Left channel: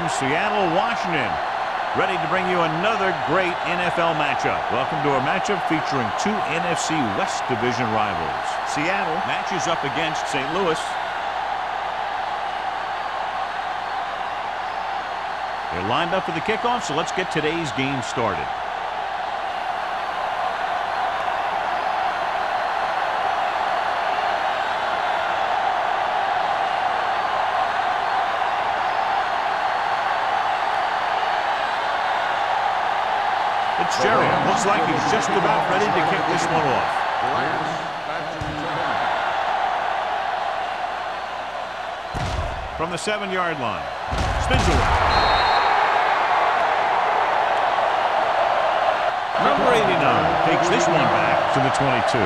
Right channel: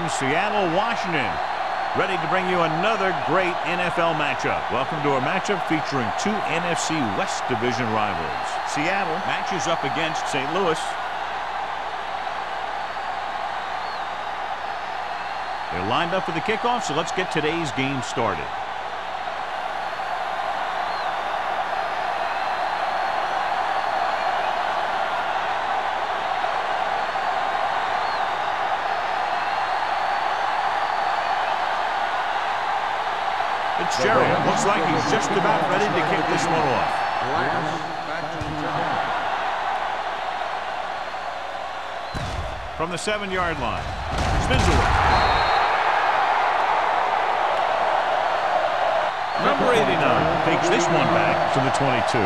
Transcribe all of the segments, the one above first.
in Seattle, Washington, ready to bring you another great NFL matchup. Welcome to our matchup featuring two NFC West Division rivals. Seattle matches up against St. Louis. They're lined up for the kickoff, so let's get today's game started. Fitzgerald looks like he's just about ready to kick this one off. Back to return. From the 7-yard line. Spins away. Number 89 takes this one back to the 22.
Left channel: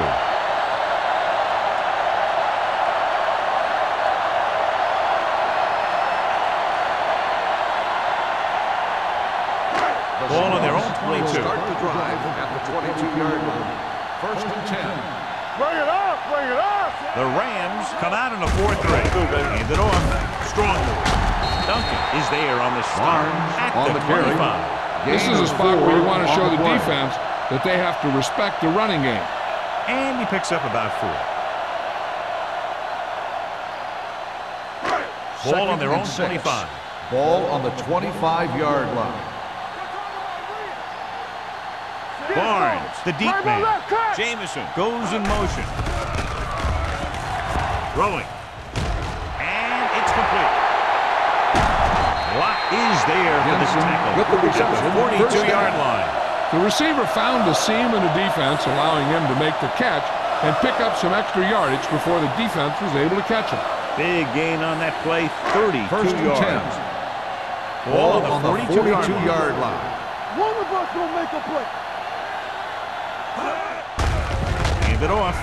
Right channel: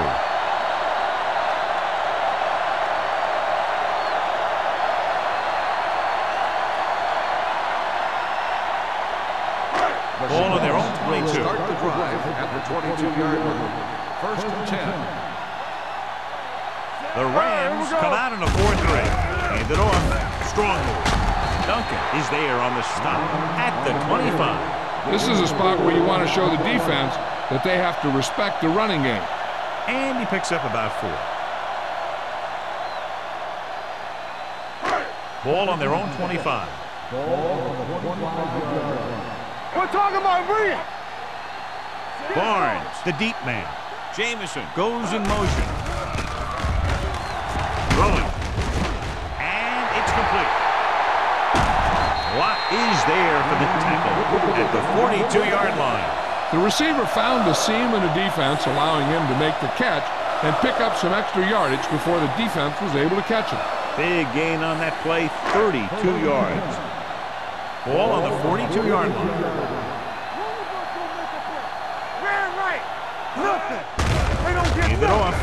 Ball on their own 22. Start the drive at the 22-yard line. 1st and 10. The Rams come out in a 4-3. Hand it off. Strong move. Duncan is there on the stop at the 25. This is a spot where you want to show the defense that they have to respect the running game. And he picks up about 4. Ball on their own 25. Ball on the 25-yard line. Barnes, the deep man. Jamison goes in motion. Throwing. And it's complete. Lott is there for the tackle at the 42-yard line. The receiver found the seam in the defense, allowing him to make the catch and pick up some extra yardage before the defense was able to catch him. Big gain on that play, 32 yards. Ball on the 42-yard line. One of us will make a play. Hand it off.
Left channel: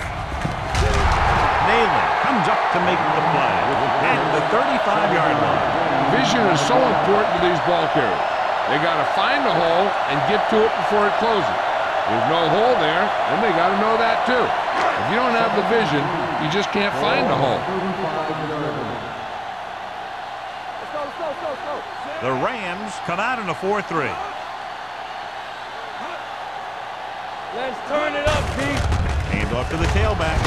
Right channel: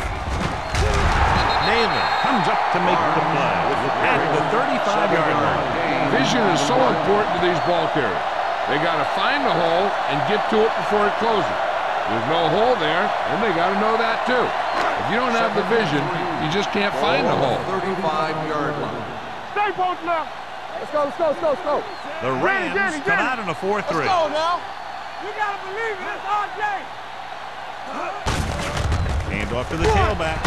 Nayland comes up to make the play at the 35-yard line. Vision is so important to these ball carriers. They got to find a hole and get to it before it closes. There's no hole there, and they got to know that too. If you don't have the vision, you just can't find the hole. Let's go. The Rams come out in a 4-3. Hand off to the tailback.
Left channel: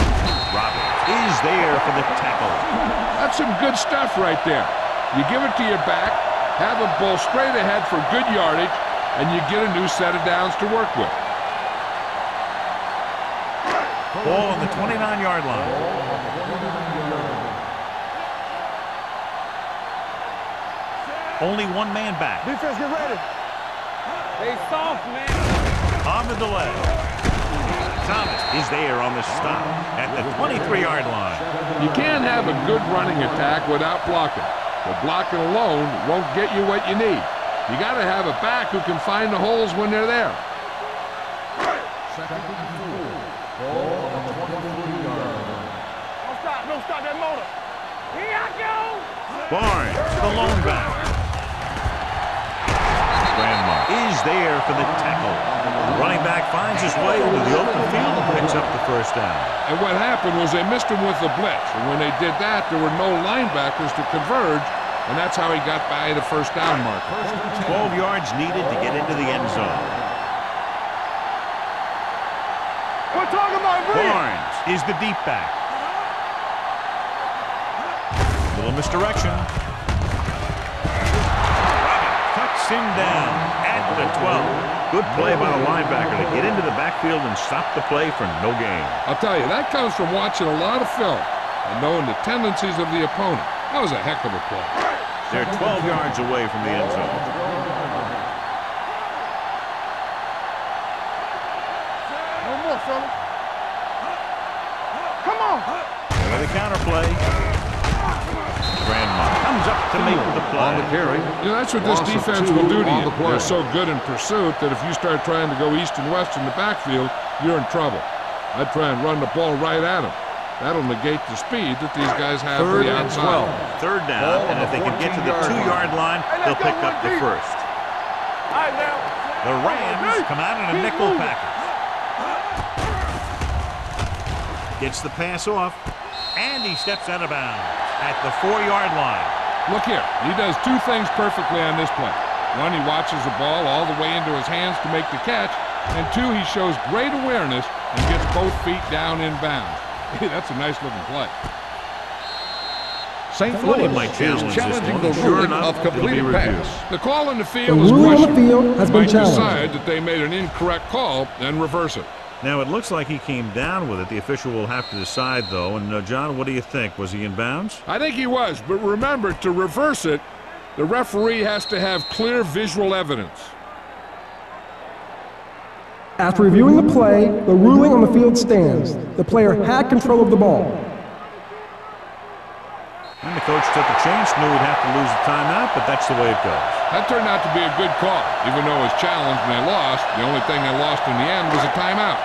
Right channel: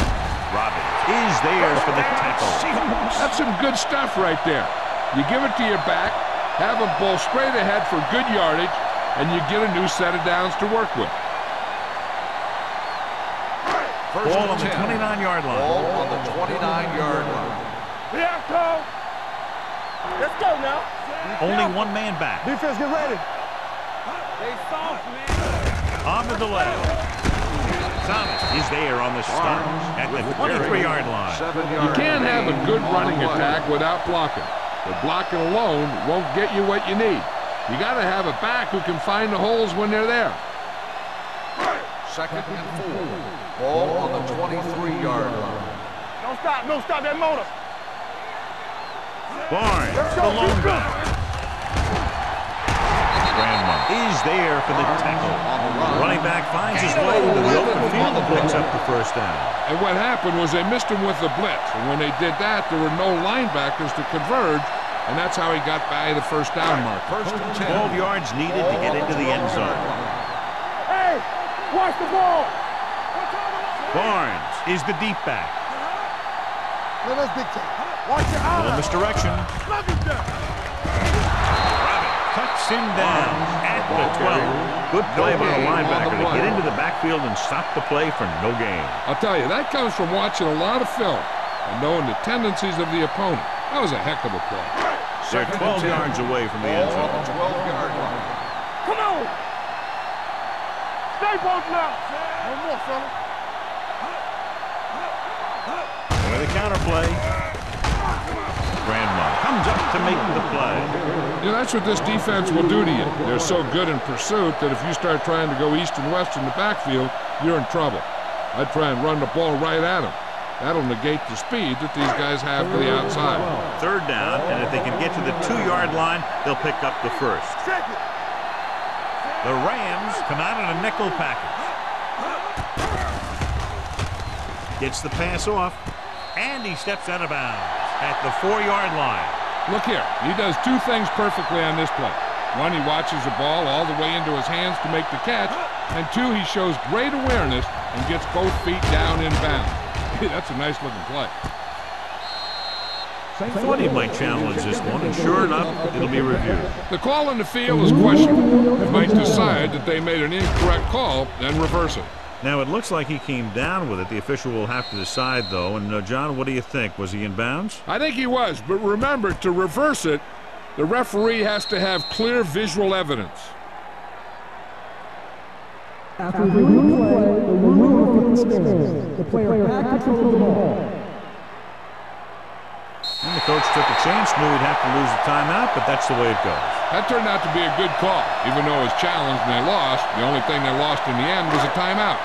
Robbins is there for the tackle. That's some good stuff right there. You give it to your back, have him pull straight ahead for good yardage, and you get a new set of downs to work with. Ball on the 29-yard line. Ball on the 29-yard line. Let's go now. Only one man back. Defense, get ready. They soft, man. On the delay. Thomas is there on the stop at the 23-yard line. You can't have a good running attack without blocking. But blocking alone won't get you what you need. You got to have a back who can find the holes when they're there. 2nd and 4. Ball on the 23-yard line. Don't stop that motor. Barnes, the lone back. Grandma is there for the tackle. The running back finds his way into the open field and picks up the first down. And what happened was they missed him with the blitz. And when they did that, there were no linebackers to converge, and that's how he got by the first down mark. 12 yards needed to get into the end zone. Hey, watch the ball. We're talking about Barnes is the deep back. A little misdirection. Cuts him down at the 12. Good play by the linebacker to get into the backfield and stop the play for no gain. I'll tell you, that comes from watching a lot of film and knowing the tendencies of the opponent. That was a heck of a play. They're 12 yards away from the end zone. Come on. Stay both now. No more, fellas. Come on. With a counter play. Grandma comes up to make the play. You know, that's what this defense will do to you. They're so good in pursuit that if you start trying to go east and west in the backfield, you're in trouble. I'd try and run the ball right at them. That'll negate the speed that these guys have to the outside. 3rd down, and if they can get to the 2-yard line, they'll pick up the first. The Rams come out in a nickel package. Gets the pass off, and he steps out of bounds at the 4-yard line. Look here, he does two things perfectly on this play. One, he watches the ball all the way into his hands to make the catch, and two, he shows great awareness and gets both feet down in bounds. That's a nice-looking play. Thought he might challenge this one, and sure enough, it'll be reviewed. The call in the field is questionable. They might decide that they made an incorrect call and reverse it. Now, it looks like he came down with it. The official will have to decide, though. And, John, what do you think? Was he in bounds? I think he was, but remember, to reverse it, the referee has to have clear visual evidence. After reviewing the play, the ruling on the field stands. The player had control of the ball. And the coach took a chance, knew he'd have to lose a timeout, but that's the way it goes. That turned out to be a good call. Even though it was challenged and they lost, the only thing they lost in the end was a timeout.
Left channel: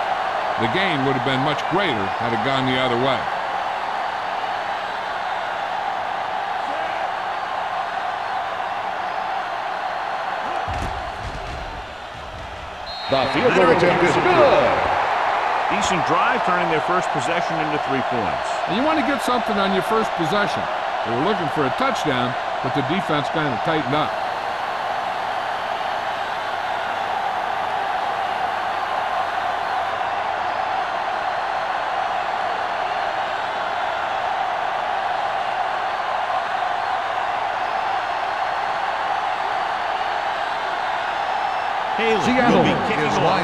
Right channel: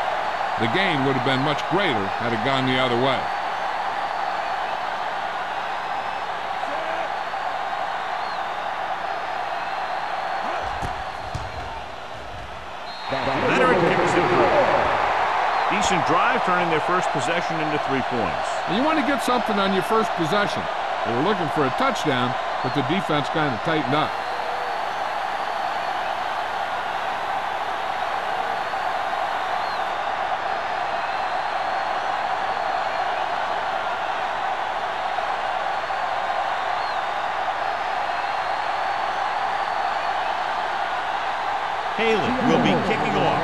The gain would have been much greater had it gone the other way. Leonard kicks it through. Decent drive, turning their first possession into 3 points. And you want to get something on your first possession. They were looking for a touchdown, but the defense kind of tightened up. Haley will be kicking off.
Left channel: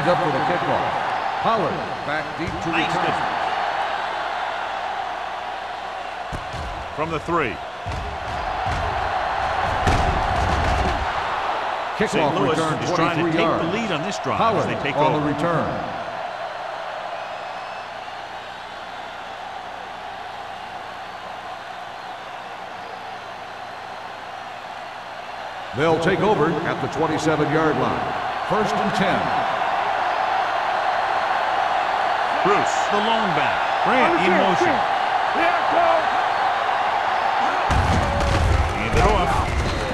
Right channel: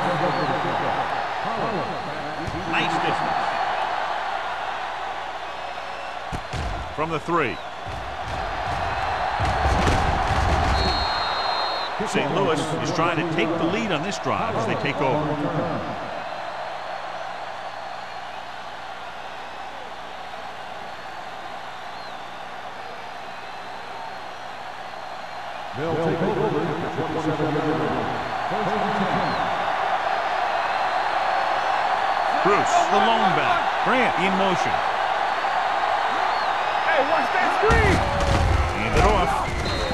Nice distance. From the 3. St. Louis is trying to take the lead on this drive as they take over. They'll take over at the 27-yard line. 1st and 10. Bruce, the lone back. Grant in motion. Hand it off.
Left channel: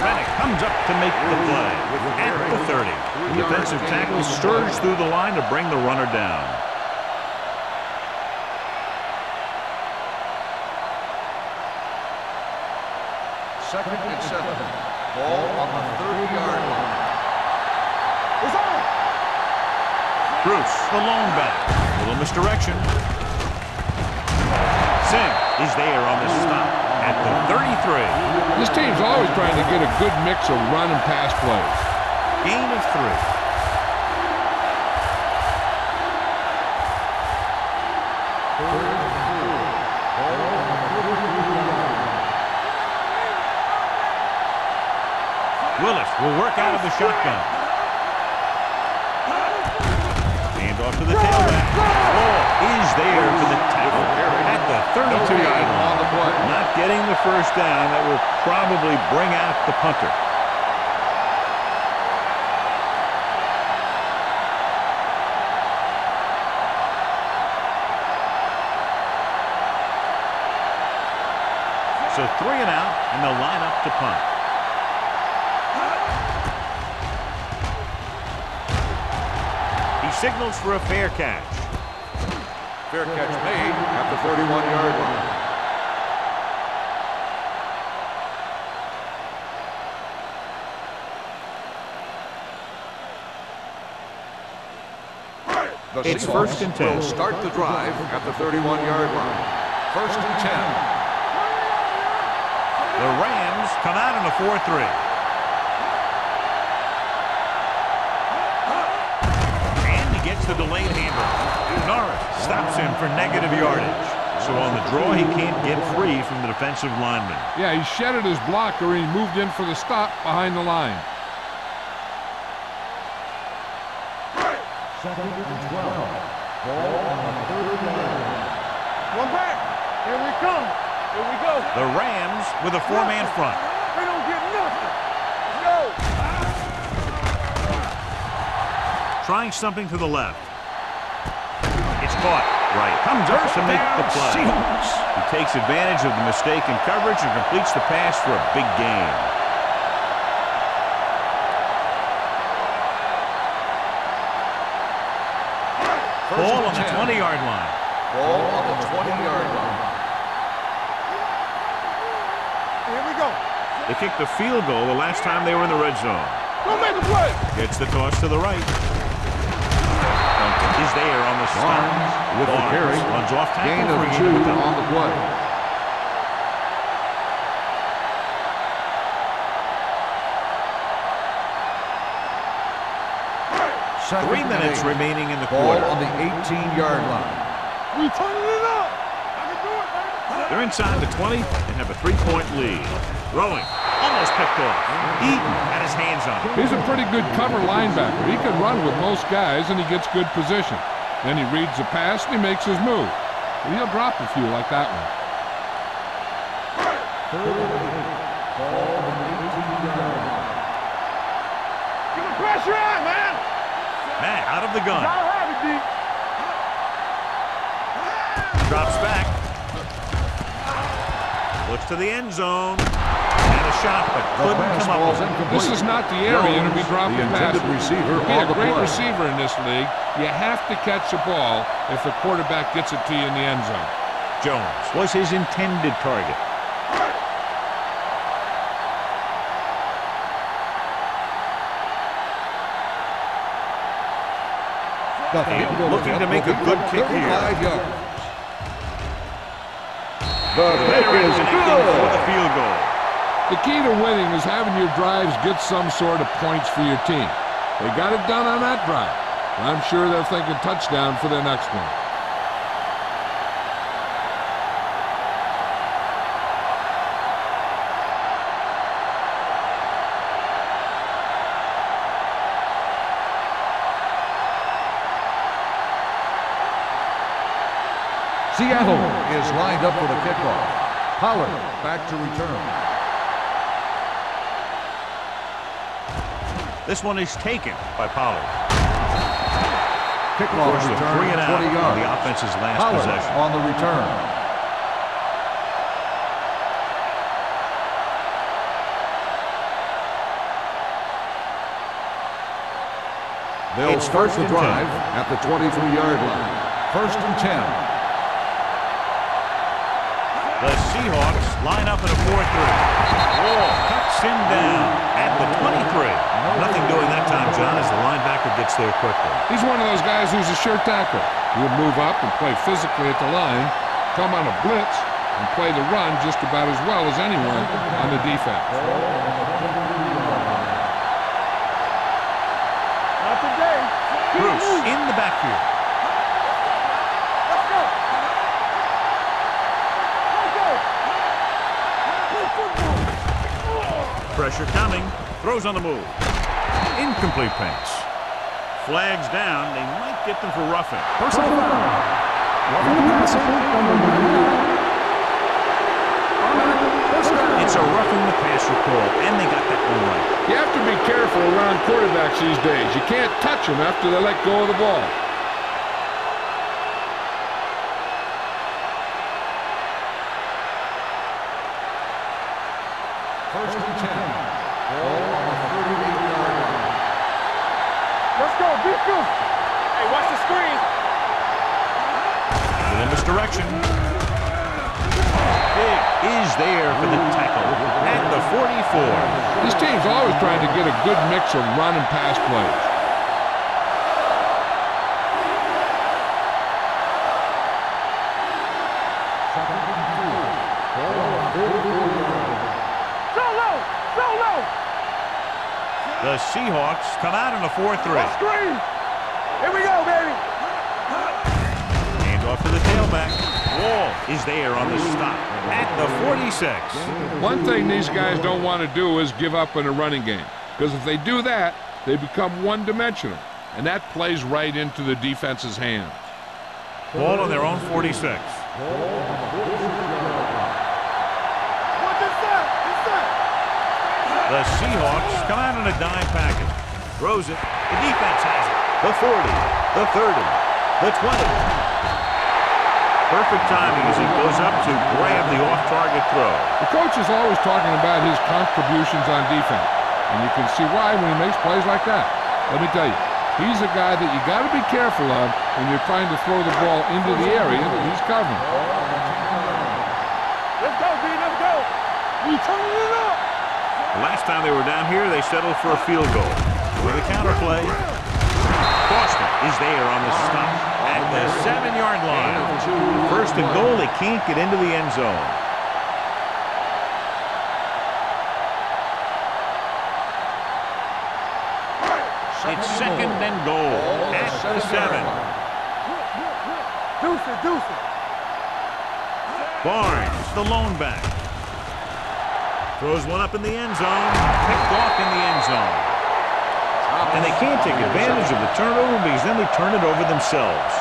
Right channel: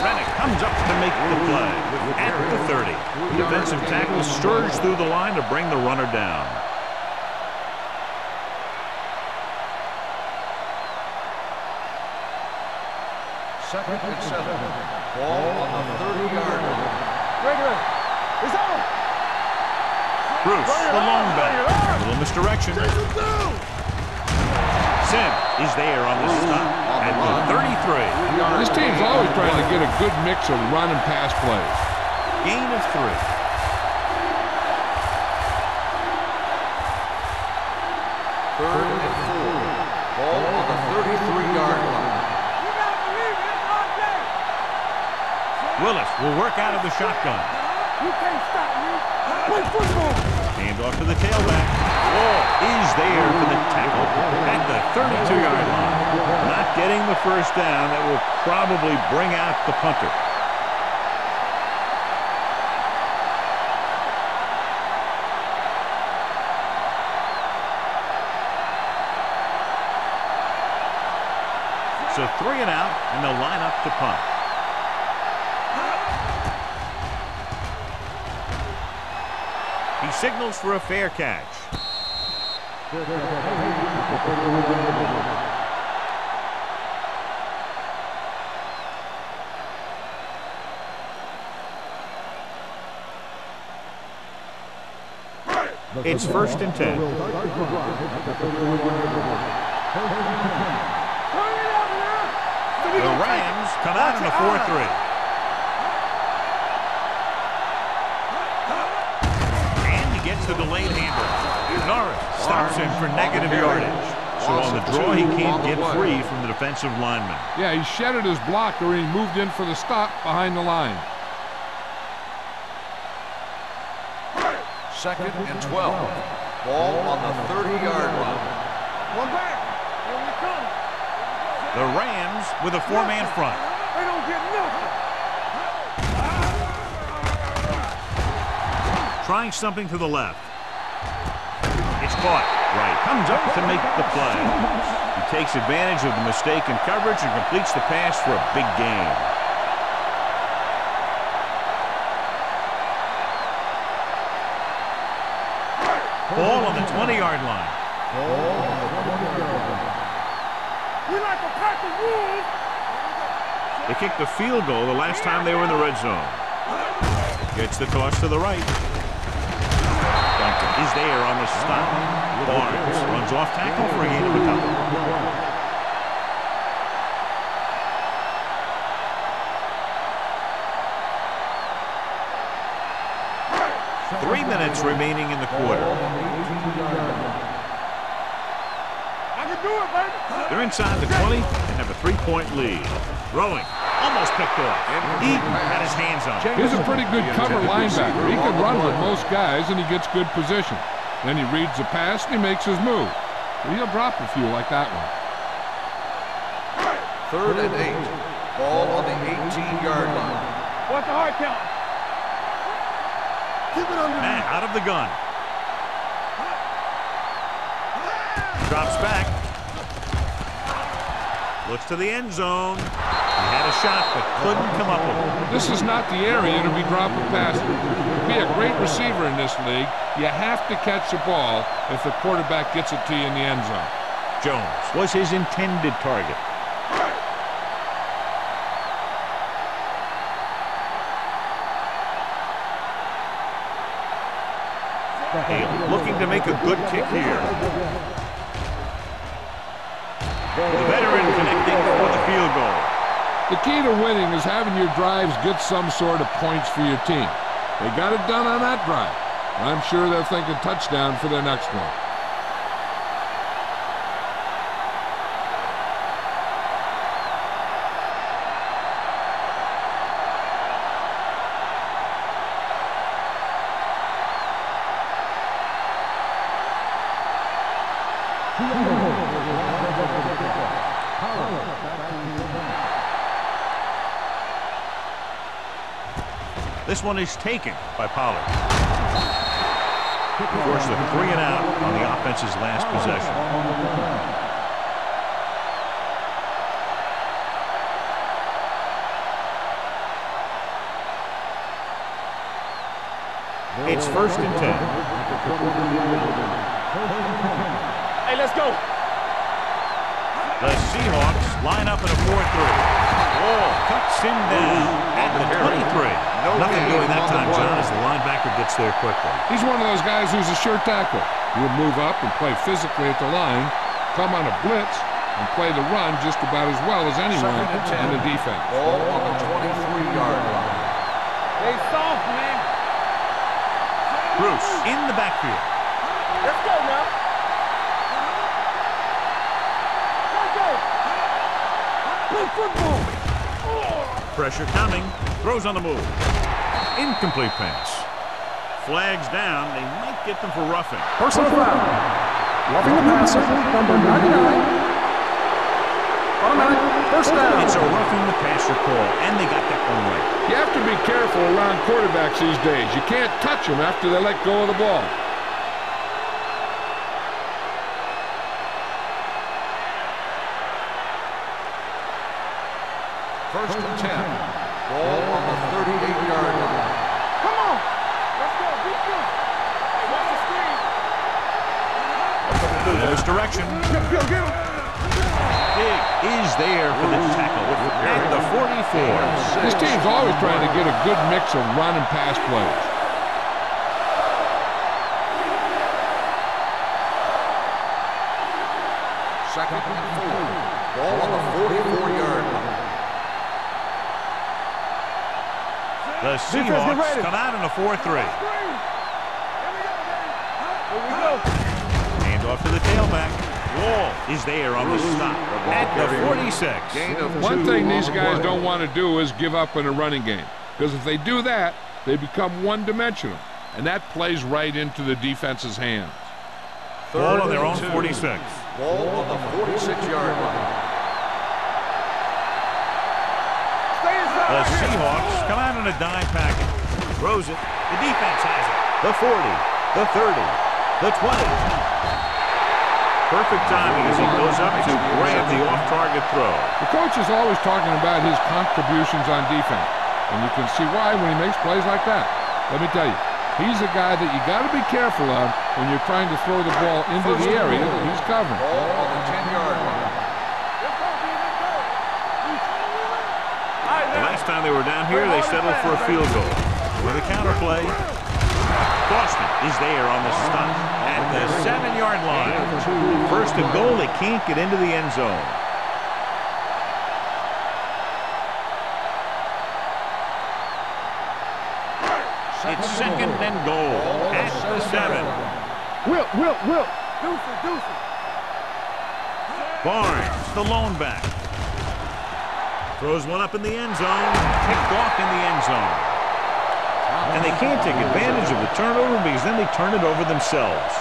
Rennick comes up to make the play at the 30. The defensive tackles surge through the line to bring the runner down. Second and 7. Ball on the 30-yard line. It's on. Bruce, the lone back. A little misdirection. Sim is there on the stop at the 33. This team's always trying to get a good mix of run and pass plays. Gain of 3. 3rd and 4. Ball on the 33-yard line. Willis will work out of the shotgun. Hand off to the tailback. Wall is there for the tackle at the 32-yard line. Not getting the first down. That will probably bring out the punter. So 3 and out, and they'll line up to punt. He signals for a fair catch. Fair catch made at the 31-yard line. It's 1st and 10. Start the drive at the 31-yard line. 1st and 10. The Rams come out in a 4-3. And he gets the delayed handoff. Norris stops him for negative yardage. So on the draw, he can't get free from the defensive lineman. Yeah, he shedded his blocker and he moved in for the stop behind the line. 2nd and 12. Ball on the 30-yard line. One back. Here we come. Here we go. The Rams with a 4-man front. They don't get nothing. Trying something to the left. It's caught. Right. Comes up to make the play. He takes advantage of the mistake in coverage and completes the pass for a big gain. Ball on the 20-yard line. Ball on the 20-yard line. They kicked a field goal the last time they were in the red zone. Gets the toss to the right. Duncan is there on the stop. Barnes runs off tackle for a gain of a couple. 3 minutes remaining in the quarter. On the 18-yard line. We turning it up. I can do it, baby. They're inside the 20 and have a 3-point lead. Throwing. Almost picked off. Eaton had his hands on it. He's a pretty good cover linebacker. He can run with most guys, and he gets good position. Then he reads the pass, and he makes his move. But he'll drop a few like that one. 3rd and 8. Ball on the 18-yard line. What's the hard count? Get the pressure on, man. Matt out of the gun. Drops back. Looks to the end zone. Had a shot, but couldn't come up with it. This is not the area to be dropping passes. To be a great receiver in this league, you have to catch the ball if the quarterback gets it to you in the end zone. Jones was his intended target. Hale looking to make a good kick here. The veteran connecting for the field goal. The key to winning is having your drives get some sort of points for your team. They got it done on that drive. I'm sure they're thinking touchdown for their next one. Seattle is lined up for the kickoff. Pollard back to return. This one is taken by Pollard. Kickoff Forced a return, 3 and out 20 on the yards. offense's last Pollard possession. on the return. It's first and 10 at the 23-yard line. 1st and 10. Hey, let's go. The Seahawks line up in a 4-3. Wall cuts him down at the 23. Nothing doing that time, John, as the linebacker gets there quickly. He's one of those guys who's a sure tackler. He'll move up and play physically at the line, come on a blitz, and play the run just about as well as anyone on the defense. Ball on the 23-yard line. Stay soft, man. Not today. Bruce in the backfield. Let's go now. Let's go. Play football. Pressure coming. Throws on the move. Incomplete pass. Flags down. They might get them for roughing. Personal foul. Roughing the passer, number 99. Automatic first down. It's a roughing the passer call, and they got that one right. You have to be careful around quarterbacks these days. You can't touch them after they let go of the ball. First and 10. Ball on the 38-yard line. Come on. Let's go. Be good. Hey, watch the screen. Little misdirection. Big is there for the tackle at the 44. This team's always trying to get a good mix of run and pass plays. Second and 4. Ball on the 44-yard line. Go low. Go low. The Seahawks come out in a 4-3. Screen. Here we go, baby. Here we go. Hand off to the tailback. Wall is there on the stop at the 46. One thing these guys don't want to do is give up in a running game, because if they do that, they become one-dimensional, and that plays right into the defense's hands. Ball on their own 46. Ball on the 46-yard line. The Seahawks come out in a dime package. Throws it. The defense has it. The 40, the 30, the 20. Perfect timing as he goes up to grab the off-target throw. The coach is always talking about his contributions on defense, and you can see why when he makes plays like that. Let me tell you, he's a guy that you got to be careful of when you're trying to throw the ball into the area that he's covering. Ball on the 10-yard line. Let's go, B. Let's go. We turning it up. I The last time they were down here, they settled for a field goal. With a counter play, Boston is there on the stop at the 7-yard line. First and goal, they can't get into the end zone. It's second and goal at the 7. Whip. Deuce it. Barnes, the lone back. Throws one up in the end zone. Picked off in the end zone. And they can't take advantage of the turnover because then they turn it over themselves.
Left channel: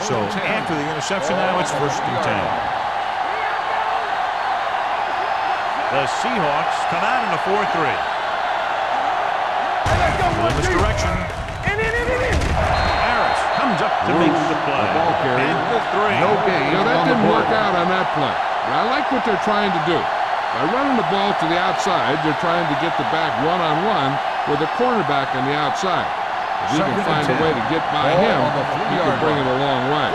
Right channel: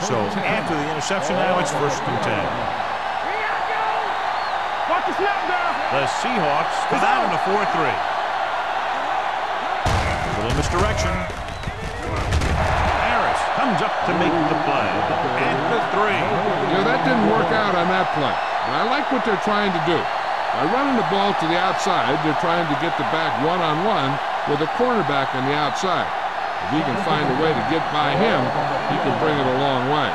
So after the interception now, it's first and 10. The Seahawks come out in a 4-3. A little misdirection. Harris comes up to make the play. At the 3. You know, that didn't work out on that play. But I like what they're trying to do. By running the ball to the outside, they're trying to get the back one-on-one with a cornerback on the outside. If he can find a way to get by him, he can bring it a long way.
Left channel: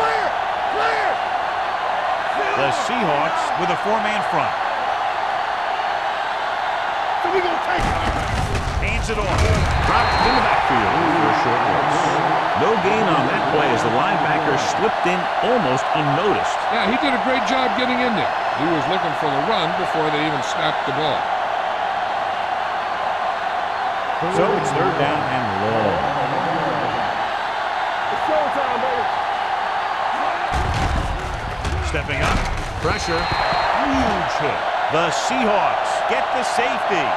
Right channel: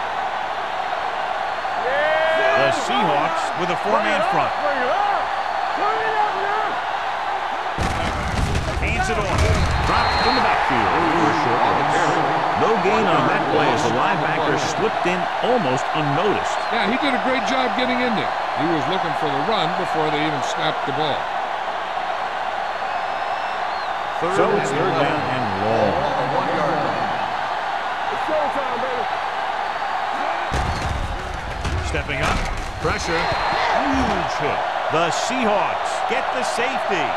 The Seahawks with a 4-man front. Hands it off. Dropped in the backfield for a short loss. No gain on that play as the linebacker slipped in almost unnoticed. Yeah, he did a great job getting in there. He was looking for the run before they even snapped the ball. So it's third down and long. It's showtime, baby. Stepping up, pressure, huge hit. The Seahawks get the safety.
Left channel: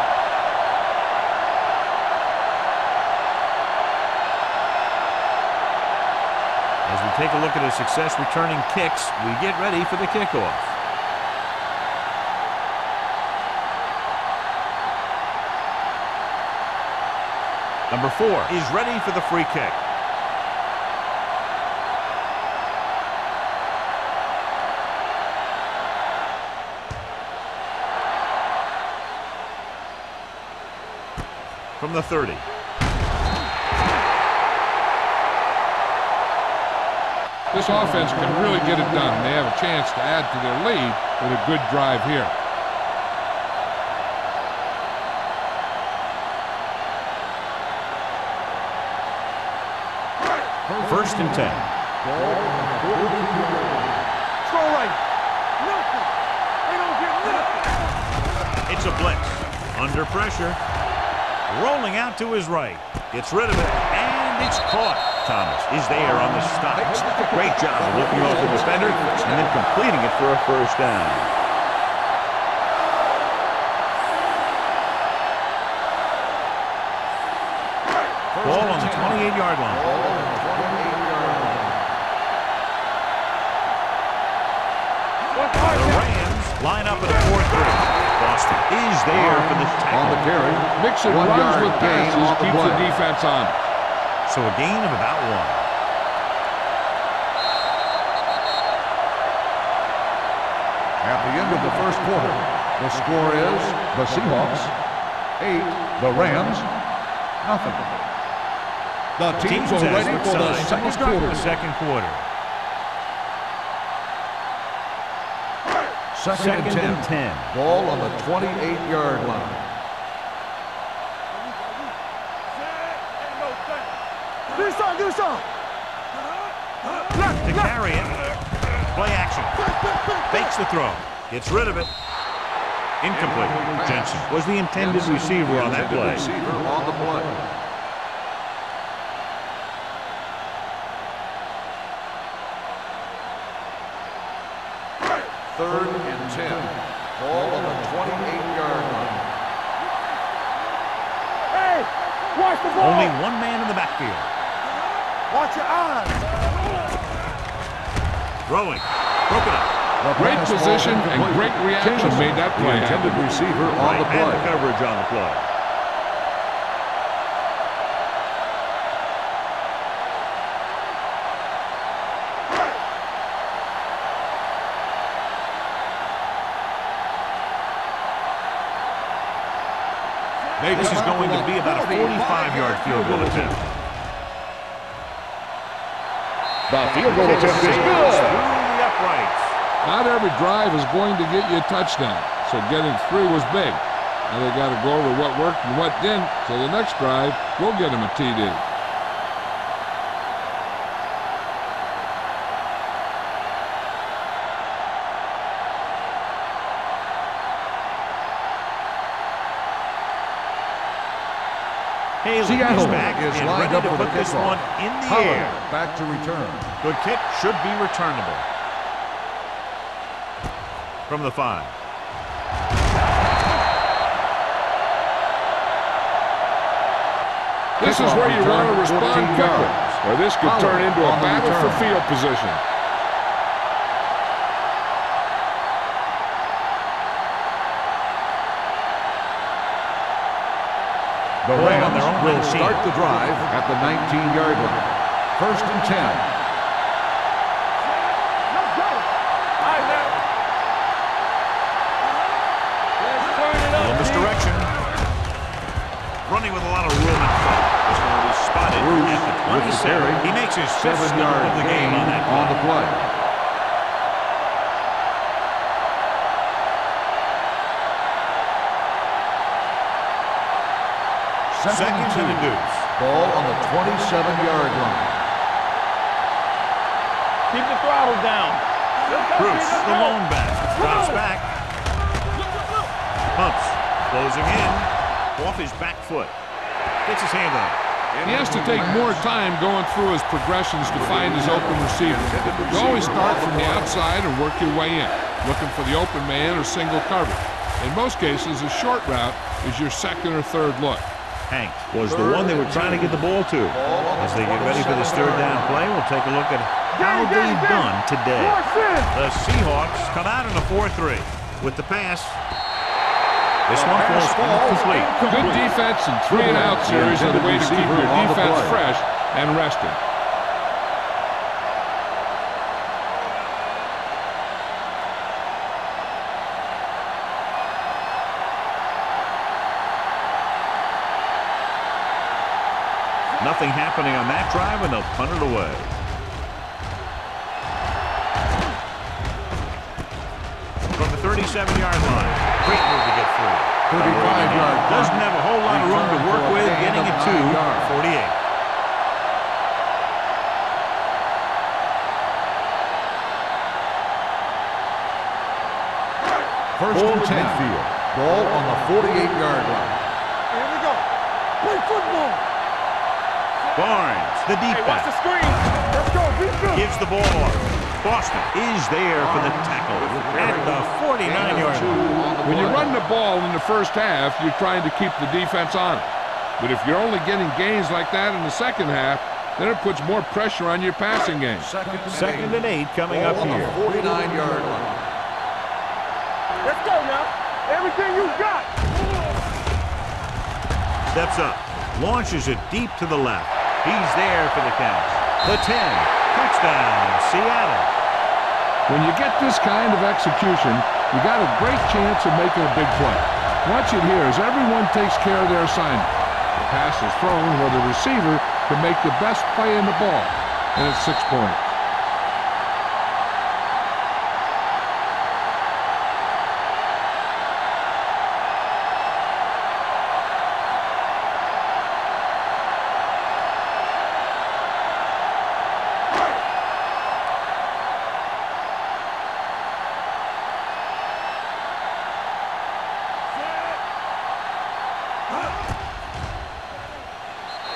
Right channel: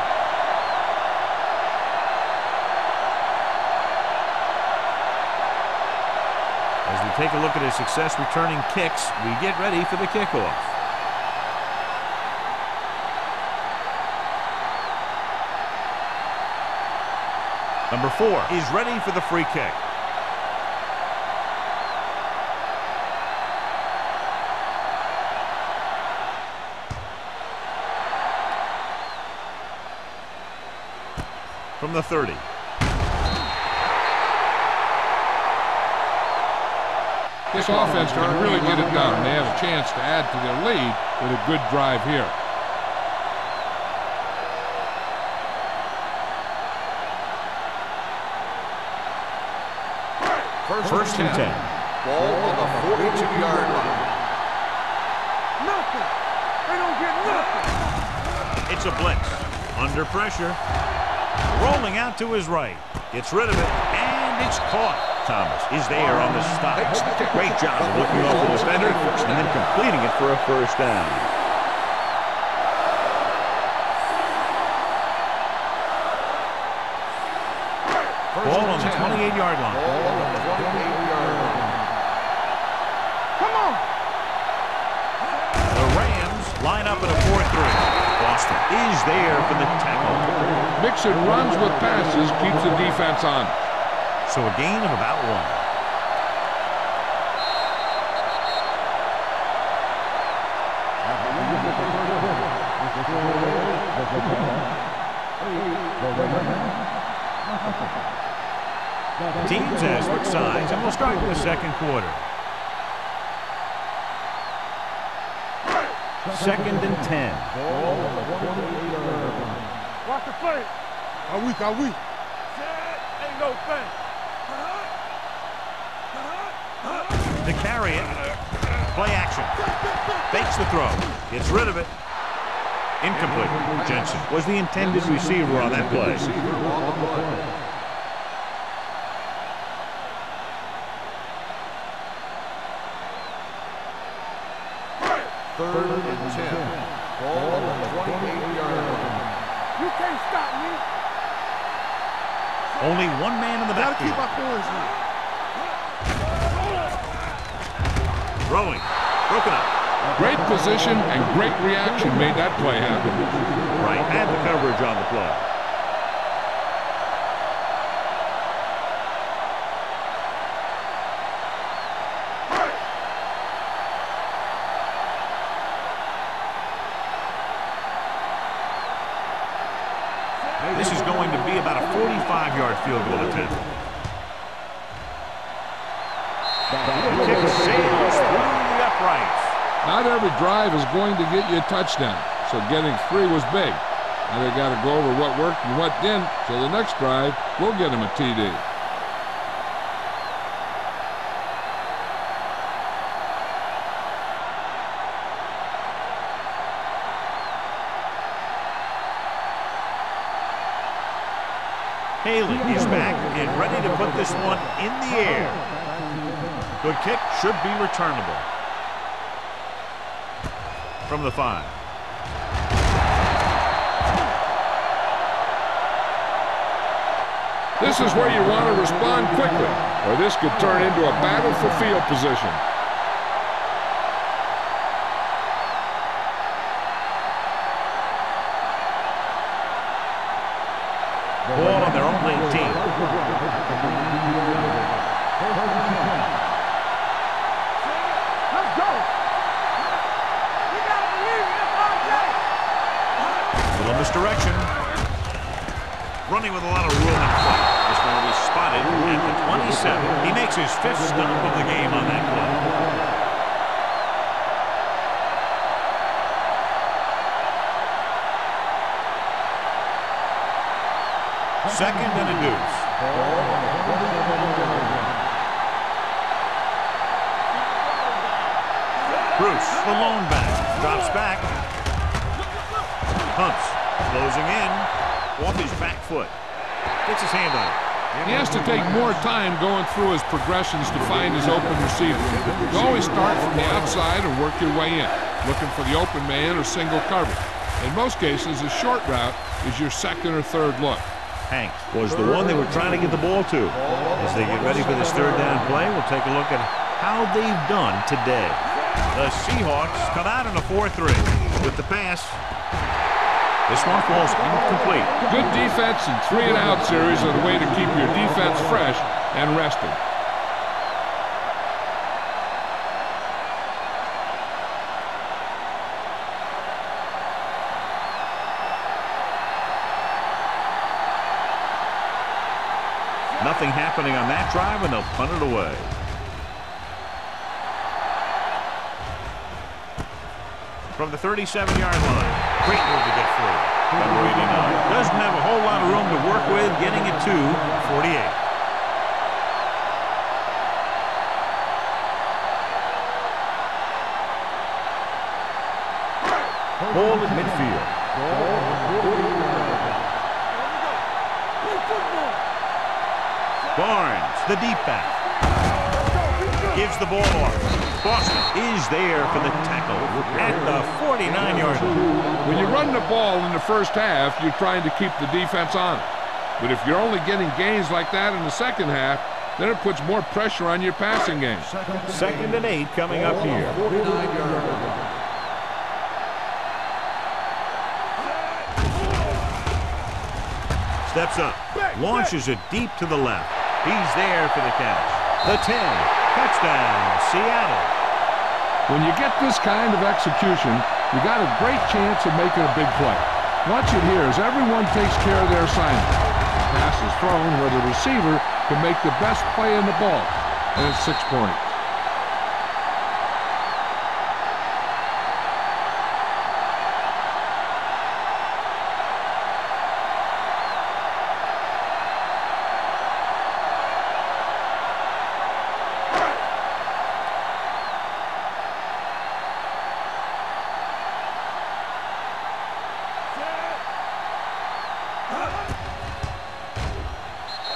As we take a look at his success returning kicks, we get ready for the kickoff. Number 4 is ready for the free kick. From the 30. This offense can really get it done. They have a chance to add to their lead with a good drive here. First and 10. Ball on the 42-yard line. Throw right. Nothing. They don't get nothing. It's a blitz. Under pressure. Rolling out to his right. Gets rid of it, and it's caught. Thomas is there on the stop. Great job of looking off the defender and then completing it for a first down. Ball on the 28-yard line. Ball on the 28-yard line. The Rams line up in a 4-3. Boston is there for the tackle. Mixing runs with passes keeps the defense on. So a gain of about 1. At the end of the first quarter, the score is the Seahawks 8, the Rams nothing. The teams have switched sides and will start in the second quarter. Second and 10. Ball on the 28-yard line. Watch the play. Are we? Set. Ain't no thing. Give me some. To carry it. Play action. Fakes the throw. Gets rid of it. Incomplete. Jensen was the intended receiver on that play. Receiver on the play. Third and 10. Ball on the 28-yard line. You can't stop me. Hey, watch the ball. Only one man in the backfield. Watch your eyes. Throwing. Broken up. Great position and great reaction made that play happen. Receiver on Right, the and the play. coverage on the play. This is going to be about a 45-yard field goal attempt. The field goal Kick attempt is sails good. through the uprights. Not every drive is going to get you a touchdown, so getting 3 was big. Now they got to go over what worked and what didn't, so the next drive will get him a TD. Haley is back and ready to put this one in the air. Back to return. Good kick, should be returnable. From the 5. This is where you want to respond quickly, or this could turn into a battle for field position. The Ball on Rams their own will 19. start the drive at the 19-yard line. 1st and 10. Let's go. Little misdirection. Running with a lot of room in front. This one will be spotted at the 27. He makes his 5th stop of the game on that On the play. play. Second and a deuce. Ball on the 27-yard line. Keep the throttle down. Bruce, the lone back, drops back. Pumps, closing in, off his back foot. Gets his hand on it. He has to take more time going through his progressions to find his open receiver. You always start from the outside and work your way in, looking for the open man or single coverage. In most cases, a short route is your second or third look. Hanks was the one they were trying to get the ball to. As they get ready for this 3rd down play, we'll take a look at how they've done today. The Seahawks come out in a 4-3 with the pass. This one falls incomplete. Good defense and 3-and-out series are the way to keep your defense fresh and rested. Nothing happening on that drive, and they'll punt it away. From the 37-yard line, great move to get free. Number 89 doesn't have a whole lot of room to work with, getting it to 48. Ball at midfield. Ball on the 48-yard line. Here we go. Play football. Barnes, the deep back, Let's go. Be good. gives the ball off. Boston is there for the tackle at the 49-yard line. When you run the ball in the first half, you're trying to keep the defense honest. But if you're only getting gains like that in the second half, then it puts more pressure on your passing game. Second and 8 coming up here. 49-yard line. Let's go now. Everything you got. Steps up, launches it deep to the left. He's there for the catch. The 10, touchdown, Seattle. When you get this kind of execution, you got a great chance of making a big play. Watch it here as everyone takes care of their assignment. The pass is thrown where the receiver can make the best play in the ball, and it's 6 points.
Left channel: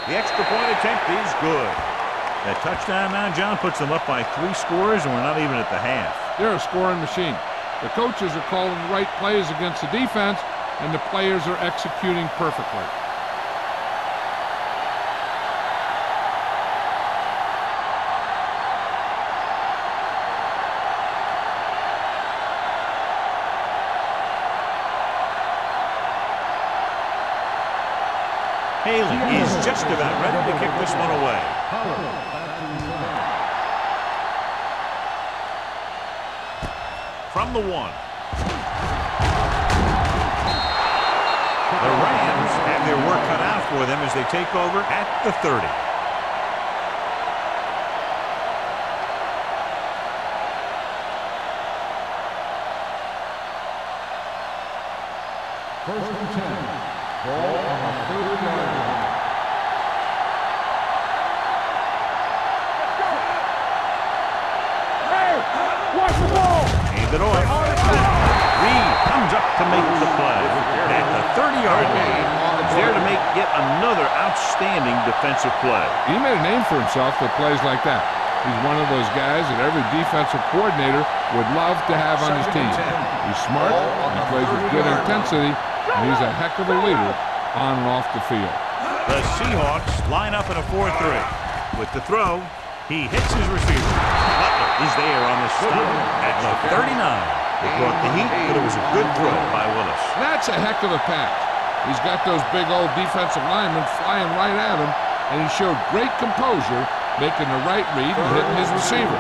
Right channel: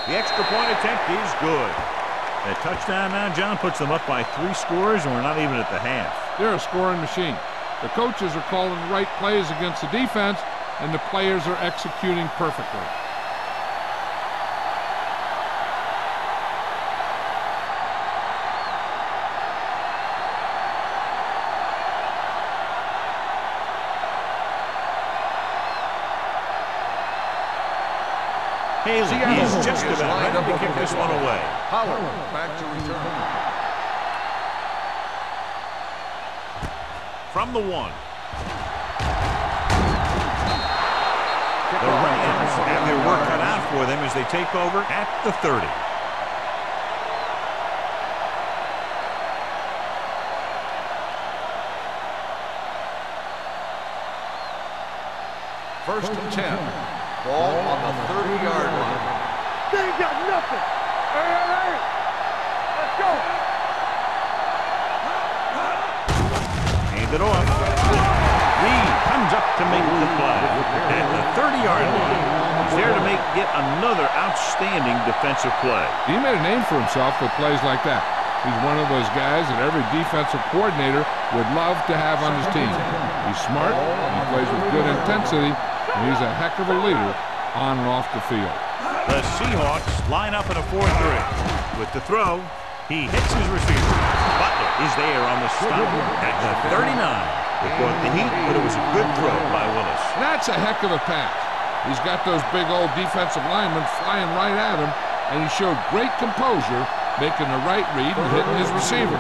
The extra point attempt is good. That touchdown now, John, puts them up by 3 scores, and we're not even at the half. They're a scoring machine. The coaches are calling the right plays against the defense, and the players are executing perfectly. Haley is just about ready to kick this one away. From the 1. The Rams have their work cut out for them as they take over at the 30. First and 10. Ball on the 30-yard line. They ain't got nothing. Hey, let's go. Hey, watch the ball. Hand it off. Reed comes up to make the play. At the 30-yard line, he's there to make yet another outstanding defensive play. He made a name for himself with plays like that. He's one of those guys that every defensive coordinator would love to have on his team. He's smart, he plays with good intensity, and he's a heck of a leader on and off the field. The Seahawks line up in a 4-3. With the throw, he hits his receiver. Butler is there on the stop at the 39. It brought the heat, but it was a good throw by Willis. That's a heck of a pass. He's got those big old defensive linemen flying right at him, and he showed great composure, making the right read and hitting his receiver.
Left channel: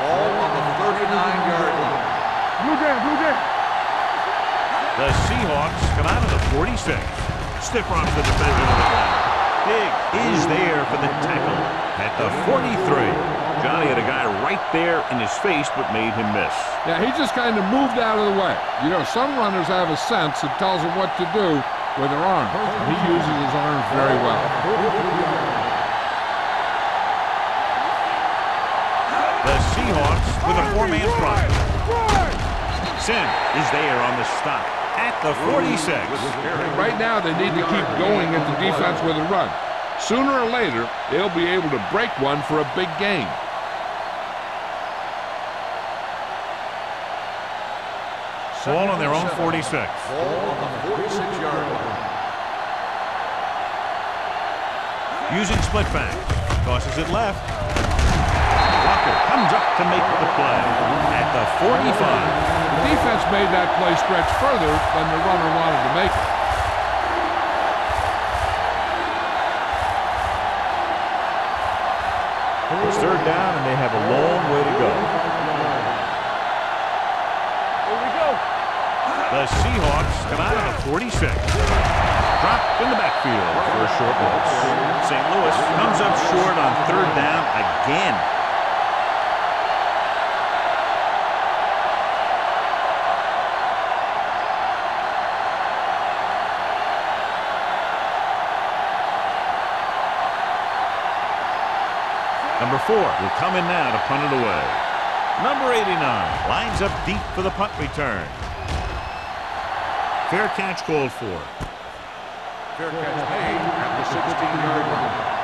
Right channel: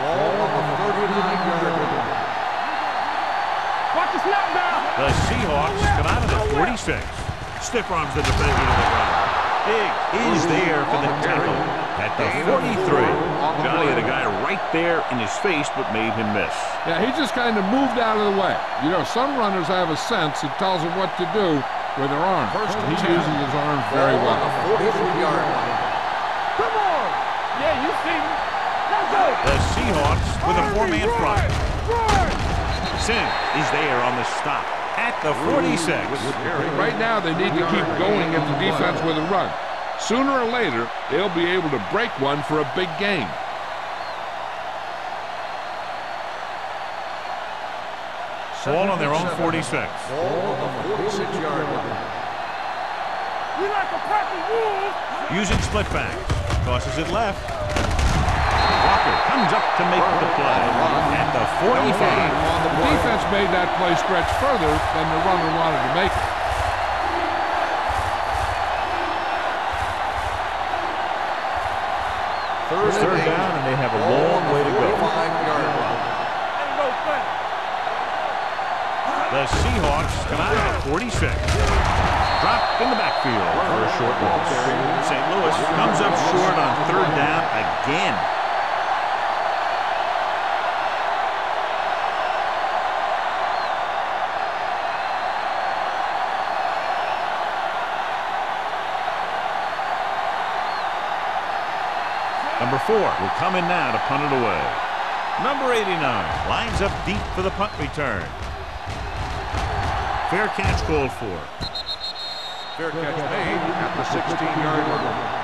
Ball on the 39-yard line. Blue game, blue game. The Seahawks come out of the 46. Stiff arms the defender to the ground. Diggs is there for the tackle at the 43. Johnny had a guy right there in his face but made him miss. Yeah, he just kind of moved out of the way. You know, some runners have a sense that tells them what to do with their arms. And he uses his arms very well. The Seahawks with a 4-man front. Sim is there on the stop at the 46. Right now, they need to keep going at the defense with a run. Sooner or later, they'll be able to break one for a big gain. Ball on their own 46. Ball on the 46-yard line. Using split backs. Tosses it left. Walker comes up to make the play at the 45. The defense made that play stretch further than the runner wanted to make it. It's third down, and they have a long way to go. The Seahawks come out of the 46. Dropped in the backfield for a short loss. St. Louis comes up short on third down again. Number 4 will come in now to punt it away. Number 89 lines up deep for the punt return. Fair catch called for. Fair catch made at the 16-yard line.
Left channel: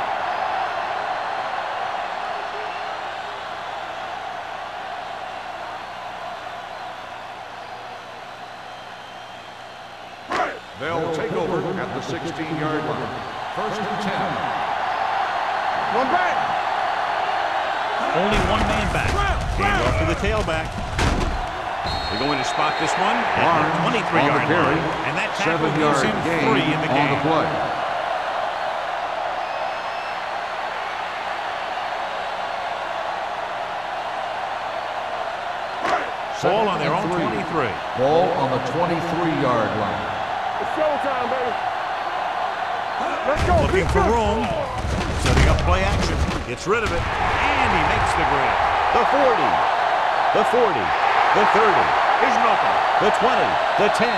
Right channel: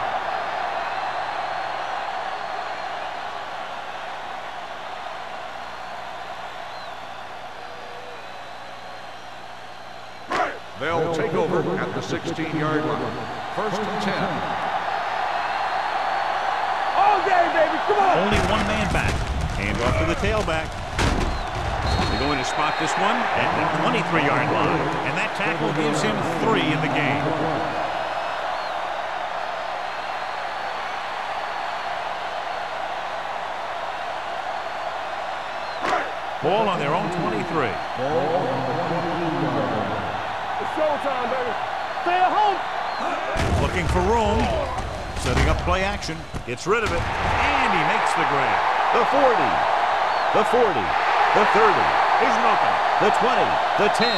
They'll take over at the 16-yard line. First and 10. One back. All game, baby. Come on. Only one man back. Hand off to the tailback. They're going to spot this one at the 23-yard line. And that tackle gives him 3 in the game. Ball on their own 23. Ball on the 23-yard line. It's showtime, baby. Stay at home. Looking for room. Setting up play action. Gets rid of it. And he makes the grab. The 40. The 40. The 30. Here's Milton. The 20. The 10.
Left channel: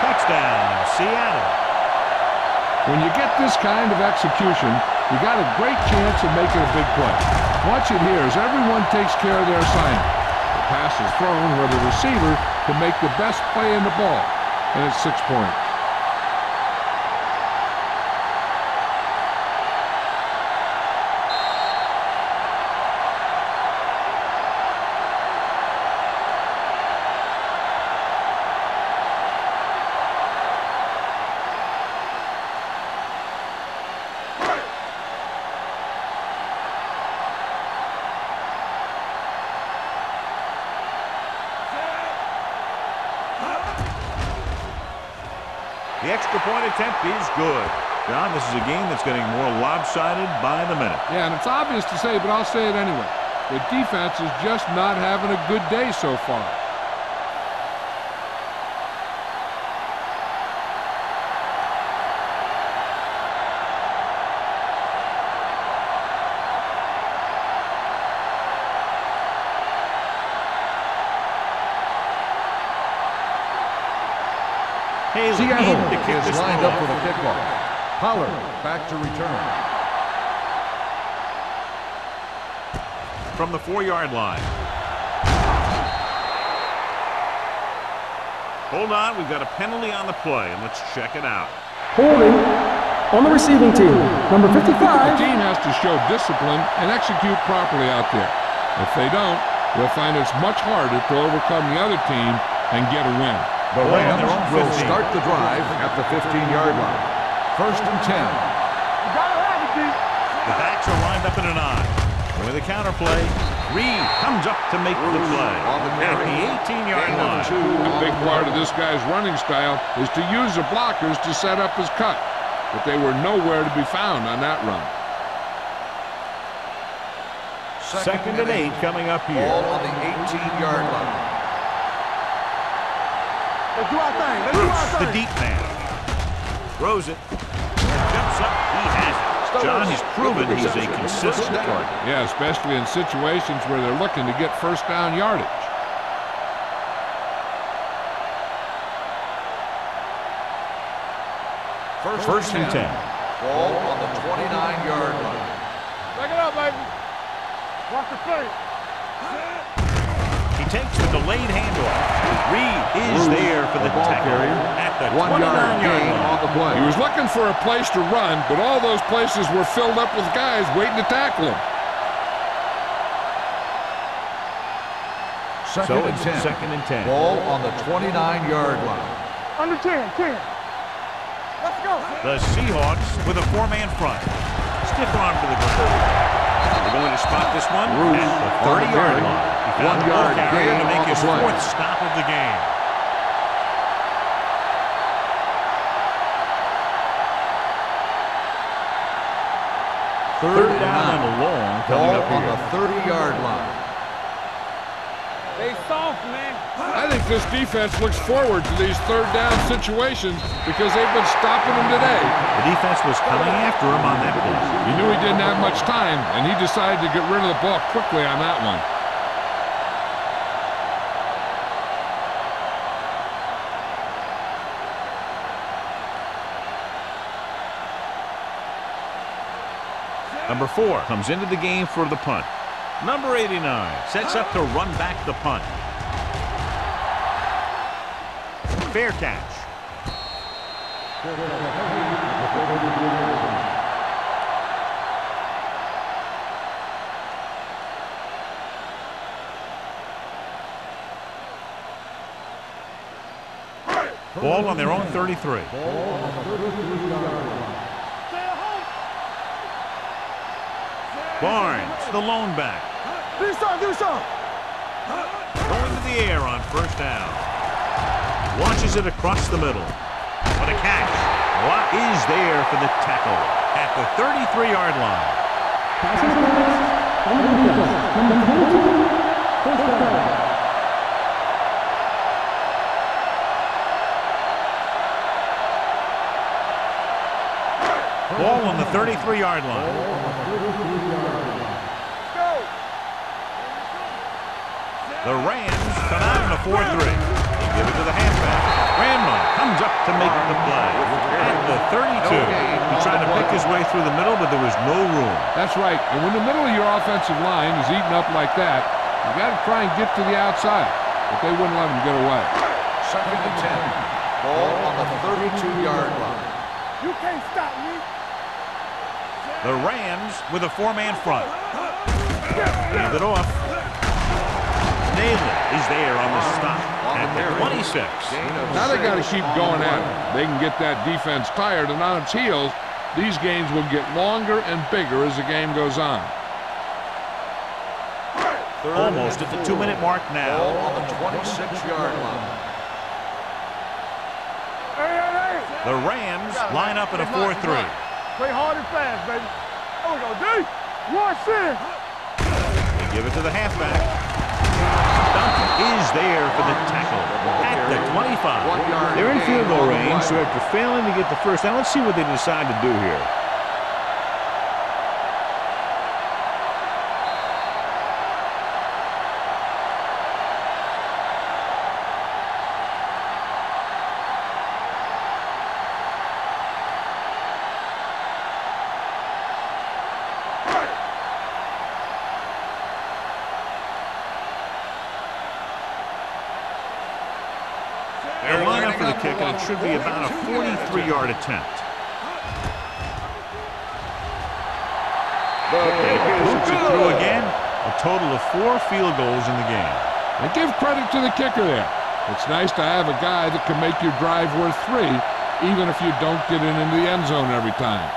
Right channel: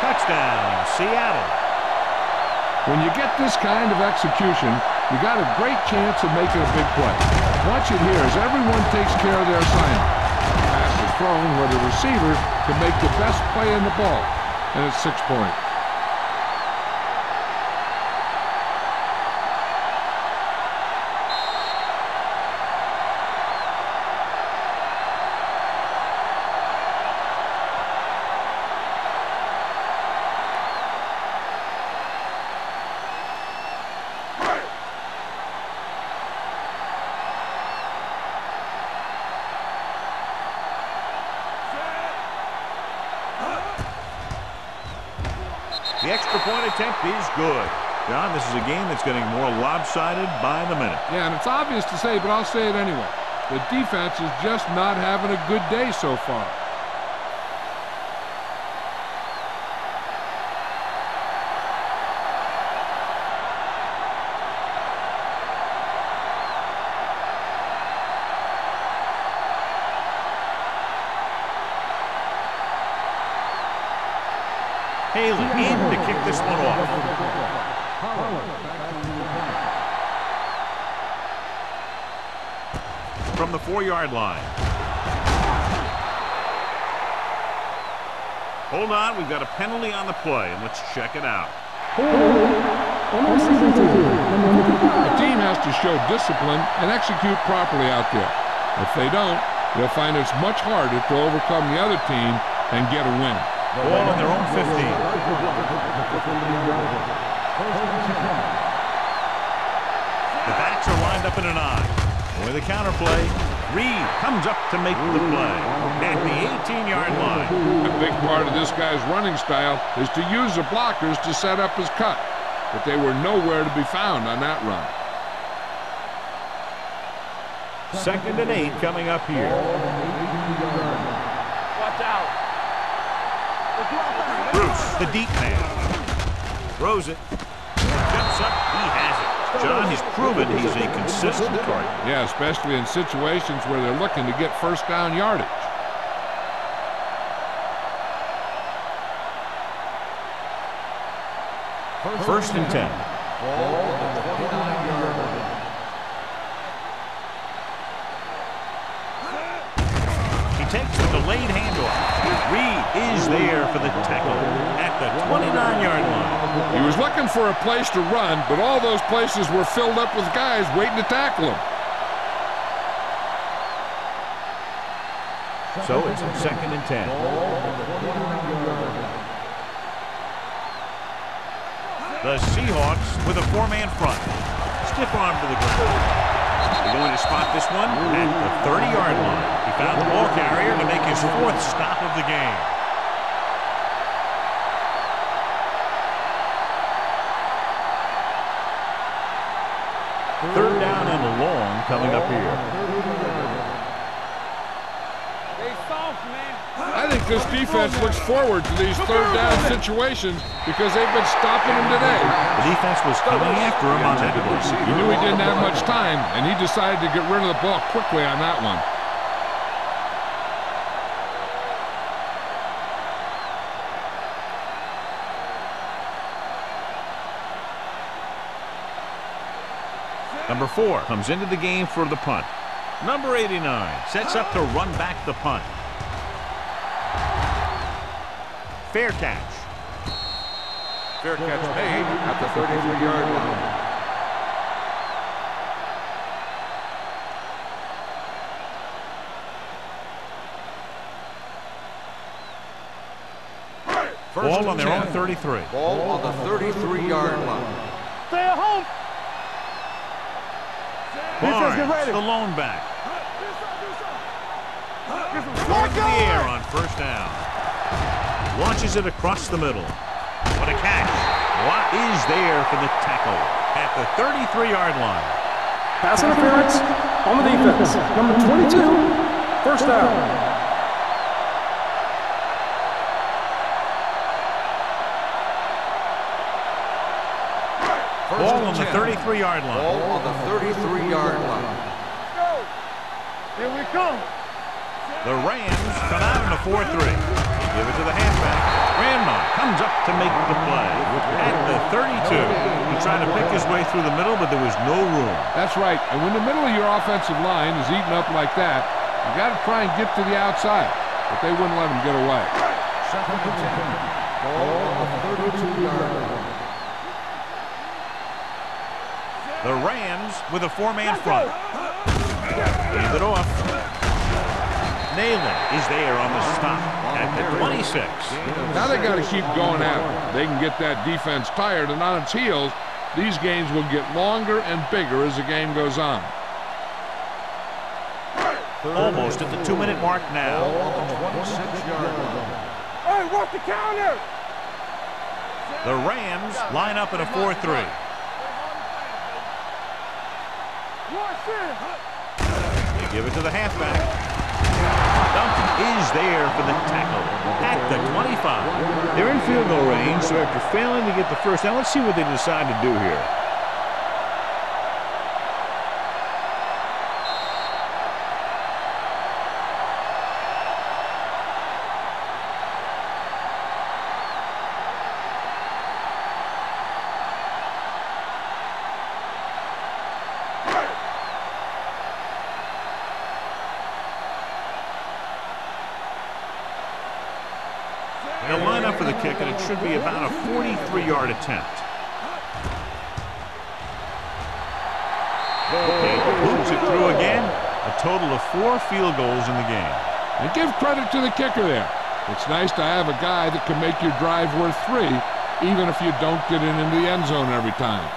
Touchdown, Seattle. When you get this kind of execution, you got a great chance of making a big play. Watch it here as everyone takes care of their assignment. The pass is thrown where the receiver can make the best play in the ball, and it's 6 points. The extra point attempt is good. John, this is a game that's getting more lopsided by the minute. Yeah, and it's obvious to say, but I'll say it anyway. The defense is just not having a good day so far. Haley in to kick this one off. Pollard back to return. From the 4-yard line. Hold on, we've got a penalty on the play, and let's check it out. Holding on the receiving team, number 55. The team has to show discipline and execute properly out there. If they don't, they'll find it's much harder to overcome the other team and get a win. The Ball on their own will 15. start the drive at the 15-yard line. First and 10. The backs are lined up in an I. And with a counter play, Reed comes up to make the play at the 18-yard line. A big part of this guy's running style is to use the blockers to set up his cut, but they were nowhere to be found on that run. Second and 8 coming up here. Ball on the 18-yard line. Watch out. Let's do our thing. Bruce, the deep man. Throws it. Jumps up. He has it. John, he's proven he's a consistent target. Yeah, especially in situations where they're looking to get first down yardage. First and 10. Ball on the 29-yard line. Back it up, baby. Watch the play. He takes the delayed handoff. Reed is there for the tackle at the 29-yard line. He was looking for a place to run, but all those places were filled up with guys waiting to tackle him. So it's second and 10. Ball on the 29-yard line. Under 10, 10. The Seahawks with a 4-man front. Stiff arm to the ground. They're going to spot this one at the 30-yard line. He found the ball carrier to make his 4th stop of the game. Third down and long coming up here. 30-yard line. They soft, man. I think this defense looks forward to these third down situations because they've been stopping him today. The defense was coming after him on that play. He knew he didn't have much time, and he decided to get rid of the ball quickly on that one. Number 4 comes into the game for the punt. Number 89 sets up to run back the punt. Fair catch. Fair catch made at the 33-yard line. Ball on their own 33. Ball on the 33-yard line. Stay at home. Barnes, the lone back. Do something. Going to the air on first down. Launches it across the middle. What a catch. Watt is there for the tackle at the 33-yard line. Pass interference on the defense. Number 22, first down. Ball on the 33-yard line. Ball on the 33-yard line. Let's go. Here we come. The Rams come out in a 4-3. They give it to the halfback. Grandma comes up to make the play at the 32. He tried to pick his way through the middle, but there was no room. That's right. And when the middle of your offensive line is eaten up like that, you got to try and get to the outside. But they wouldn't let him get away. Second and 10. Ball on the 32-yard line. You can't stop me. The Rams with a 4-man front. Hand it off. Nayland is there on the stop at the 26. Now they got to keep going at it. They can get that defense tired, and on its heels, these games will get longer and bigger as the game goes on. Almost at the 2-minute mark now. Ball on the 26-yard line. Hey, walk the counter. Hey. The Rams line up in a 4-3. Play hard and fast, baby. Oh, go deep. Watch this. They give it to the halfback. Duncan is there for the tackle at the 25. They're in field goal range, so after failing to get the first down, let's see what they decide to do here. They'll line up for the kick, and it should be about a 43-yard attempt. It hoops it through again. A total of 4 field goals in the game. And give credit to the kicker there. It's nice to have a guy that can make your drive worth 3, even if you don't get it into the end zone every time.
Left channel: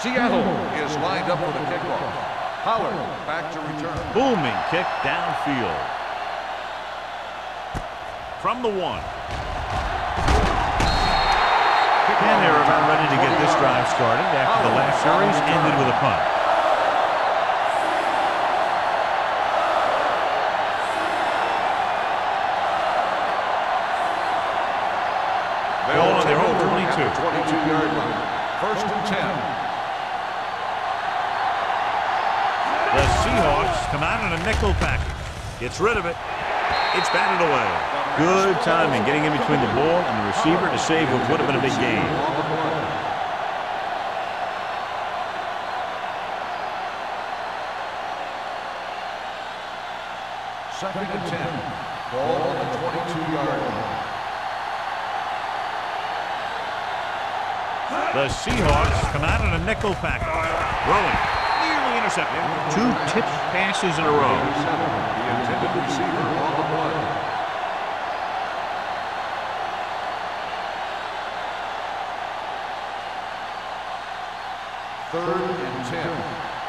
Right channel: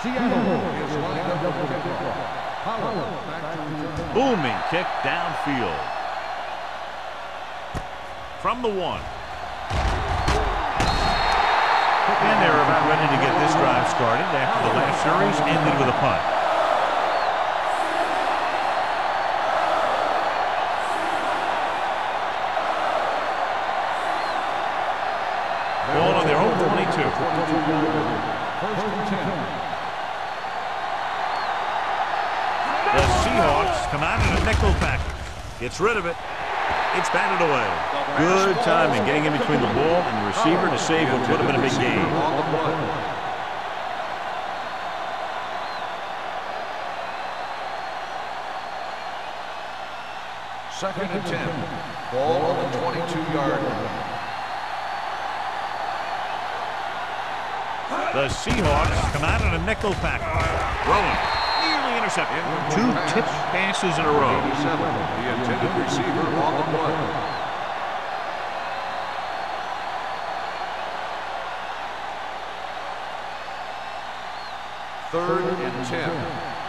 Seattle is lined up for the kickoff. Pollard back to return. Booming kick downfield. From the 1. And they're about ready to get this drive started after the last series ended with a punt. Ball on their own 22. 22-yard line. 1st and 10. The Seahawks come out in a nickel package. Gets rid of it. It's batted away. Good timing getting in between the ball and the receiver to save what would have been a big gain. On the play. Second and 10. Ball on the 22-yard line. The Seahawks come out in a nickel package. Throwing. Nearly intercepted. 2 tipped passes in a row. 87, the intended receiver on the play. Third and 10.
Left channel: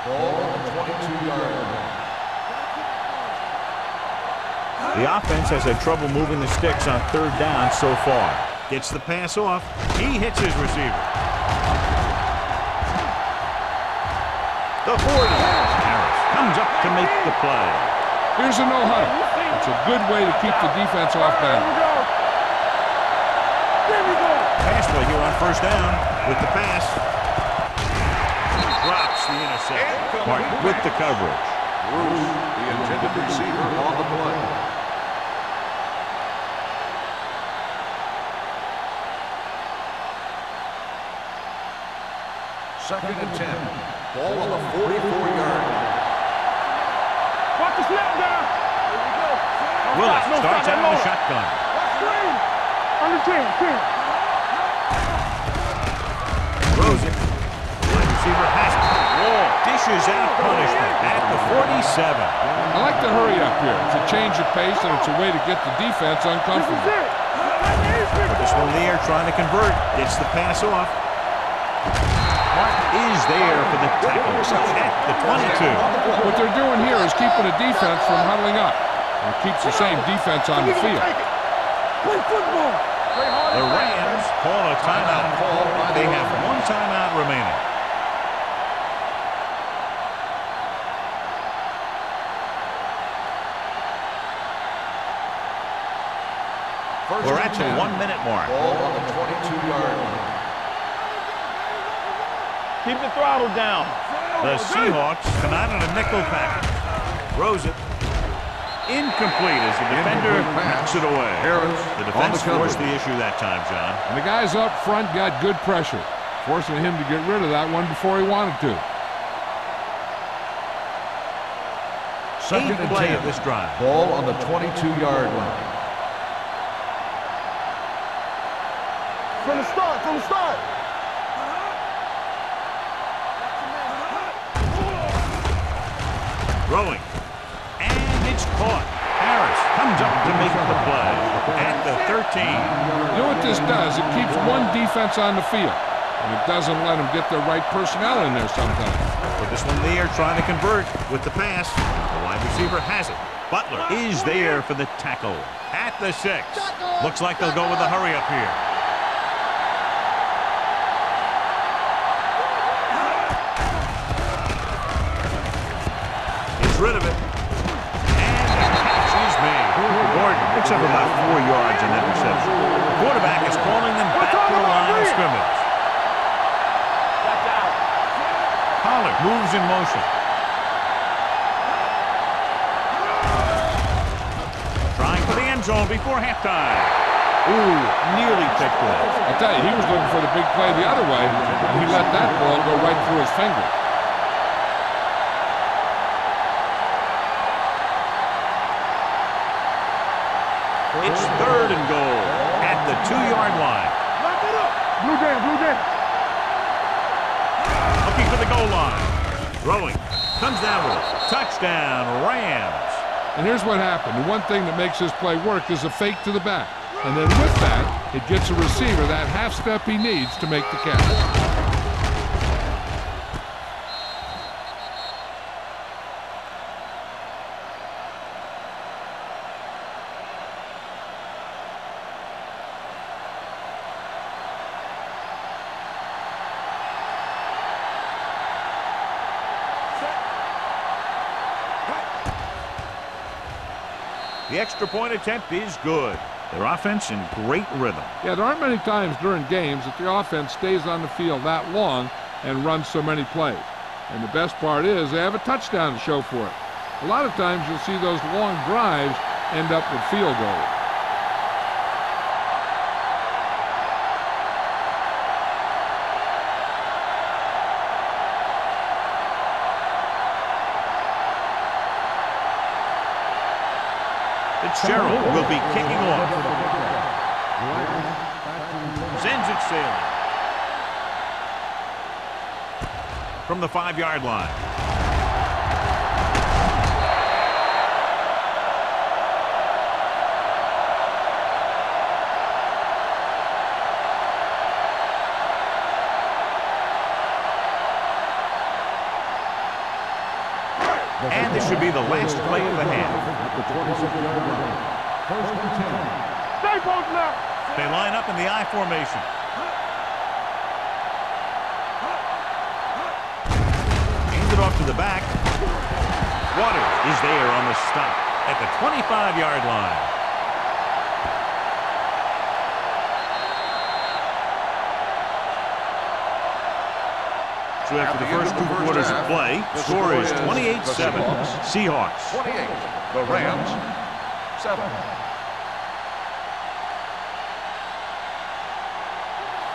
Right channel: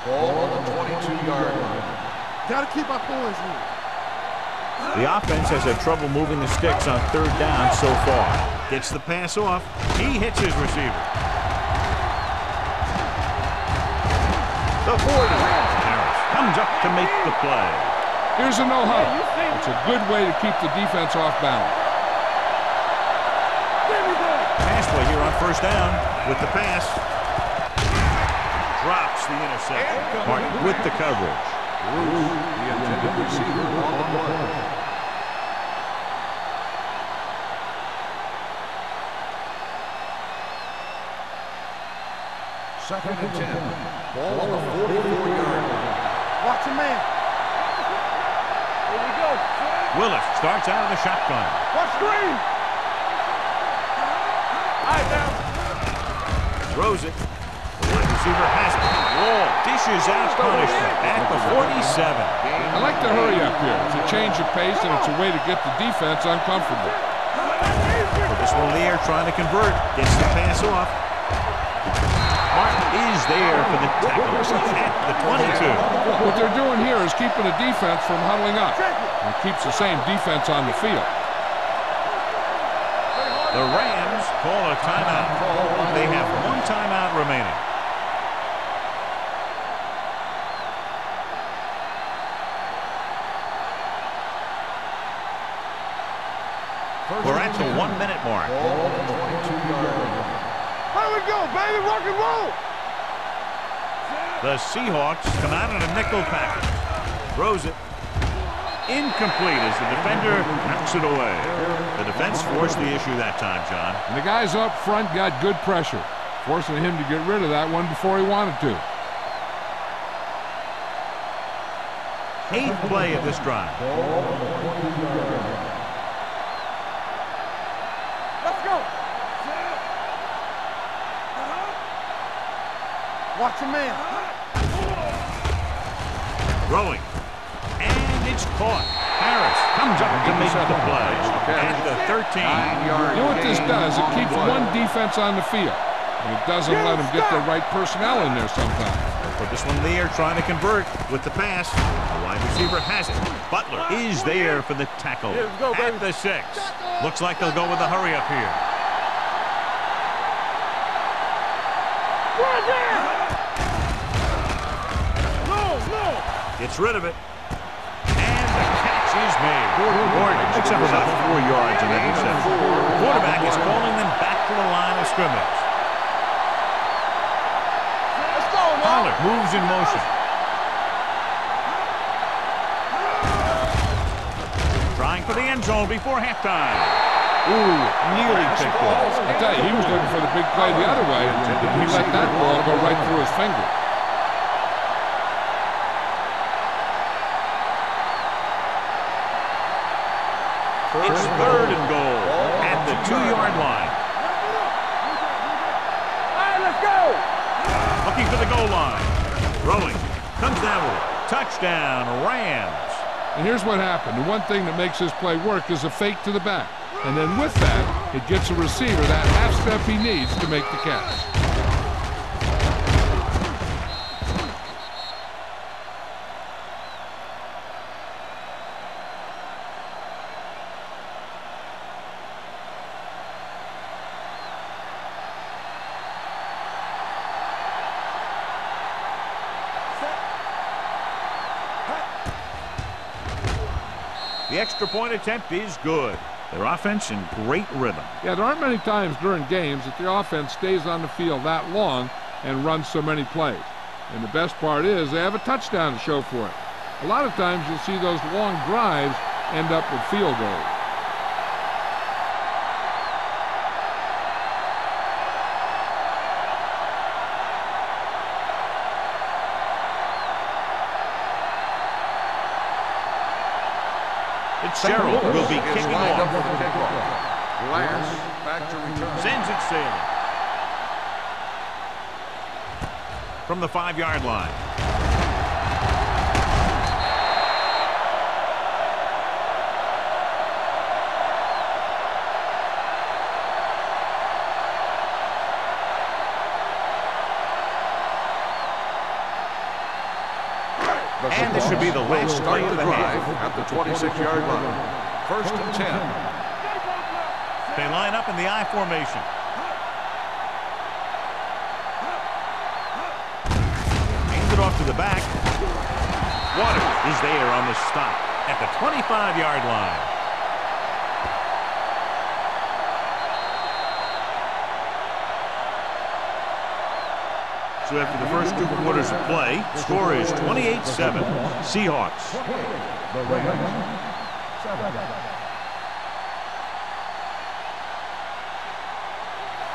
Ball on the 22-yard line. Gotta keep our points here. The offense has had trouble moving the sticks on 3rd down so far. Gets the pass off. He hits his receiver. The 40. Harris comes up to make the play. Here's a no-huddle. It's a good way to keep the defense off balance. Pass play here on 1st down with the pass. Drops the interception. Martin with the coverage. Bruce, the intended receiver on the play. Second and 10. Ball on the 44-yard line. Watch the man. Watch the snap down. Here we go. Willis starts out of the shotgun. Watch screen. Under 10. Throws it. The wide receiver has it. Wall dishes out punishment at the 47. I like to hurry up here. It's a change of pace, and it's a way to get the defense uncomfortable. Put this one in the air, trying to convert. Gets the pass off. Martin is there for the tackle at the 22. What they're doing here is keeping the defense from huddling up. And it keeps the same defense on the field. The Rams call a timeout. They have 1 timeout remaining. We're at the 1-minute mark. Ball on the 22-yard line. Here we go, baby. Rock and roll. Keep the throttle down. The Seahawks come out in a nickel package. Throws it. Incomplete as the defender knocks it away. The defense forced the issue that time, John. And the guys up front got good pressure, forcing him to get rid of that one before he wanted to. 8th play of this drive. Ball on the 22-yard line. Let's go. From the start. From the start. Watch your man. Throwing. And it's caught. Harris comes up to make the play at the 13. You know what this does? It keeps one defense on the field, and it doesn't let them get the right personnel in there sometimes. Put this one in the air, trying to convert with the pass. The wide receiver has it. Butler is there for the tackle at the 6. Looks like they'll go with a hurry up here. Gets rid of it. And the catch is made. Gordon picks up about 4 yards on that reception. The quarterback is calling them back to the line of scrimmage. Pollard moves in motion. Trying for the end zone before halftime. Ooh, nearly picked off. I tell you, he was looking for the big play the other way, and he let that ball go right through his fingers. It's 3rd and goal at the 2-yard line. Lock it up. Blue down, blue down. All right, let's go. Looking for the goal line. Throwing. Comes down with it. Touchdown, Rams. And here's what happened. The one thing that makes this play work is a fake to the back. And then with that, it gets a receiver that half step he needs to make the catch. The extra point attempt is good. Their offense in great rhythm. Yeah, there aren't many times during games that the offense stays on the field that long and runs so many plays. And the best part is they have a touchdown to show for it. A lot of times you'll see those long drives end up with field goals. Fitzgerald will be kicking off. Sends it sailing. From the 5-yard line. And this should be the last play of the half. At the 26-yard line. 1st and 10. Stay post left. They line up in the I formation. Hands it off to the back. Waters is there on the stop at the 25-yard line. So after the first 2 quarters of play, score is 28-7. Seahawks. 28. The Rams. 7.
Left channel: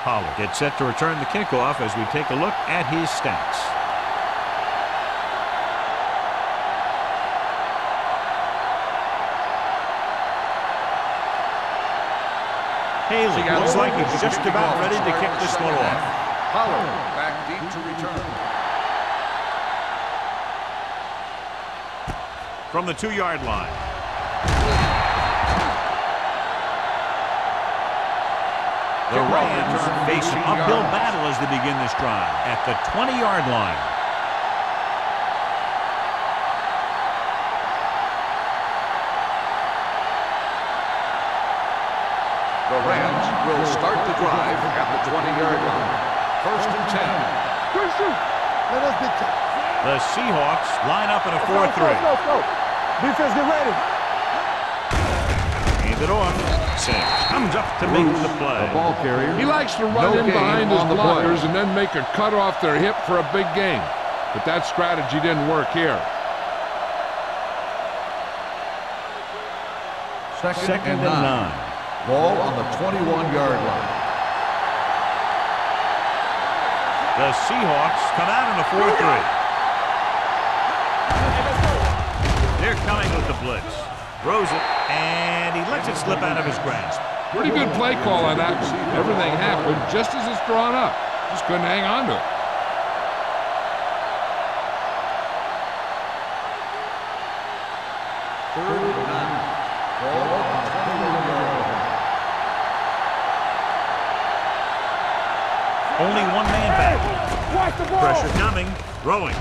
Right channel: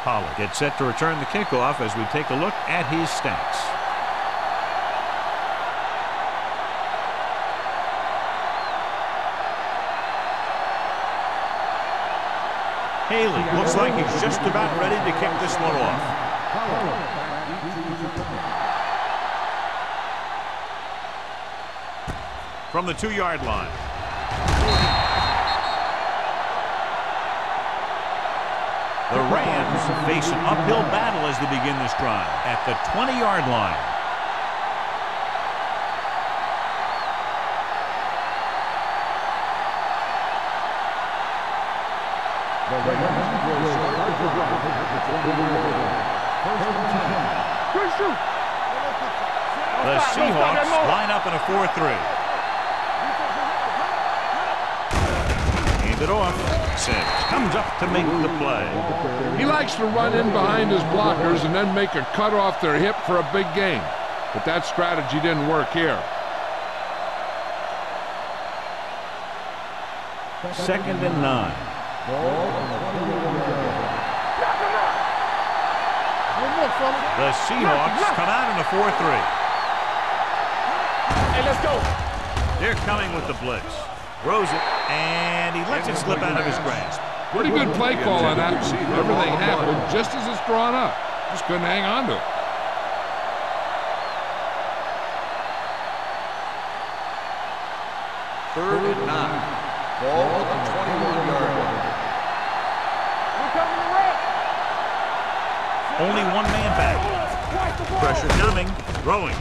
Pollard gets set to return the kickoff as we take a look at his stats. Haley looks like he's just about ready to kick this one off. Pollard back deep to return. From the 2-yard line. The Rams face an uphill battle as they begin this drive at the 20-yard line. The Rams will start the drive at the 20-yard line. 1st and 10. Good shoot. Let us get top. The Seahawks line up in a 4-3. Defense, get ready. Hand it off. Sims comes up to make the play. He likes to run in behind his blockers and then make a cut off their hip for a big gain. But that strategy didn't work here. 2nd and 9. Ball on the 21-yard line. The Seahawks come out in a 4-3. Hey, let's go. They're coming with the blitz. Throws it, and he lets it slip out of his grasp. Pretty good play call on that one. Everything happened just as it's drawn up. Just couldn't hang on to it. Third and 9. Ball on the 21-yard line. Only one man back. Pressure coming, throwing.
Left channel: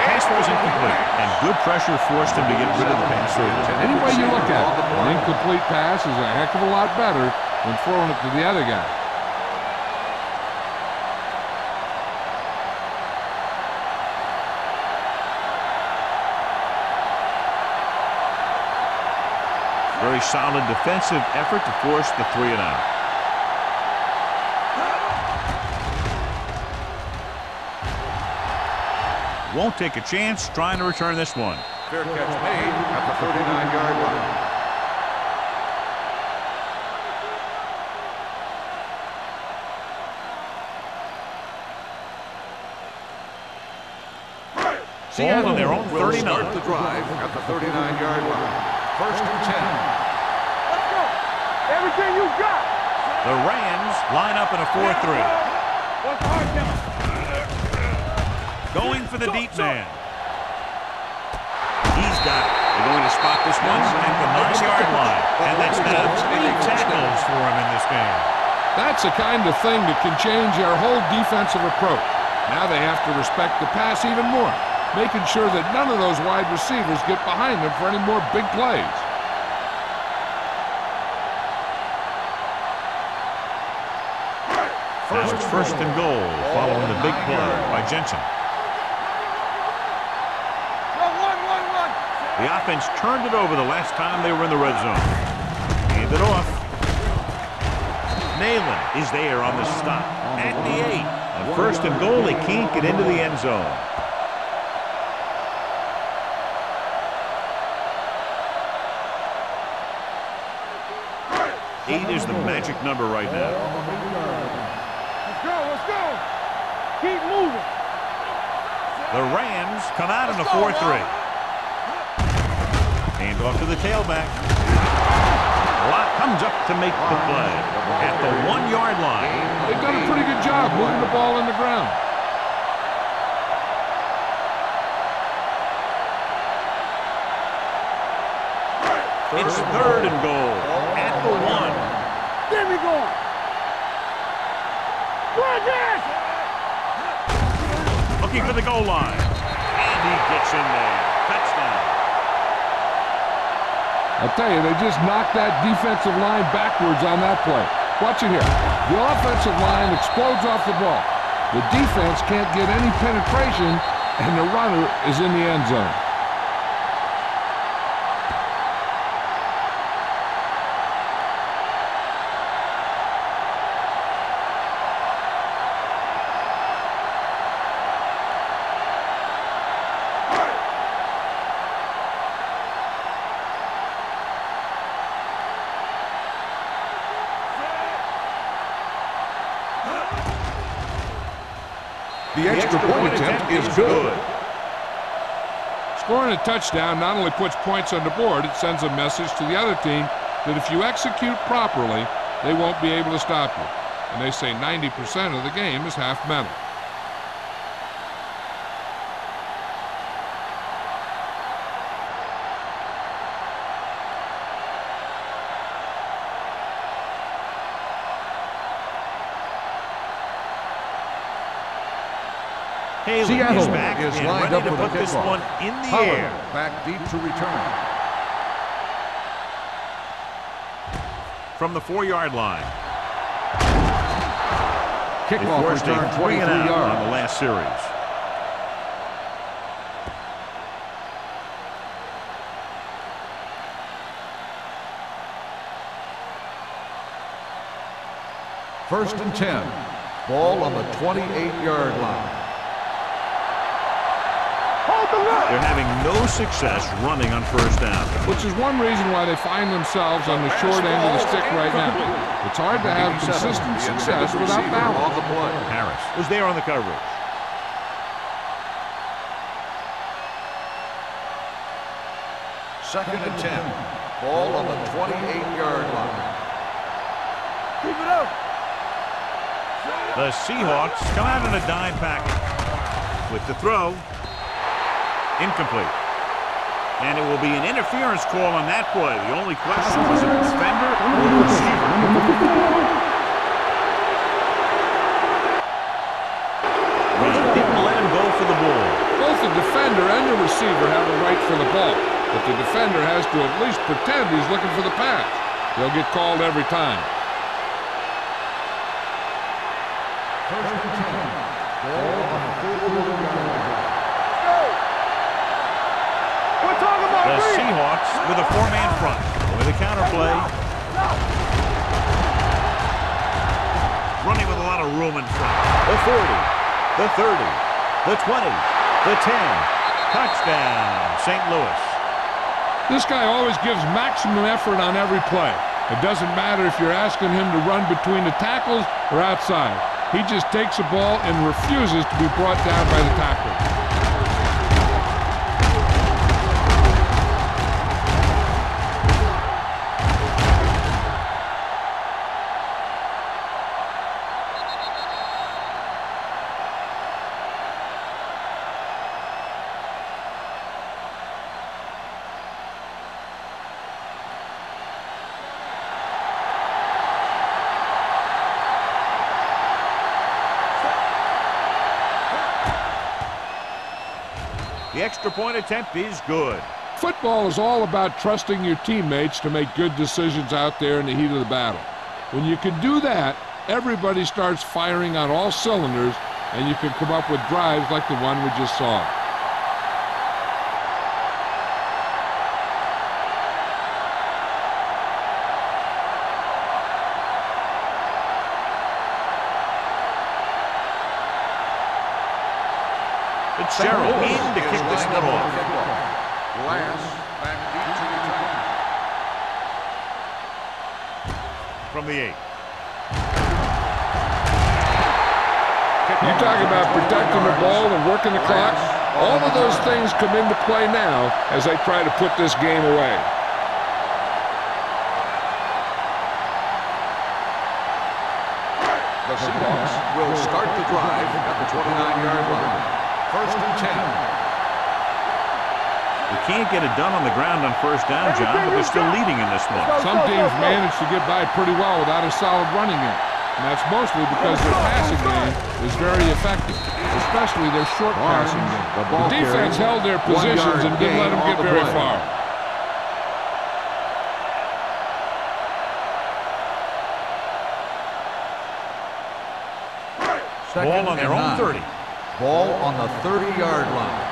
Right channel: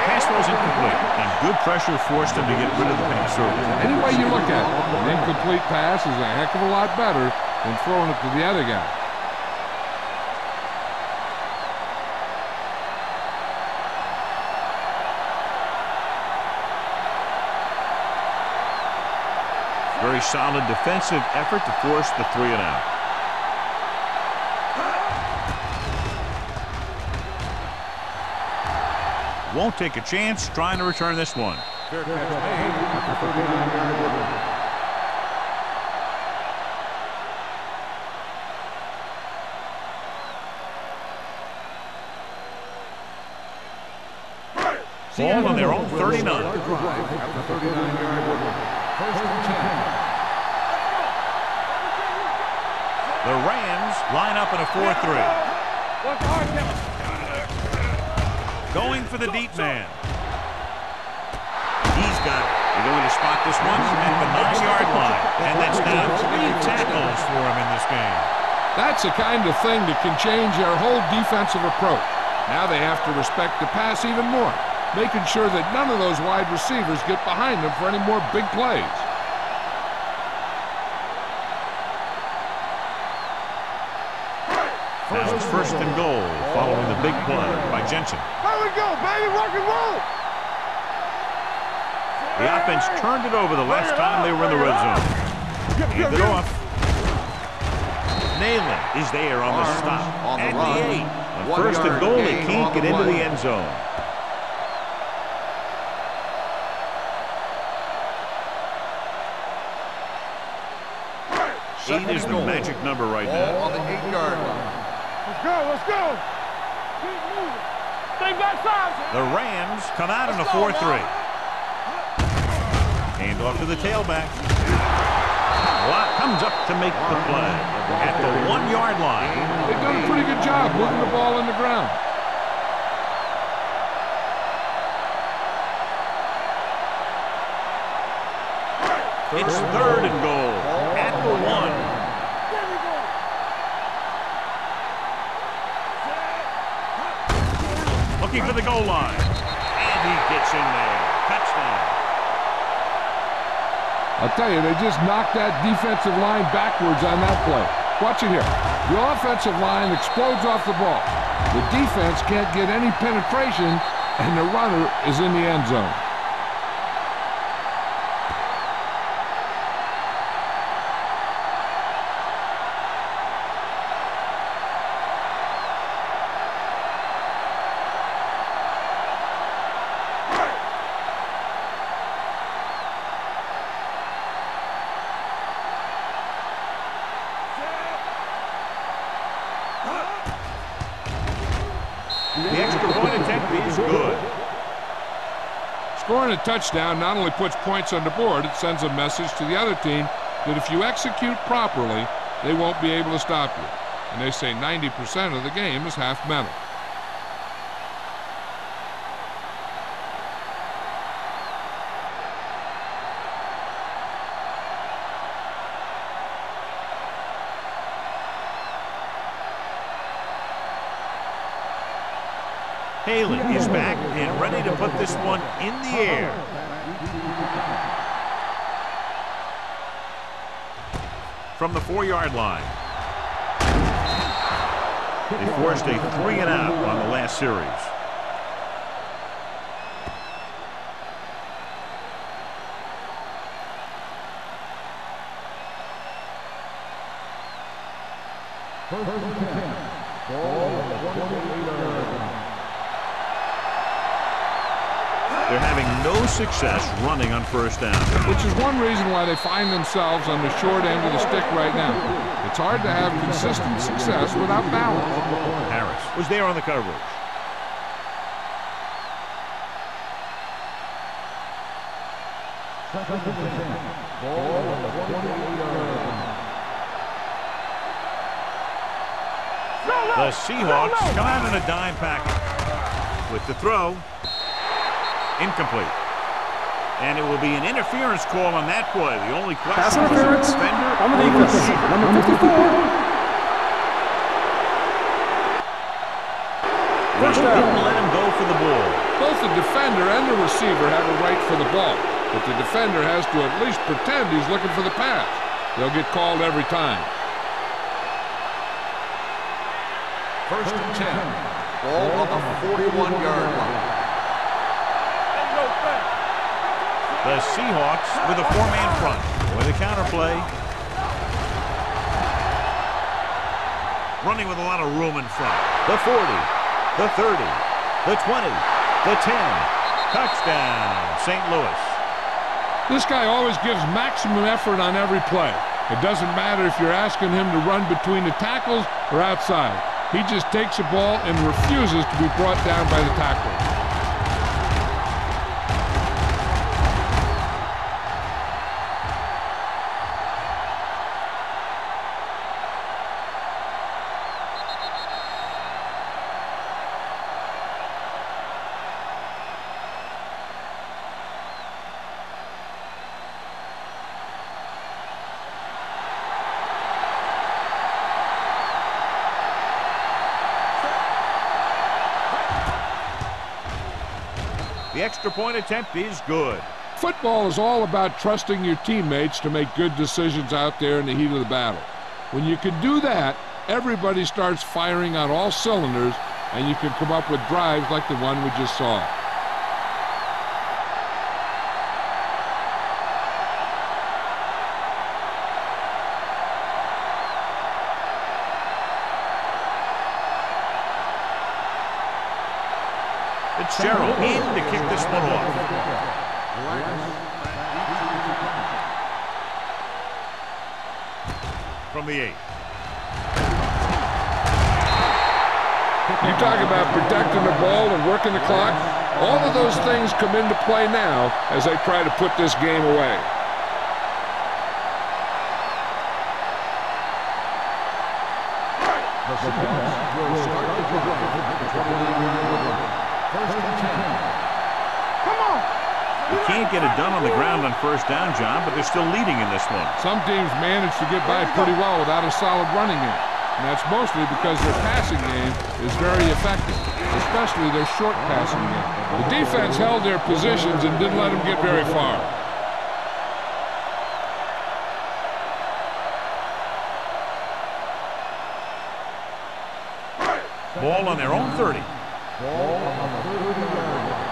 Pass was incomplete, and good pressure forced him to get rid of the pass early. Any way you look at it, an incomplete pass is a heck of a lot better than throwing it to the other guy. Very solid defensive effort to force the 3 and out. Won't take a chance trying to return this one. Fair catch made at the 39-yard line. ball on their own Will 39. start the drive at the 39-yard line. First and 10. Let's go. Everything you got. The Rams line up in a 4-3. What's the hard count? Going for the deep man. He's got it. They're going to spot this one at the 9-yard line. And that's now 3 tackles for him in this game. That's the kind of thing that can change their whole defensive approach. Now they have to respect the pass even more, making sure that none of those wide receivers get behind them for any more big plays. Now it's first and goal following the big play by Jensen. There we go, baby. Rock and roll. Run. The offense turned it over the last time they were in the red zone. Hand it off. Nayland is there on the stop at the 8. On first and goal, they can't get into the end zone. Eight is the magic number right now. Let's go. Let's go. Keep moving. Stay backside. The Rams come out in a 4-3. Hand off to the tailback. Lott comes up to make the play at the 1-yard line. They've done a pretty good job moving the ball in the ground. It's third and goal at the 1. There we go. Looking for the goal line. And he gets in there. Touchdown. I'll tell you, they just knocked that defensive line backwards on that play. Watch it here. The offensive line explodes off the ball. The defense can't get any penetration, and the runner is in the end zone. The extra point attempt is good. Scoring a touchdown not only puts points on the board, it sends a message to the other team that if you execute properly, they won't be able to stop you. And they say 90% of the game is half mental. Haley is back and ready to put this one in the air. Back deep to return. From the 4-yard line. They Kickoff forced a return, 3 and out 23 on the yards. last series. First and 10. Ball on the 28-yard line. They're having no success running on first down. Which is one reason why they find themselves on the short end of the stick right now. It's hard to have consistent success without balance. Harris was there on the coverage. Second and 10. Ball on the 28-yard line. Keep it up. The Seahawks come out in a dime package. With the throw. Incomplete. And it will be an interference call on that play. The only question was a defender or a receiver. Number 54. They didn't let him go for the ball. Both the defender and the receiver have a right for the ball, but the defender has to at least pretend he's looking for the pass. They'll get called every time. First and 10. Ball on the 41-yard line. The Seahawks with a 4-man front. With a counter play. Running with a lot of room in front. The 40, the 30, the 20, the 10. Touchdown, St. Louis. This guy always gives maximum effort on every play. It doesn't matter if you're asking him to run between the tackles or outside. He just takes the ball and refuses to be brought down by the tackler. The extra point attempt is good. Football is all about trusting your teammates to make good decisions out there in the heat of the battle. When you can do that, everybody starts firing on all cylinders, and you can come up with drives like the one we just saw. Fitzgerald in to kick this one off. Glass back deep to return. From the 8. You talk about protecting the ball and working the clock. All of those things come into play now as they try to put this game away. The Seahawks will start the drive at the 29-yard line. 1st and 10. We can't get it done on the ground on first down, John, but they're still leading in this one. Some teams manage to get by pretty well without a solid running game. And that's mostly because their passing game is very effective, especially their short passing game. The defense held their positions and didn't let them get very far. Ball on their own 30. Ball on the 30-yard line.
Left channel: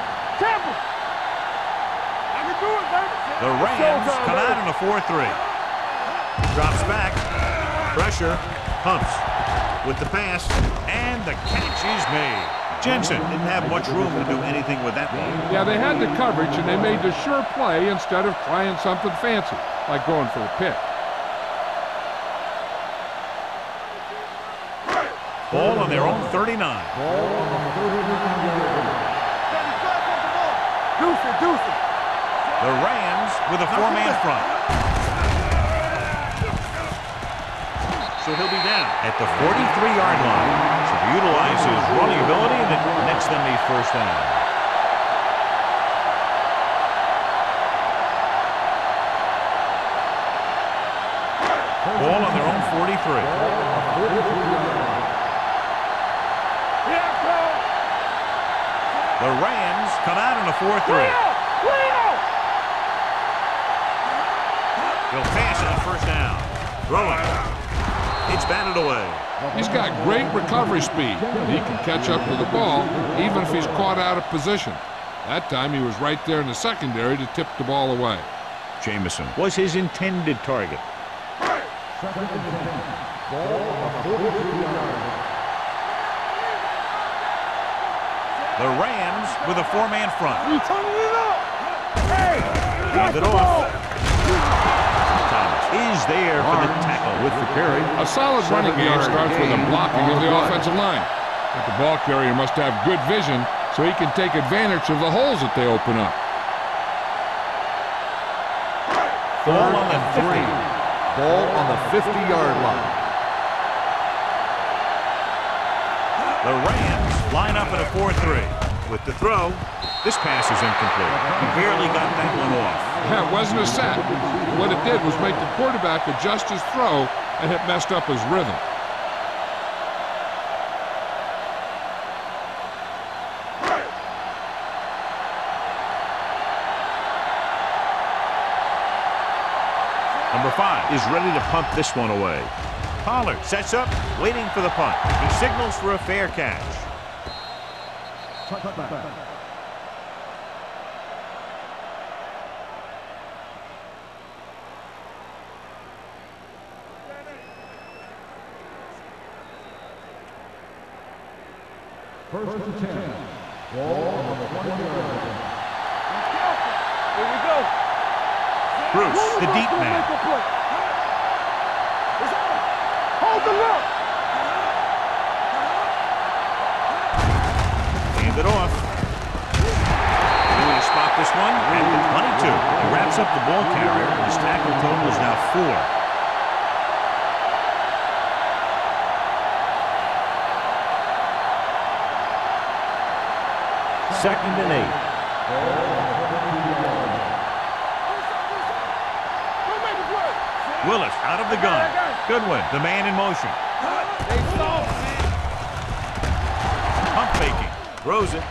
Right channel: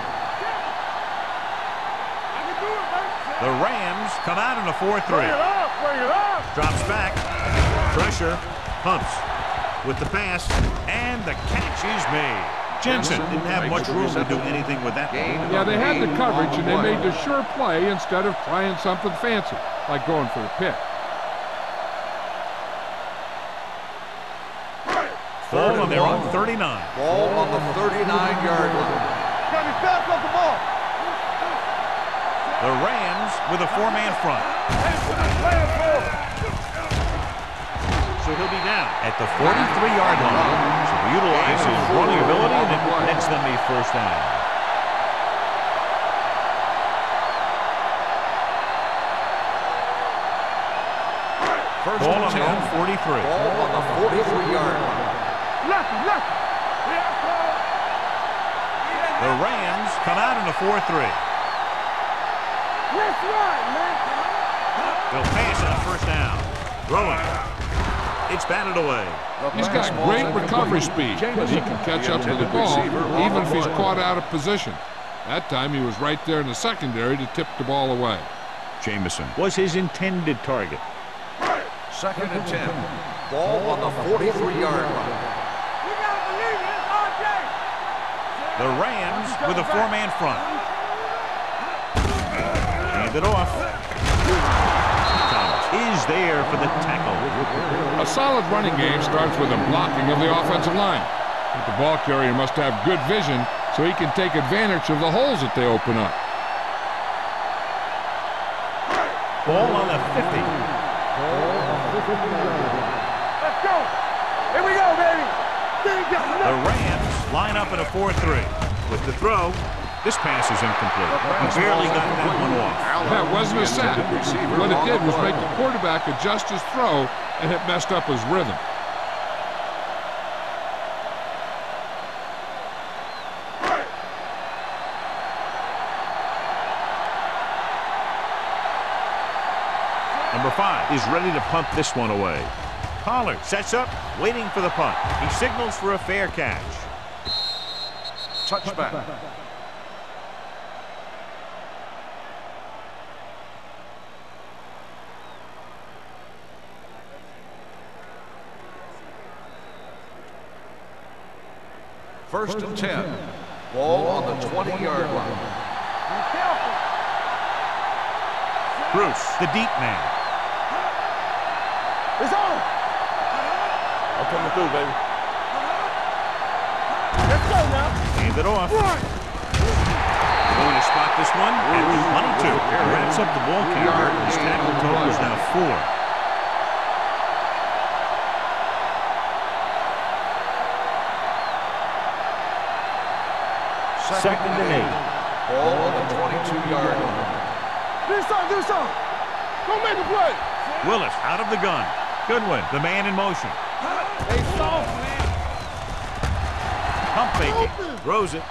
I can do it, baby. The Rams come out in a 4-3. Drops back. Pressure. Pumps. With the pass. And the catch is made. Jensen didn't have much room to do anything with that one. Yeah, they had the coverage, and they made the sure play instead of trying something fancy, like going for the pick. Ball on their own 39. Ball on the 39-yard line. Got me fast off the ball. Deuce it. The Rams with a 4-man front. So he'll be down at the 43-yard line. So to utilize his running ability, and it nets them a first down. Ball on their own 43. Ball on the 43-yard line. The Rams come out in a 4-3. They'll pass on first down. Throwing. It's batted away. He's got great recovery speed. He can catch up to the ball even if he's caught out of position. That time he was right there in the secondary to tip the ball away. Jamison was his intended target. 2nd and 10. Ball on the 43-yard line. The Rams with a 4-man front. Hand it off. Thomas is there for the tackle with the carry. A solid running game starts with a blocking of the offensive line. But the ball carrier must have good vision so he can take advantage of the holes that they open up. Ball on the 50. Ball on the 50-yard line. Here we go, baby. The Rams line up in a 4-3. With the throw, this pass is incomplete. He barely got that one off. That wasn't a sack. What it did was make the quarterback adjust his throw, and it messed up his rhythm. Number 5 is ready to punt this one away. Pollard sets up, waiting for the punt. He signals for a fair catch. Touchback. First and 10. Ball on the 20-yard line. Be careful. Here we go. Bruce, the deep man. It's on. Hold the look. Okay, through, baby. Hand it off. They're going to spot this one at the 22. He wraps up the ball carrier. His tackle total is now 4. Second and 8. Ball on the 22-yard line. This on. Don't make the play. Willis out of the gun. Goodwin, the man in motion. They soft, man. Pump faking. Throws it.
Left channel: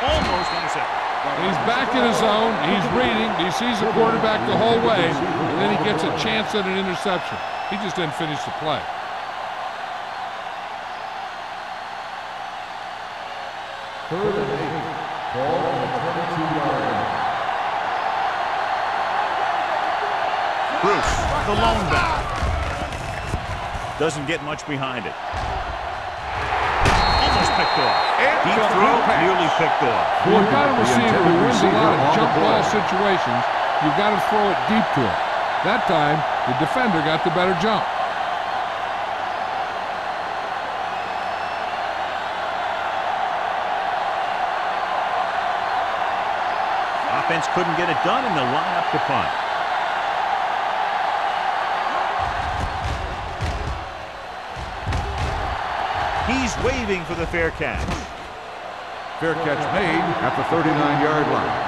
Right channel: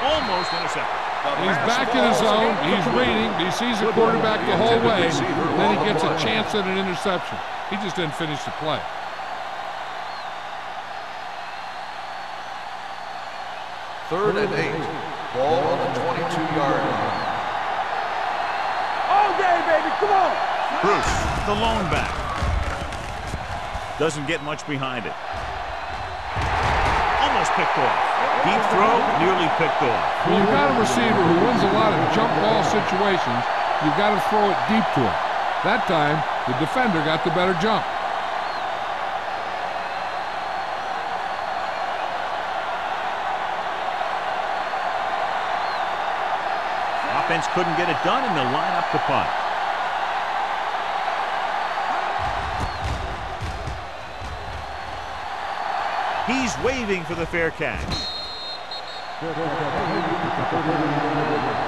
Almost intercepted. And he's back in his zone. He's reading. He sees the quarterback the whole way, and then he gets a chance at an interception. He just didn't finish the play. Third and 8. Ball on the 22-yard line. Bruce, the lone back. Doesn't get much behind it. Almost picked off. Deep throw, nearly picked off. When you've got a receiver who wins a lot of jump ball situations, you've got to throw it deep to him. That time, the defender got the better jump. Offense couldn't get it done, and they'll line up to punt. He's waving for the fair catch. Fair catch made at the 39-yard line.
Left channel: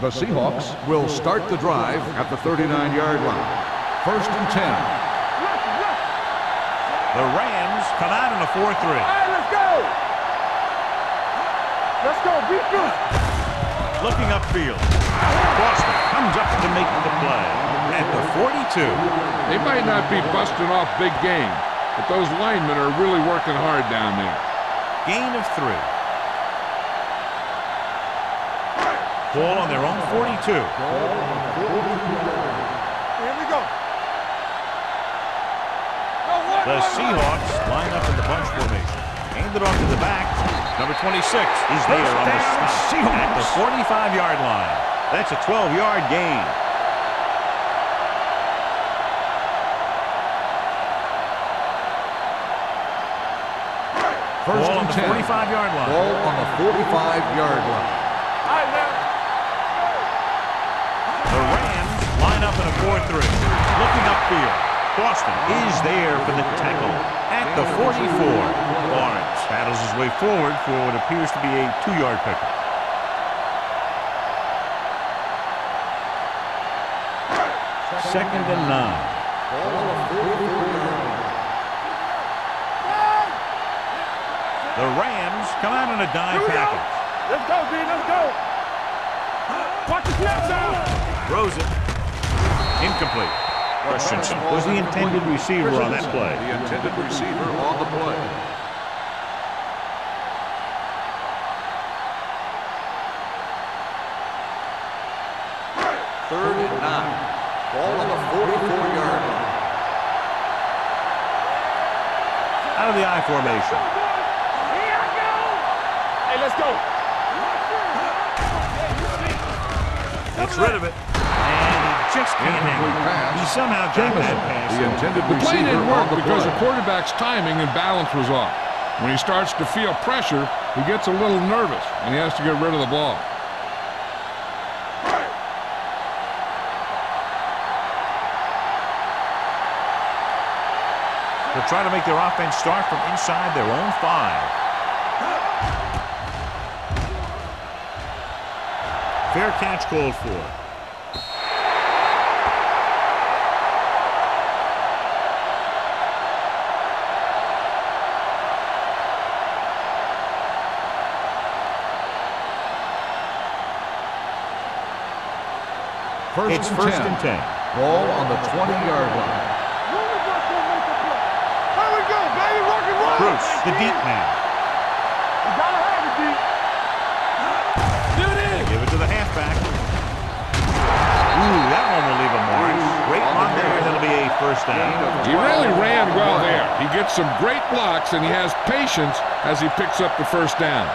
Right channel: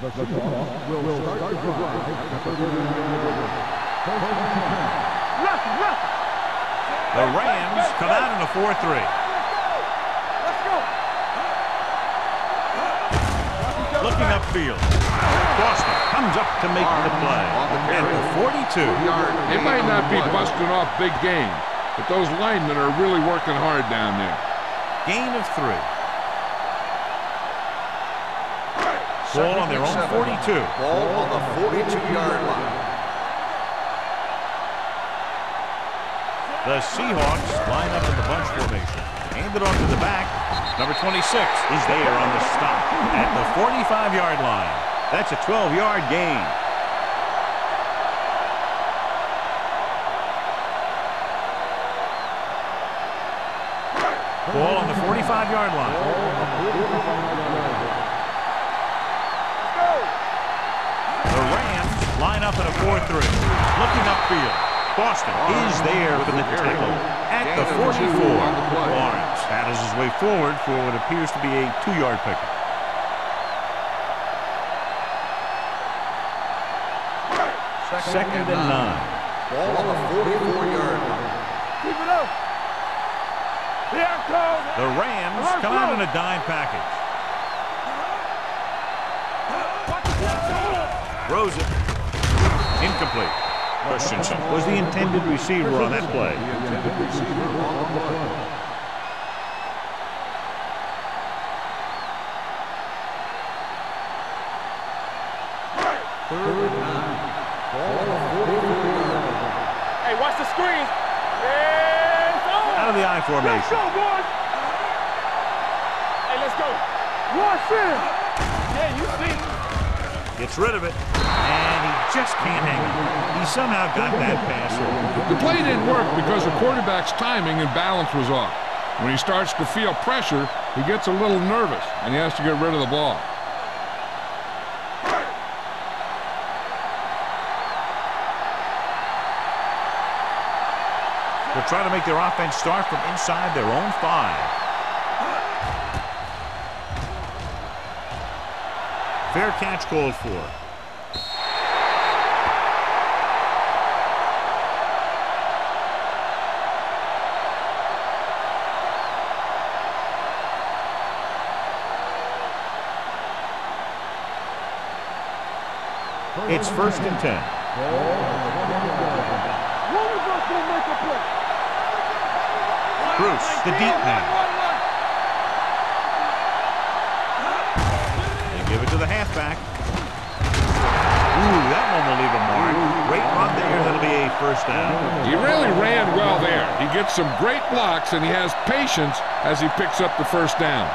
The Seahawks will start the drive at the 39-yard line. First and 10. The Rams come out in a 4-3. Hey, let's go! Let's go, beat you! Looking upfield. Boston comes up to make the play at the 42. They might not be busting off big game, but those linemen are really working hard down there. Gain of 3. Ball on their own 42. Ball on the 42-yard line. Here we go. The Seahawks line up in the bunch formation. Hand it off to the back. Number 26 is there on the stop at the 45-yard line. That's a 12-yard gain. Ball on the 45-yard line. Ball on the 45-yard line. All right, now. Let's go. The Rams line up in a 4-3. Looking upfield. Boston is there for the tackle at the 44. Lawrence paddles his way forward for what appears to be a 2-yard pickup. Second and 9. Ball on the 44-yard line. The Rams come out in a dime package. Let's go, B. Let's go. Watch the snap. Throws it. Incomplete. Christensen was the intended receiver on that play. The intended receiver on the play. Third and 9. Ball on the 44-yard line. Hey, watch the screen. Out of the I Let's formation. go, boys. Hey, let's go. Yeah, you see. Gets rid of it. And he just can't hang on. He somehow got that pass off. The play didn't work because the quarterback's timing and balance was off. When he starts to feel pressure, he gets a little nervous, and he has to get rid of the ball. They'll try to make their offense start from inside their own 5. Fair catch called for. It's first and 10. Ball on the 20-yard line. One of us will make a play. Here we go, baby. Bruce, the deep man. They give it to the halfback. Ooh, that one will leave a mark. Great run there. That'll be a first down. He really ran well there. He gets some great blocks, and he has patience as he picks up the first down.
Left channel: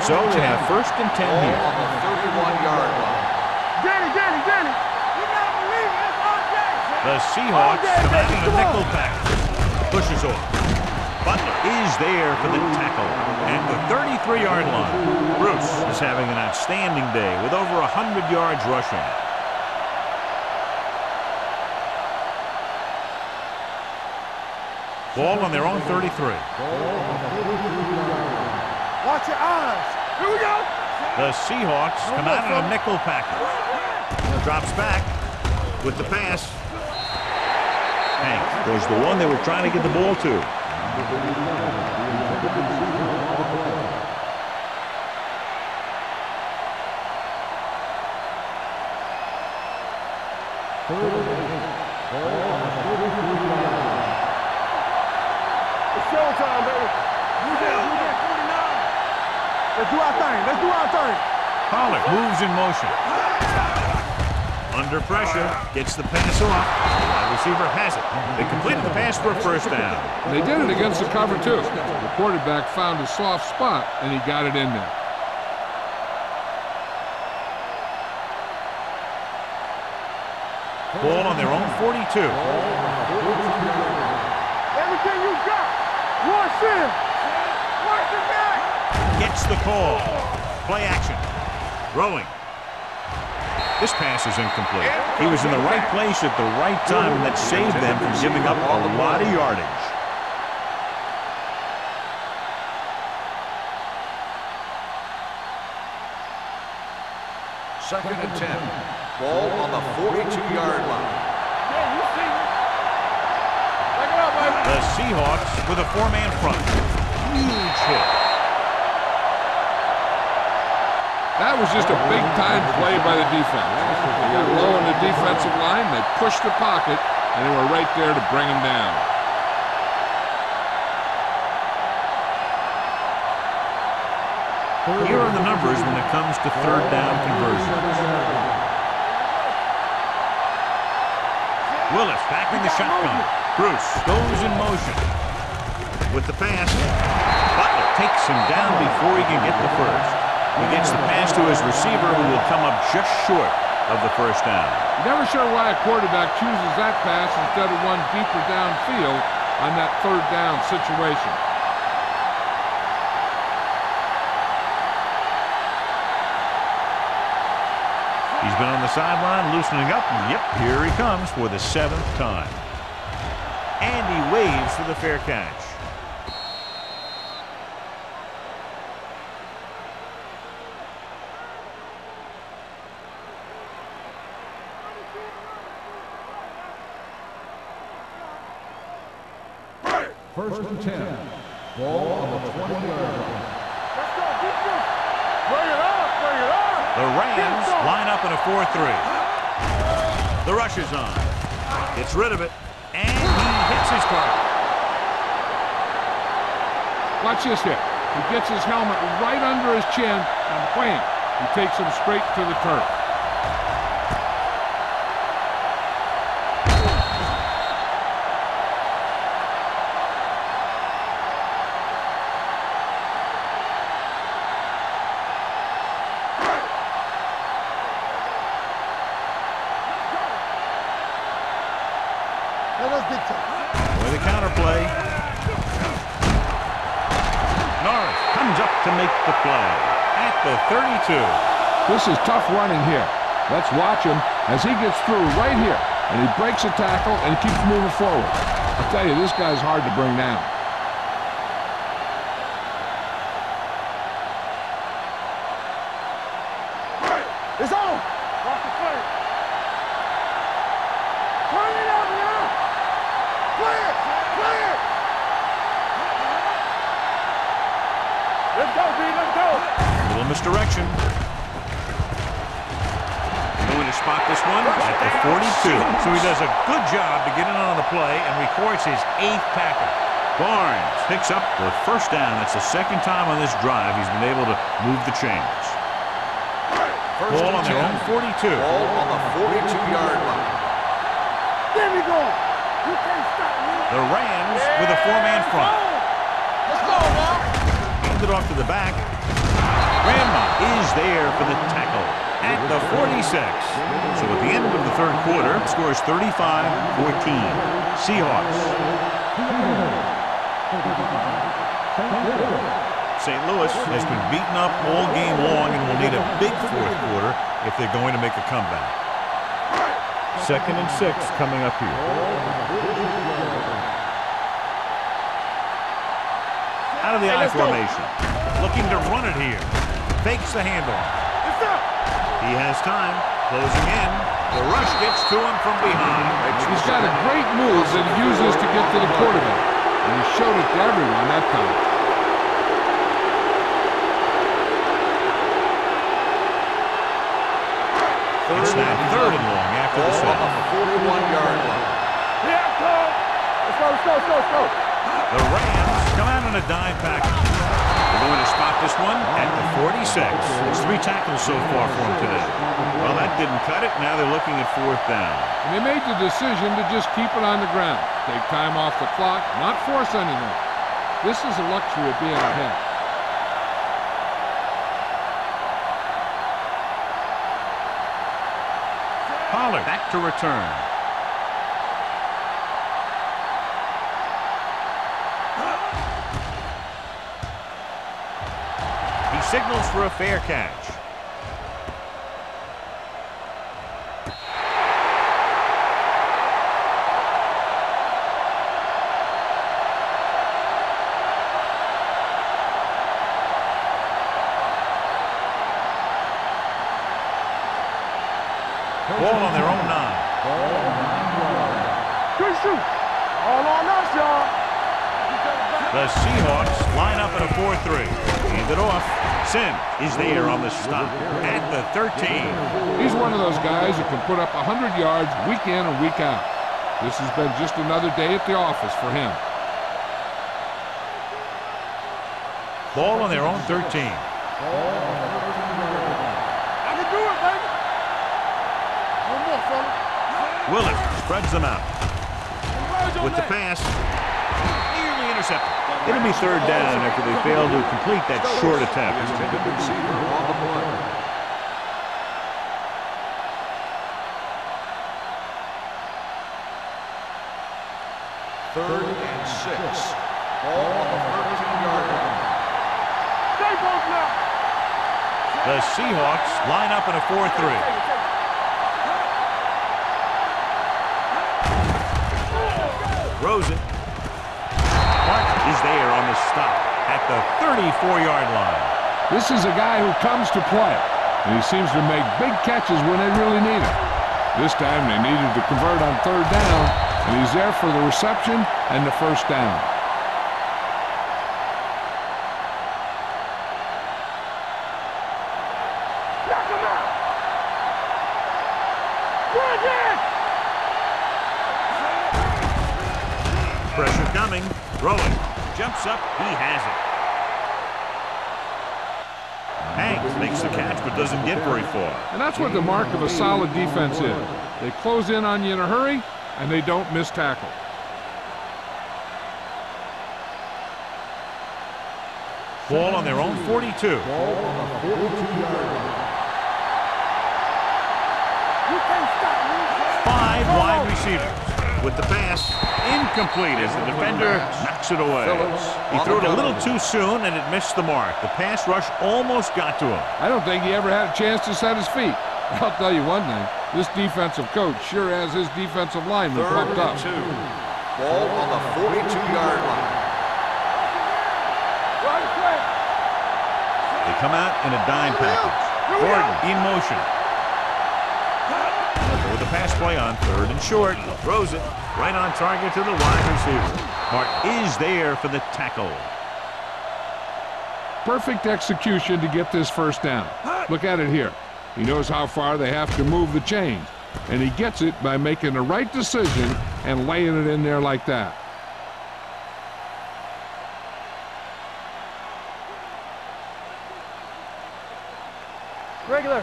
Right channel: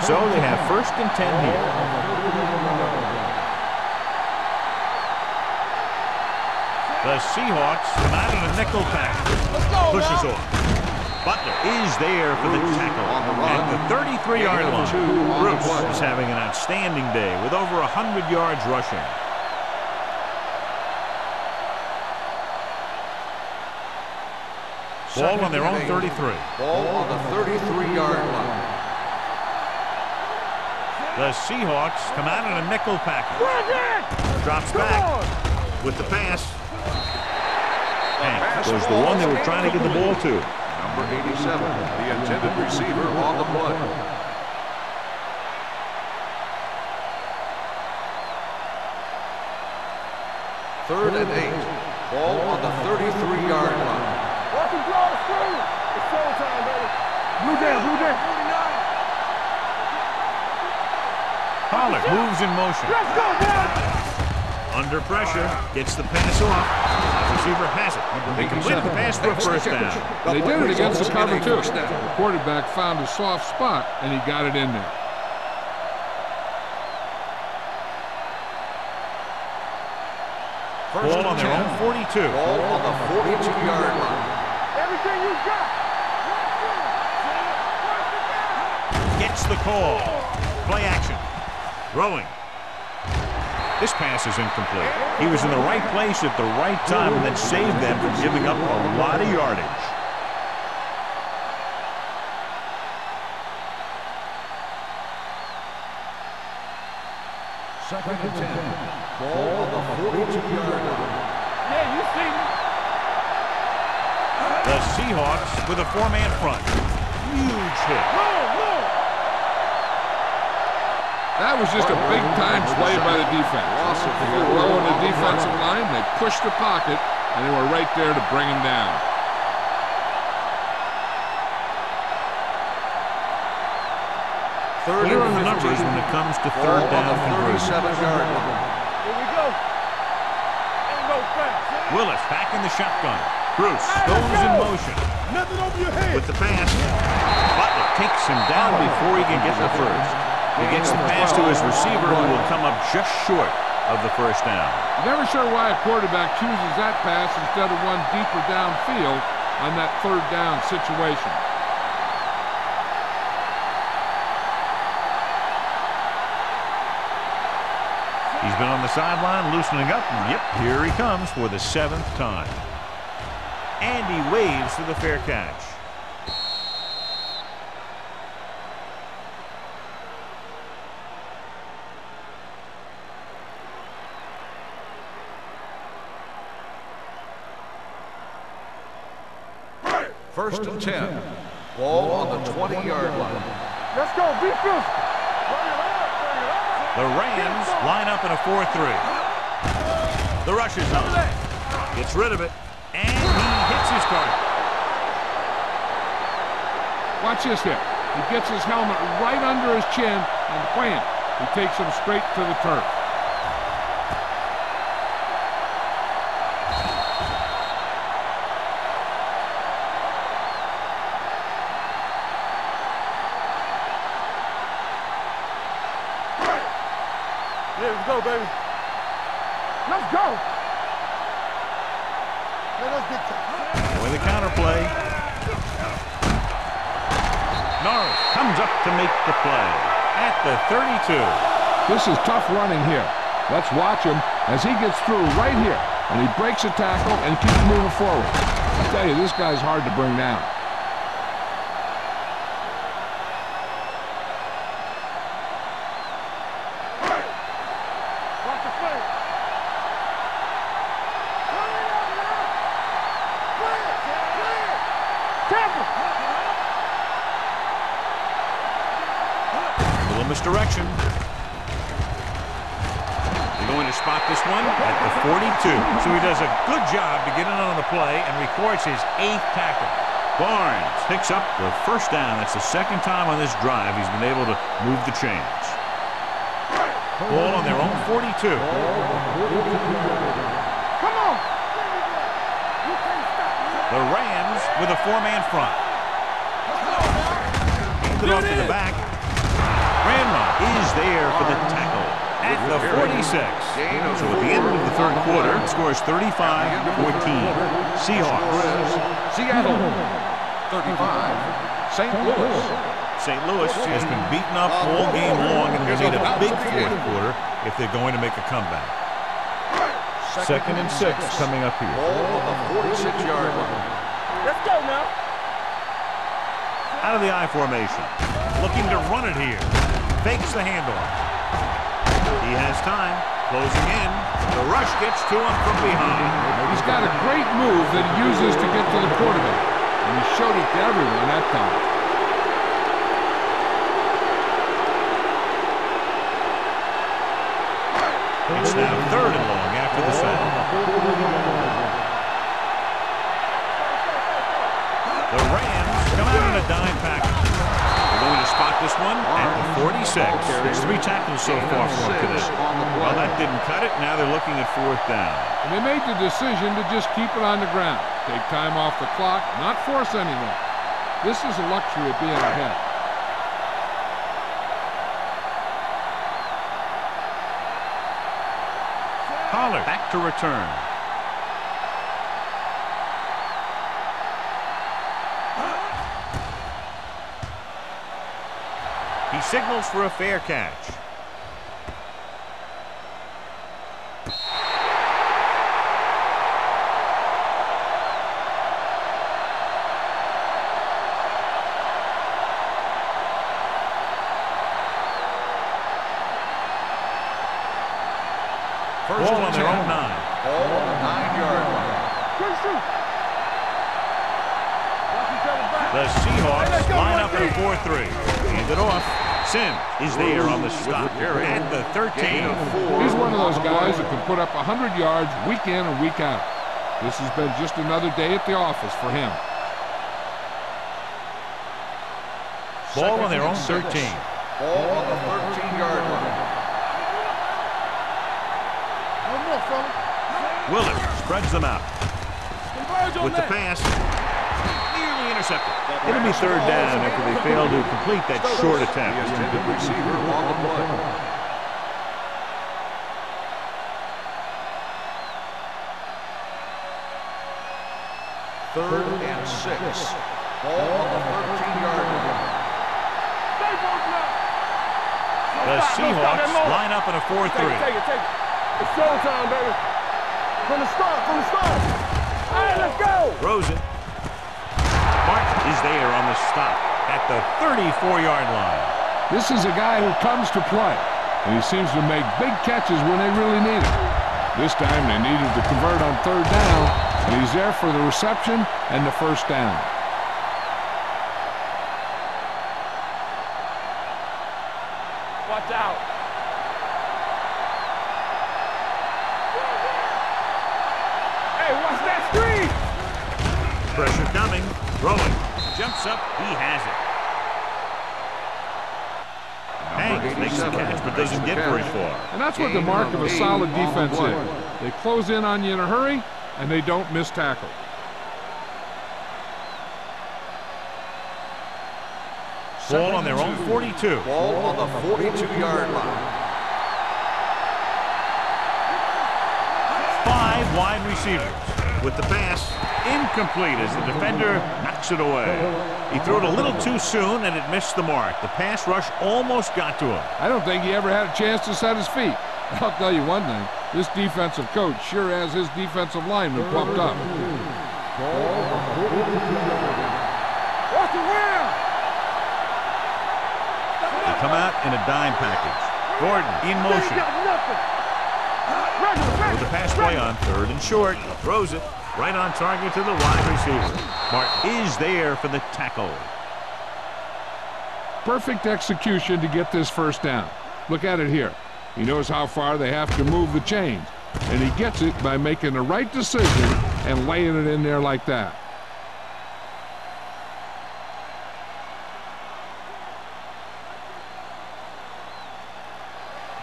So they have first and 10 here. On the 31-yard line. Danny. You gotta believe it. It's our day. The Seahawks come out in a nickel package. Pushes off. Butler is there for the tackle at the 33-yard line. Bruce is having an outstanding day with over 100 yards rushing. Ball on their own 33. Ball on the 33-yard line. Watch your eyes. Here we go. The Seahawks come out in a nickel package. Drops back with the pass. Hank was the one they were trying to get the ball to. Number 87, the intended receiver on the play. Third and 8. Ball on the 33-yard line. It's showtime, baby. Blue down, blue down. 49. Let's do our thing. Let's do our thing. Pollard moves in motion. Let's go now. Under pressure, gets the pass off. Wide receiver has it. They completed the pass for a first down. They did it against the cover, too. The quarterback found a soft spot, and he got it in there. Ball on their own 42. Ball on the 42-yard line. Everything you got. Rush in. Rush the guy. Gets the call. Play action. Throwing. This pass is incomplete. He was in the right place at the right time, and that saved them from giving up a lot of yardage. Second and 10. Ball on the 42-yard line. Yeah, you see me. The Seahawks with a four-man front. Huge hit. That was just a big-time play by the defense. They got low in the defensive line, they pushed the pocket, and they were right there to bring him down. Here are the numbers when it comes to third down conversion. Here we go. Willis back in the shotgun. Bruce goes in motion. With the pass, Butler takes him down before he can get the first. He gets the pass to his receiver, who will come up just short of the first down. Never sure why a quarterback chooses that pass instead of one deeper downfield on that third down situation. He's been on the sideline loosening up, and yep, here he comes for the 7th time. And he waves for the fair catch. First and 10. Ball on the 20-yard line. Let's go, defense. Bring it up, bring it up. The Rams line up in a 4-3. The rush is on. Gets rid of it, and he hits his target. Watch this hit. He gets his helmet right under his chin, and wham, he takes him straight to the turf. With the counterplay. Norris comes up to make the play at the 32. This is tough running here. Let's watch him as he gets through right here, and he breaks a tackle and keeps moving forward. I'll tell you, this guy's hard to bring down. It's on. Watch the play. Turn it up now. Play it. Play it. Catch it. Let's go, D. Let's go. A little misdirection. They're going to spot this one at the 42. So he does a good job to get in on the play and records his 8th tackle. Barnes picks up the first down. That's the second time on this drive he's been able to move the chains. Ball on their own 42. Ball on the 42-yard line. Come on. There we go. You can't stop me. The Rams with a four-man front. Let's go now. Handed off to the back. Grandma is there for the tackle at the 46. So at the end of the third quarter, the score is 35-14. Seahawks. Seattle. 35. St. Louis. St. Louis has been beaten up all game long and will need a big fourth quarter if they're going to make a comeback. 2nd and 6 coming up here. Ball on the 46-yard line. Let's go now. Out of the I formation. Looking to run it here. Fakes the handoff. He has time. Closing in. The rush gets to him from behind. He's got a great move that he uses to get to the quarterback. And he showed it to everyone that time. It's now 3rd and long after the sack. 41-yard line. The Rams come out in a dime package. They're going to spot this one at the 46. It's 3 tackles so far for him today. Well, that didn't cut it. Now they're looking at 4th down. And they made the decision to just keep it on the ground. Take time off the clock, not force anything. This is a luxury of being ahead. Pollard back to return. He signals for a fair catch. Ball on their own 9. Good shoot. All on us, y'all. The Seahawks line up in a 4-3. Hand it off. Sims is there on the stop at the 13. He's one of those guys that can put up 100 yards week in and week out. This has been just another day at the office for him. Ball on their own 13. Ball on the 13-yard line. One more, fella. Willard spreads them out. With the pass, nearly intercepted. It'll be 3rd down after they fail to complete that short attempt. The intended receiver on the play. Third and 6. Ball on the 13-yard line. Stay both now. The Seahawks line up in a 4-3. Take it. It's showtime, baby. From the start. All right, let's go. Throws it. Martin is there on the stop at the 34-yard line. This is a guy who comes to play, and he seems to make big catches when they really need him. This time they needed to convert on 3rd down, and he's there for the reception and the 1st down. Pressure coming. Throwing. Jumps up. He has it. Hanks makes the catch but doesn't get very far. And that's what the mark of a solid defense is. They close in on you in a hurry, and they don't miss tackle. Ball on their own 42. Ball on the 42-yard line. 5 wide receivers. With the pass, incomplete as the defender knocks it away. He threw it a little too soon and it missed the mark. The pass rush almost got to him. I don't think he ever had a chance to set his feet. I'll tell you one thing, this defensive coach sure has his defensive lineman pumped up. Ball on the 42-yard line. They come out in a dime package. Gordon in motion. With the pass play on 3rd and short. Throws it right on target to the wide receiver. Martin is there for the tackle. Perfect execution to get this 1st down. Look at it here. He knows how far they have to move the chains, and he gets it by making the right decision and laying it in there like that. Regular.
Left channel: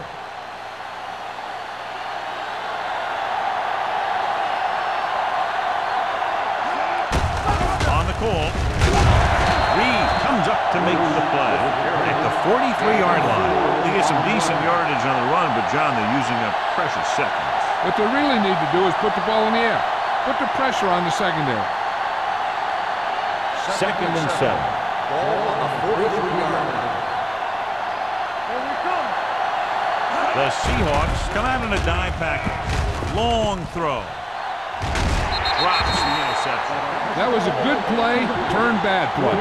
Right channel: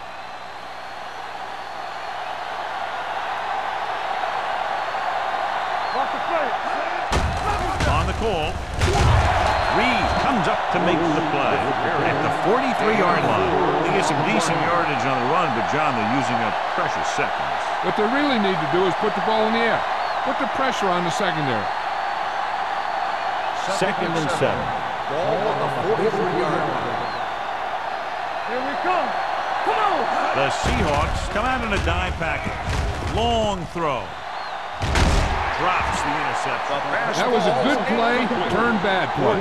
On the call. Reed comes up to make the play at the 43-yard line. They get some decent yardage on the run, but, John, they're using up precious seconds. What they really need to do is put the ball in the air. Put the pressure on the secondary. 2nd and 7. Ball on the 43-yard line. Here we come. The Seahawks come out in a dime package. Long throw. Drops the interception. That was a good play, turned bad play.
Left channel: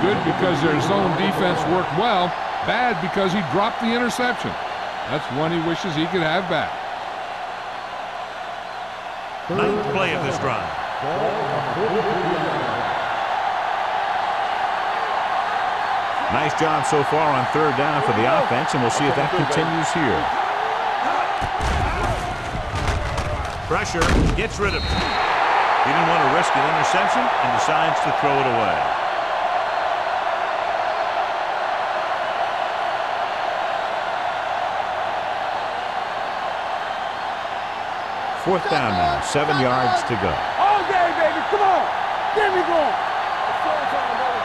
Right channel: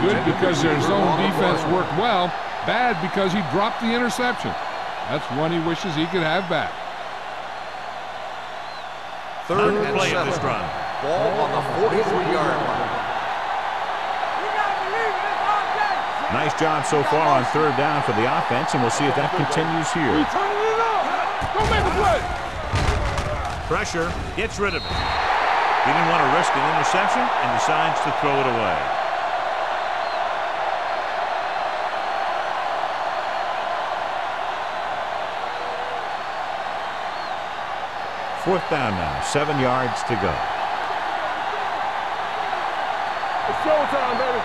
Good because their zone defense worked well, Bad because he dropped the interception. That's one he wishes he could have back. Ninth play of this drive. Ball on the 43-yard line. Nice job so far on third down for the offense, and we'll see if that continues here. Pressure, gets rid of it. He didn't want to risk an interception and decides to throw it away. Fourth down now, 7 yards to go. All day, baby. Come on. Get me going. It's showtime, baby.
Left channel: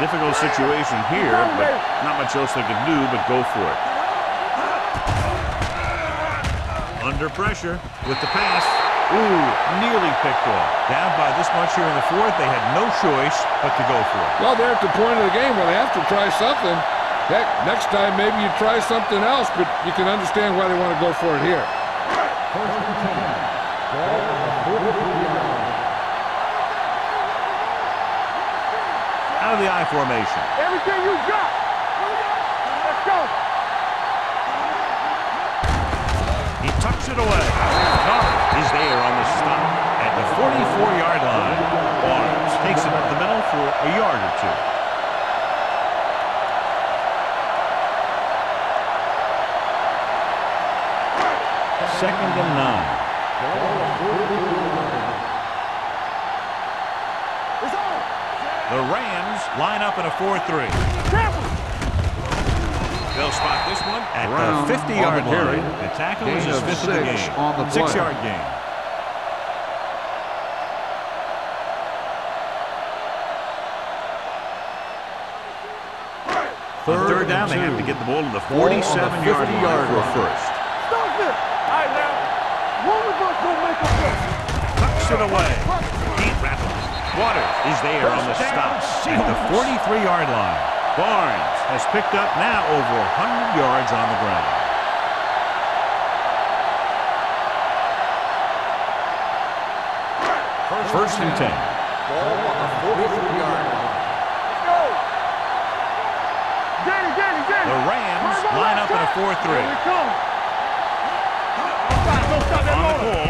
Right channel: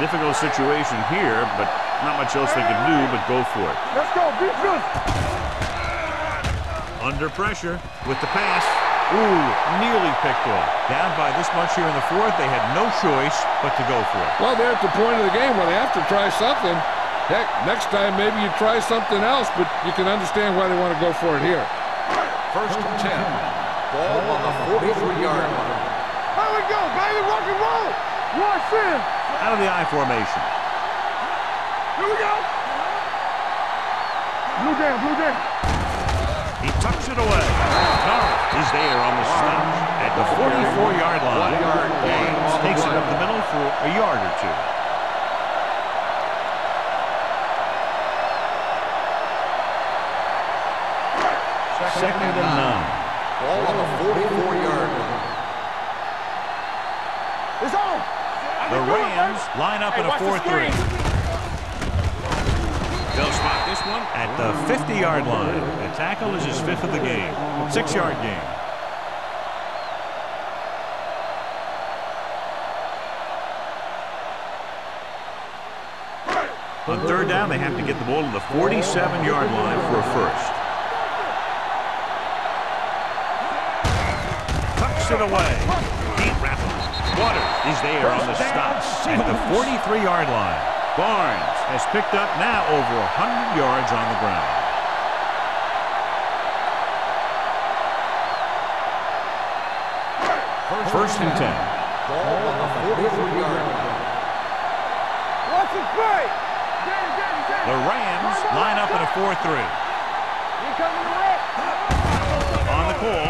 Difficult situation here, but not much else they can do but go for it. Let's go. Be good. Under pressure with the pass. Ooh, nearly picked off. Down by this much here in the fourth, they had no choice but to go for it. Well, they're at the point of the game where they have to try something. Heck, next time maybe you try something else, but you can understand why they want to go for it here. First and 10. Ball on the 43-yard line. Here we go, baby. Rock and roll. Rush in. Out of the I formation. Everything you got. Here we go. Let's go. Blue down, blue down. He tucks it away. Norris is there on the stop at the 44-yard line. Barnes takes it up the middle for a yard or two. Second and 9. Ball on the 44-yard line. It's on. The Rams line up in a 4-3. They'll spot this one at the 50-yard line. The tackle is his fifth of the game. 6-yard gain. On third down, they have to get the ball to the 47-yard line for a first. Stop it. All right, now. One reverse, one make it. Tucks it away. Deep rapidly. Waters is there on the stop at the 43-yard line. Barnes has picked up now over 100 yards on the ground. First and 10. Ball on the 43-yard line. Go. Watch it play. Danny. The Rams line up in a 4-3. On the call.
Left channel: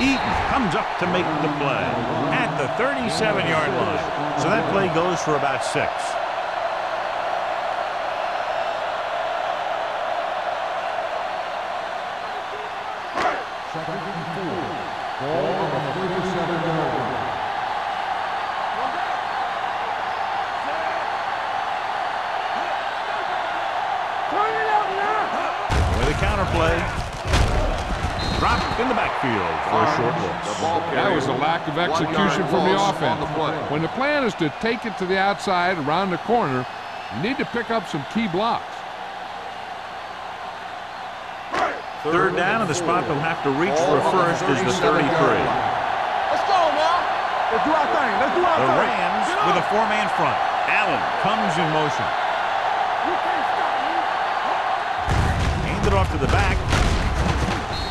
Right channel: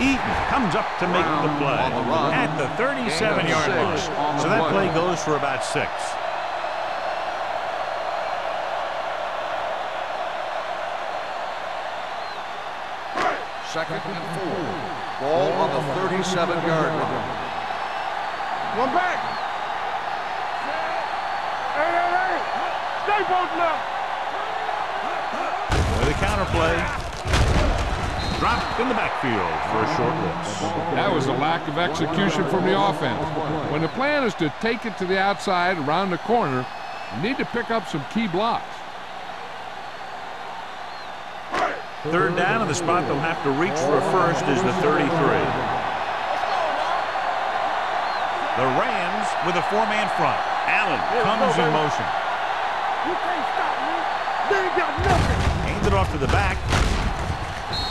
Eaton comes up to make the play at the 37-yard line. So that play goes for about 6. Second and 4. Ball on the 37-yard line. One back. Set. Hey. Stay both now. Turn it up now. With a counter play. Dropped in the backfield for a short loss. That was a lack of execution from the offense. When the plan is to take it to the outside around the corner, you need to pick up some key blocks. Third down, and the spot they'll have to reach for a first is the 33. Let's go now. Let's do our thing. The Rams with a 4-man front. Allen comes in motion. You can't stop me. They ain't got nothing. Hand it off to the back.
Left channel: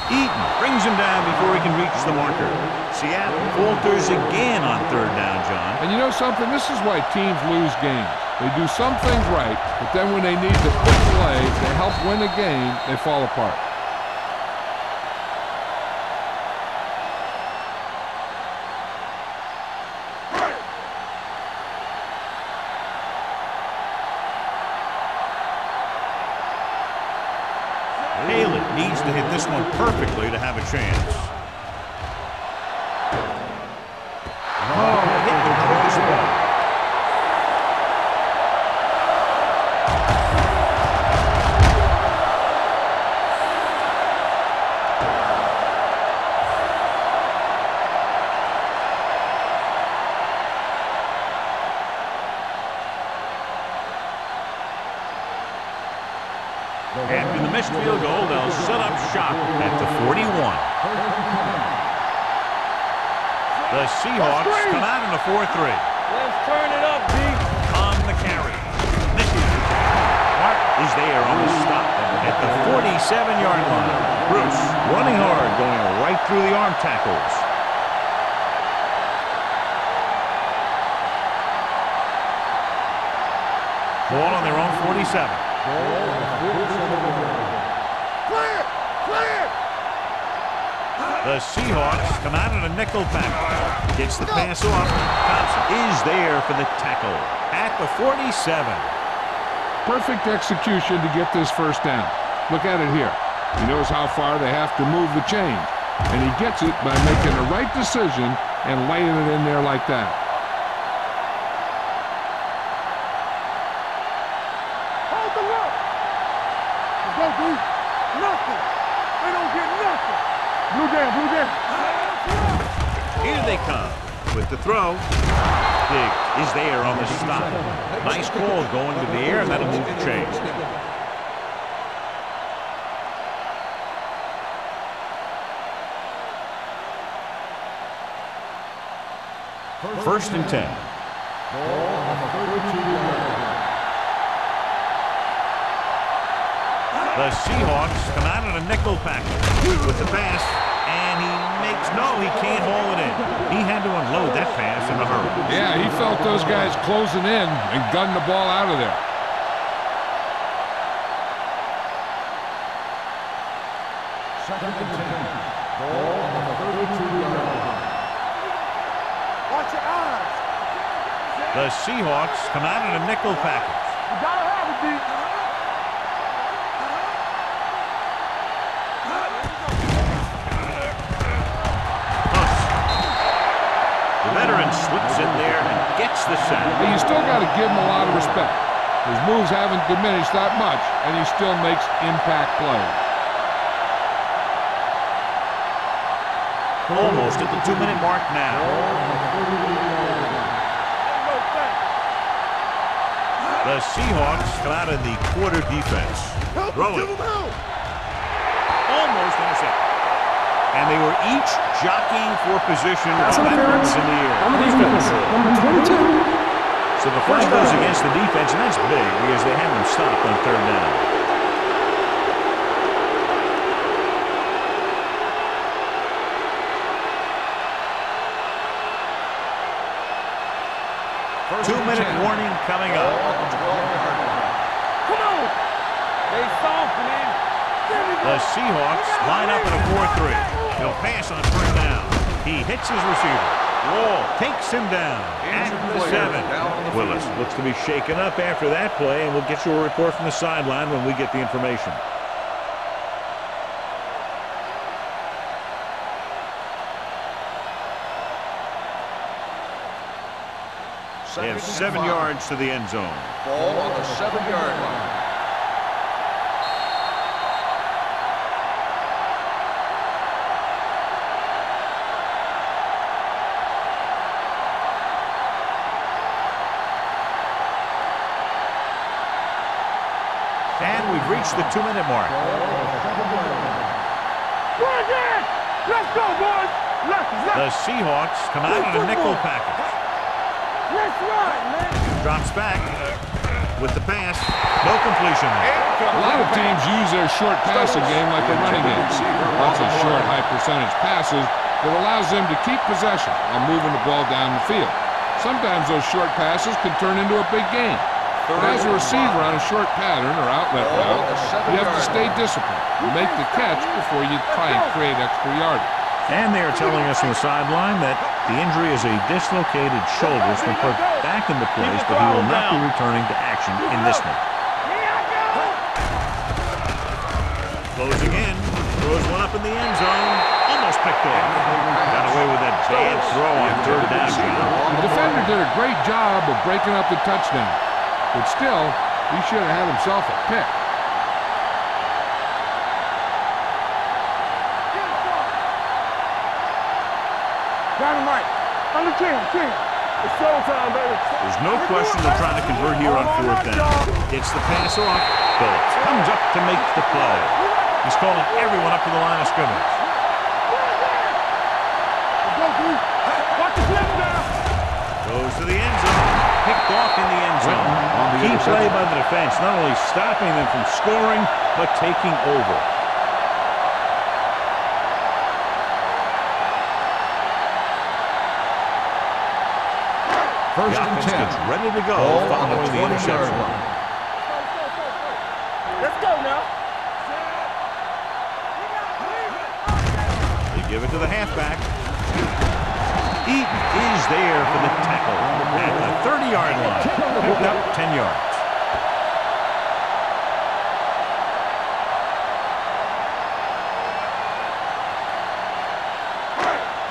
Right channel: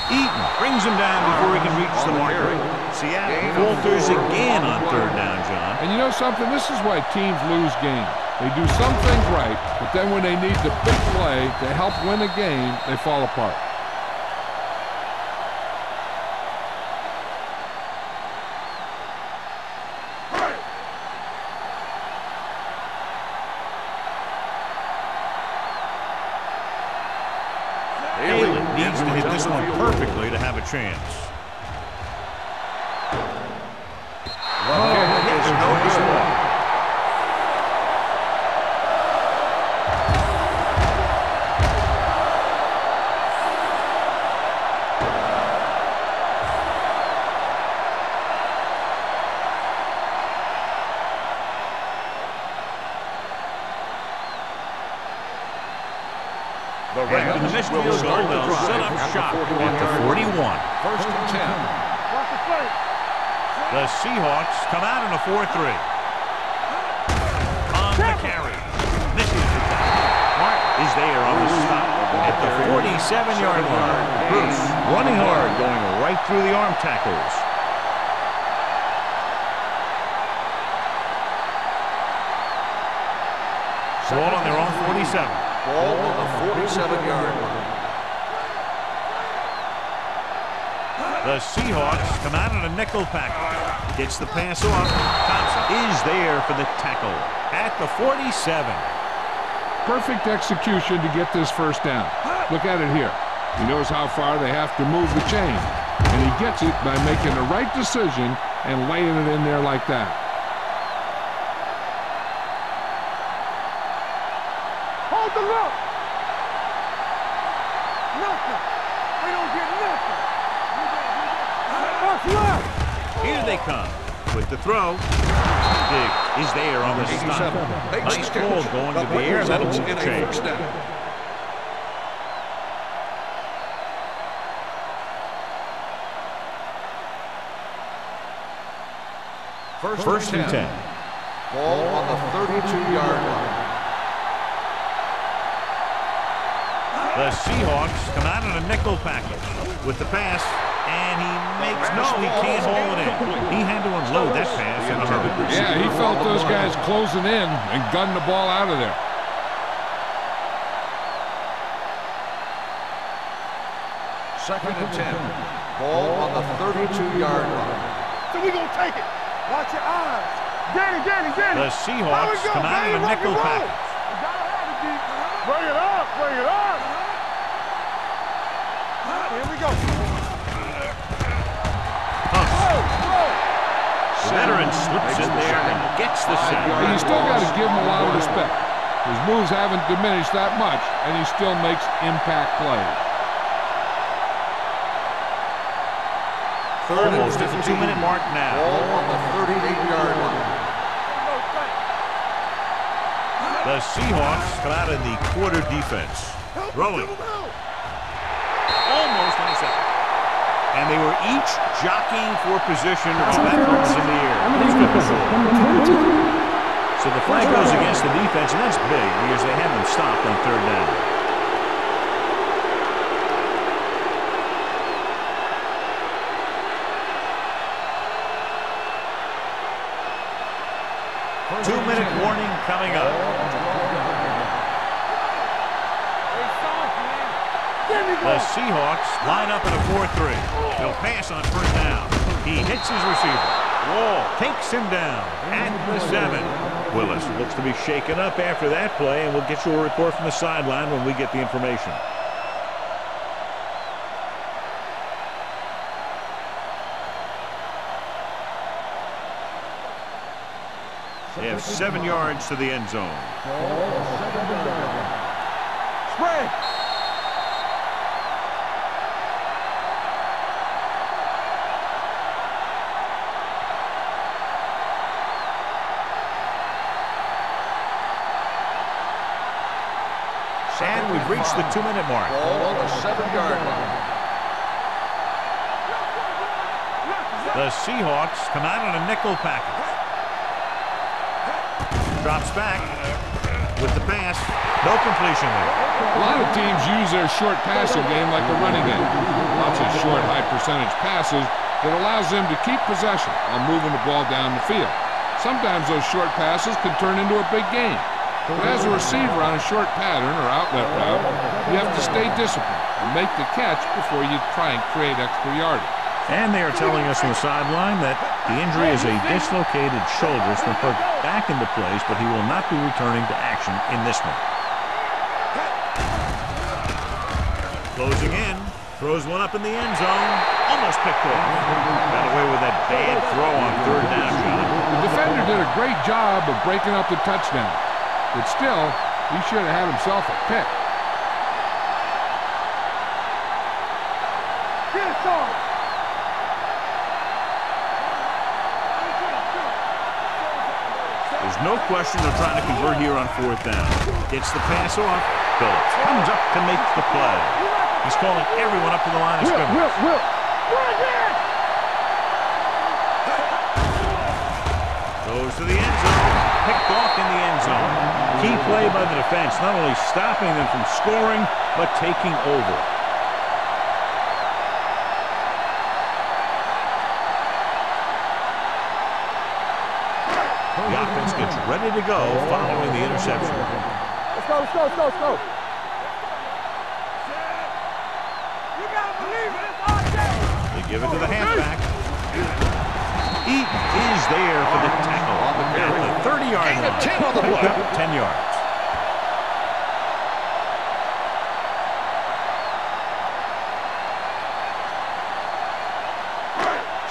Eaton brings him down before he can reach the marker. Seattle falters again on third down, John. And you know something? This is why teams lose games. They do some things right, but then when they need the big play to help win a game, they fall apart. Haley needs to hit this one perfectly to have a chance. Oh, hit the crossbar. After the missed field goal, they'll set up shop at the 41. First and 10. The Seahawks come out in a 4-3. On the carry. Misses the tackle. Martin is there on the stop at the 47-yard line. Bruce running hard, going right through the arm tackles. Ball on their own 47. Ball on the 47-yard line. The Seahawks come out in a nickel package. Gets the pass off. Thompson is there for the tackle at the 47. Perfect execution to get this first down. Look at it here. He knows how far they have to move the chain, and he gets it by making the right decision and laying it in there like that. Hold the look. Nothing. They don't get nothing. Blue jam. Box you out. Here they come with the throw. Diggs is there on the stop. Nice ball going to the air. That'll move the chain. First and 10. Ball on the 32-yard line. The Seahawks come out in a nickel package with the pass, and he can't haul it in. He had to unload that pass in a hurry. Yeah, he felt those guys closing in and gunned the ball out of there. Second and 10. Ball on the 32-yard line. So we gonna take it. Watch your eyes. Danny. The Seahawks come out in a nickel package. You gotta have it, D. Bring it up. Here we go. The veteran slips in there and gets the sack. Hey, you still got to give him a lot of respect. His moves haven't diminished that much, and he still makes impact plays. Almost at the 2-minute mark now. Ball on the 38-yard line. The Seahawks come out in the quarter defense. Throwing. Almost intercepted. And they were each jockeying for position while that ball was in the air. On the defense, number 22. So the flag goes against the defense, and that's big because they have them stopped on third down. First 2-minute warning coming up. Ball on the 12-yard line. They soft, man. The Seahawks line up in a 4-3. They'll pass on first down. He hits his receiver. Wall takes him down at the 7. Willis looks to be shaken up after that play, and we'll get you a report from the sideline when we get the information. They have 7 yards to the end zone. Ball on the 7-yard line. And we've reached the 2-minute mark. Ball on the 7-yard line. Let's go, boys. The Seahawks come out in a nickel package. Let's ride, man. Drops back with the pass. No completion there. A lot of teams use their short passing game like a running game. Lots of short, high-percentage passes that allows them to keep possession while moving the ball down the field. Sometimes those short passes can turn into a big game. But as a receiver on a short pattern or outlet route, you have to stay disciplined and make the catch before you try and create extra yardage. And they are telling us on the sideline that the injury is a dislocated shoulder. It's been put back into place, but he will not be returning to action in this one. Closing in. Throws one up in the end zone. Almost picked off. Got away with that bad throw on third down, John. The defender did a great job of breaking up the touchdown. But still, he should have had himself a pick. Get it started. Dynamite. On the 10. It's showtime, baby. There's no question they're trying to convert here on fourth down. Gets the pass off. Phillips comes up to make the play. He's calling everyone up to the line of scrimmage. Goes to the end zone. Picked off in the end zone. Key play by the defense, not only stopping them from scoring, but taking over. The offense gets ready to go following the interception. go. Let's go now. You gotta believe it. It's our day. They give it to the halfback. Eaton is there for the tackle at the 30-yard line. Picked up 10 yards.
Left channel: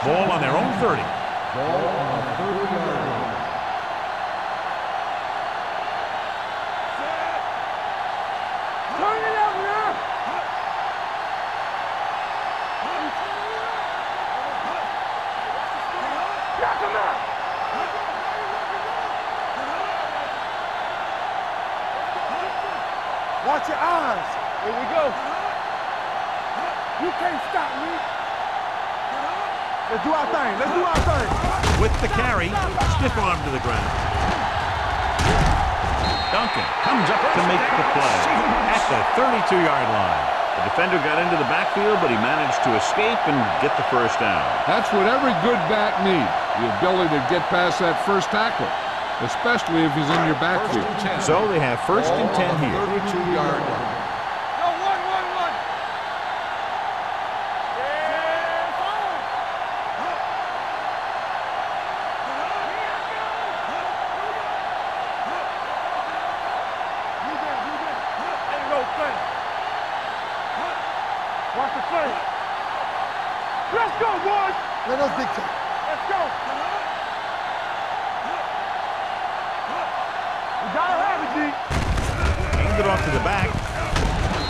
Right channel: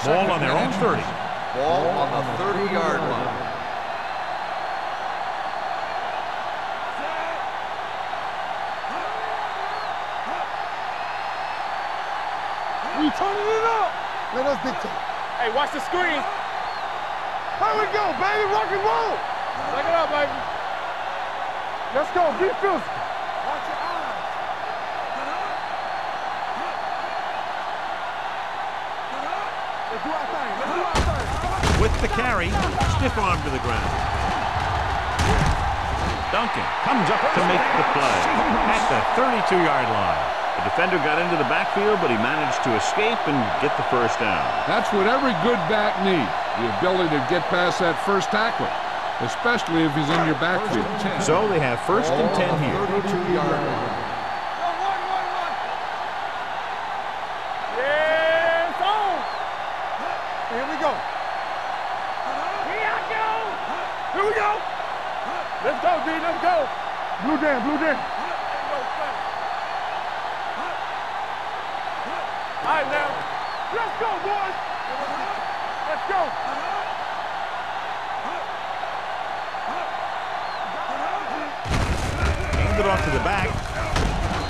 Ball on their own 30. Ball on the 30-yard line. Turn it up now. You turning it up. Hey, watch the screen. Knock him out. Here we go, baby. Rock and roll. Look it up, baby. Let's go. Defense. Watch your eyes. Here we go. You can't stop me. Let's do our thing. Let's do our thing. With the carry, stiff arm to the ground. Duncan comes up to make the play at the 32-yard line. The defender got into the backfield, but he managed to escape and get the first down. That's what every good back needs, the ability to get past that first tackler, especially if he's in your backfield. So they have first and 10 here. 32-yard line. Go, one. Yes, on. Here we go. Here I go. Here we go. Let's go, D. Let's go. Blue jam. Ain't no fun. Watch the play. All right, now. Let's go, boys. Let's go. We gotta have it, D. Handed off to the back.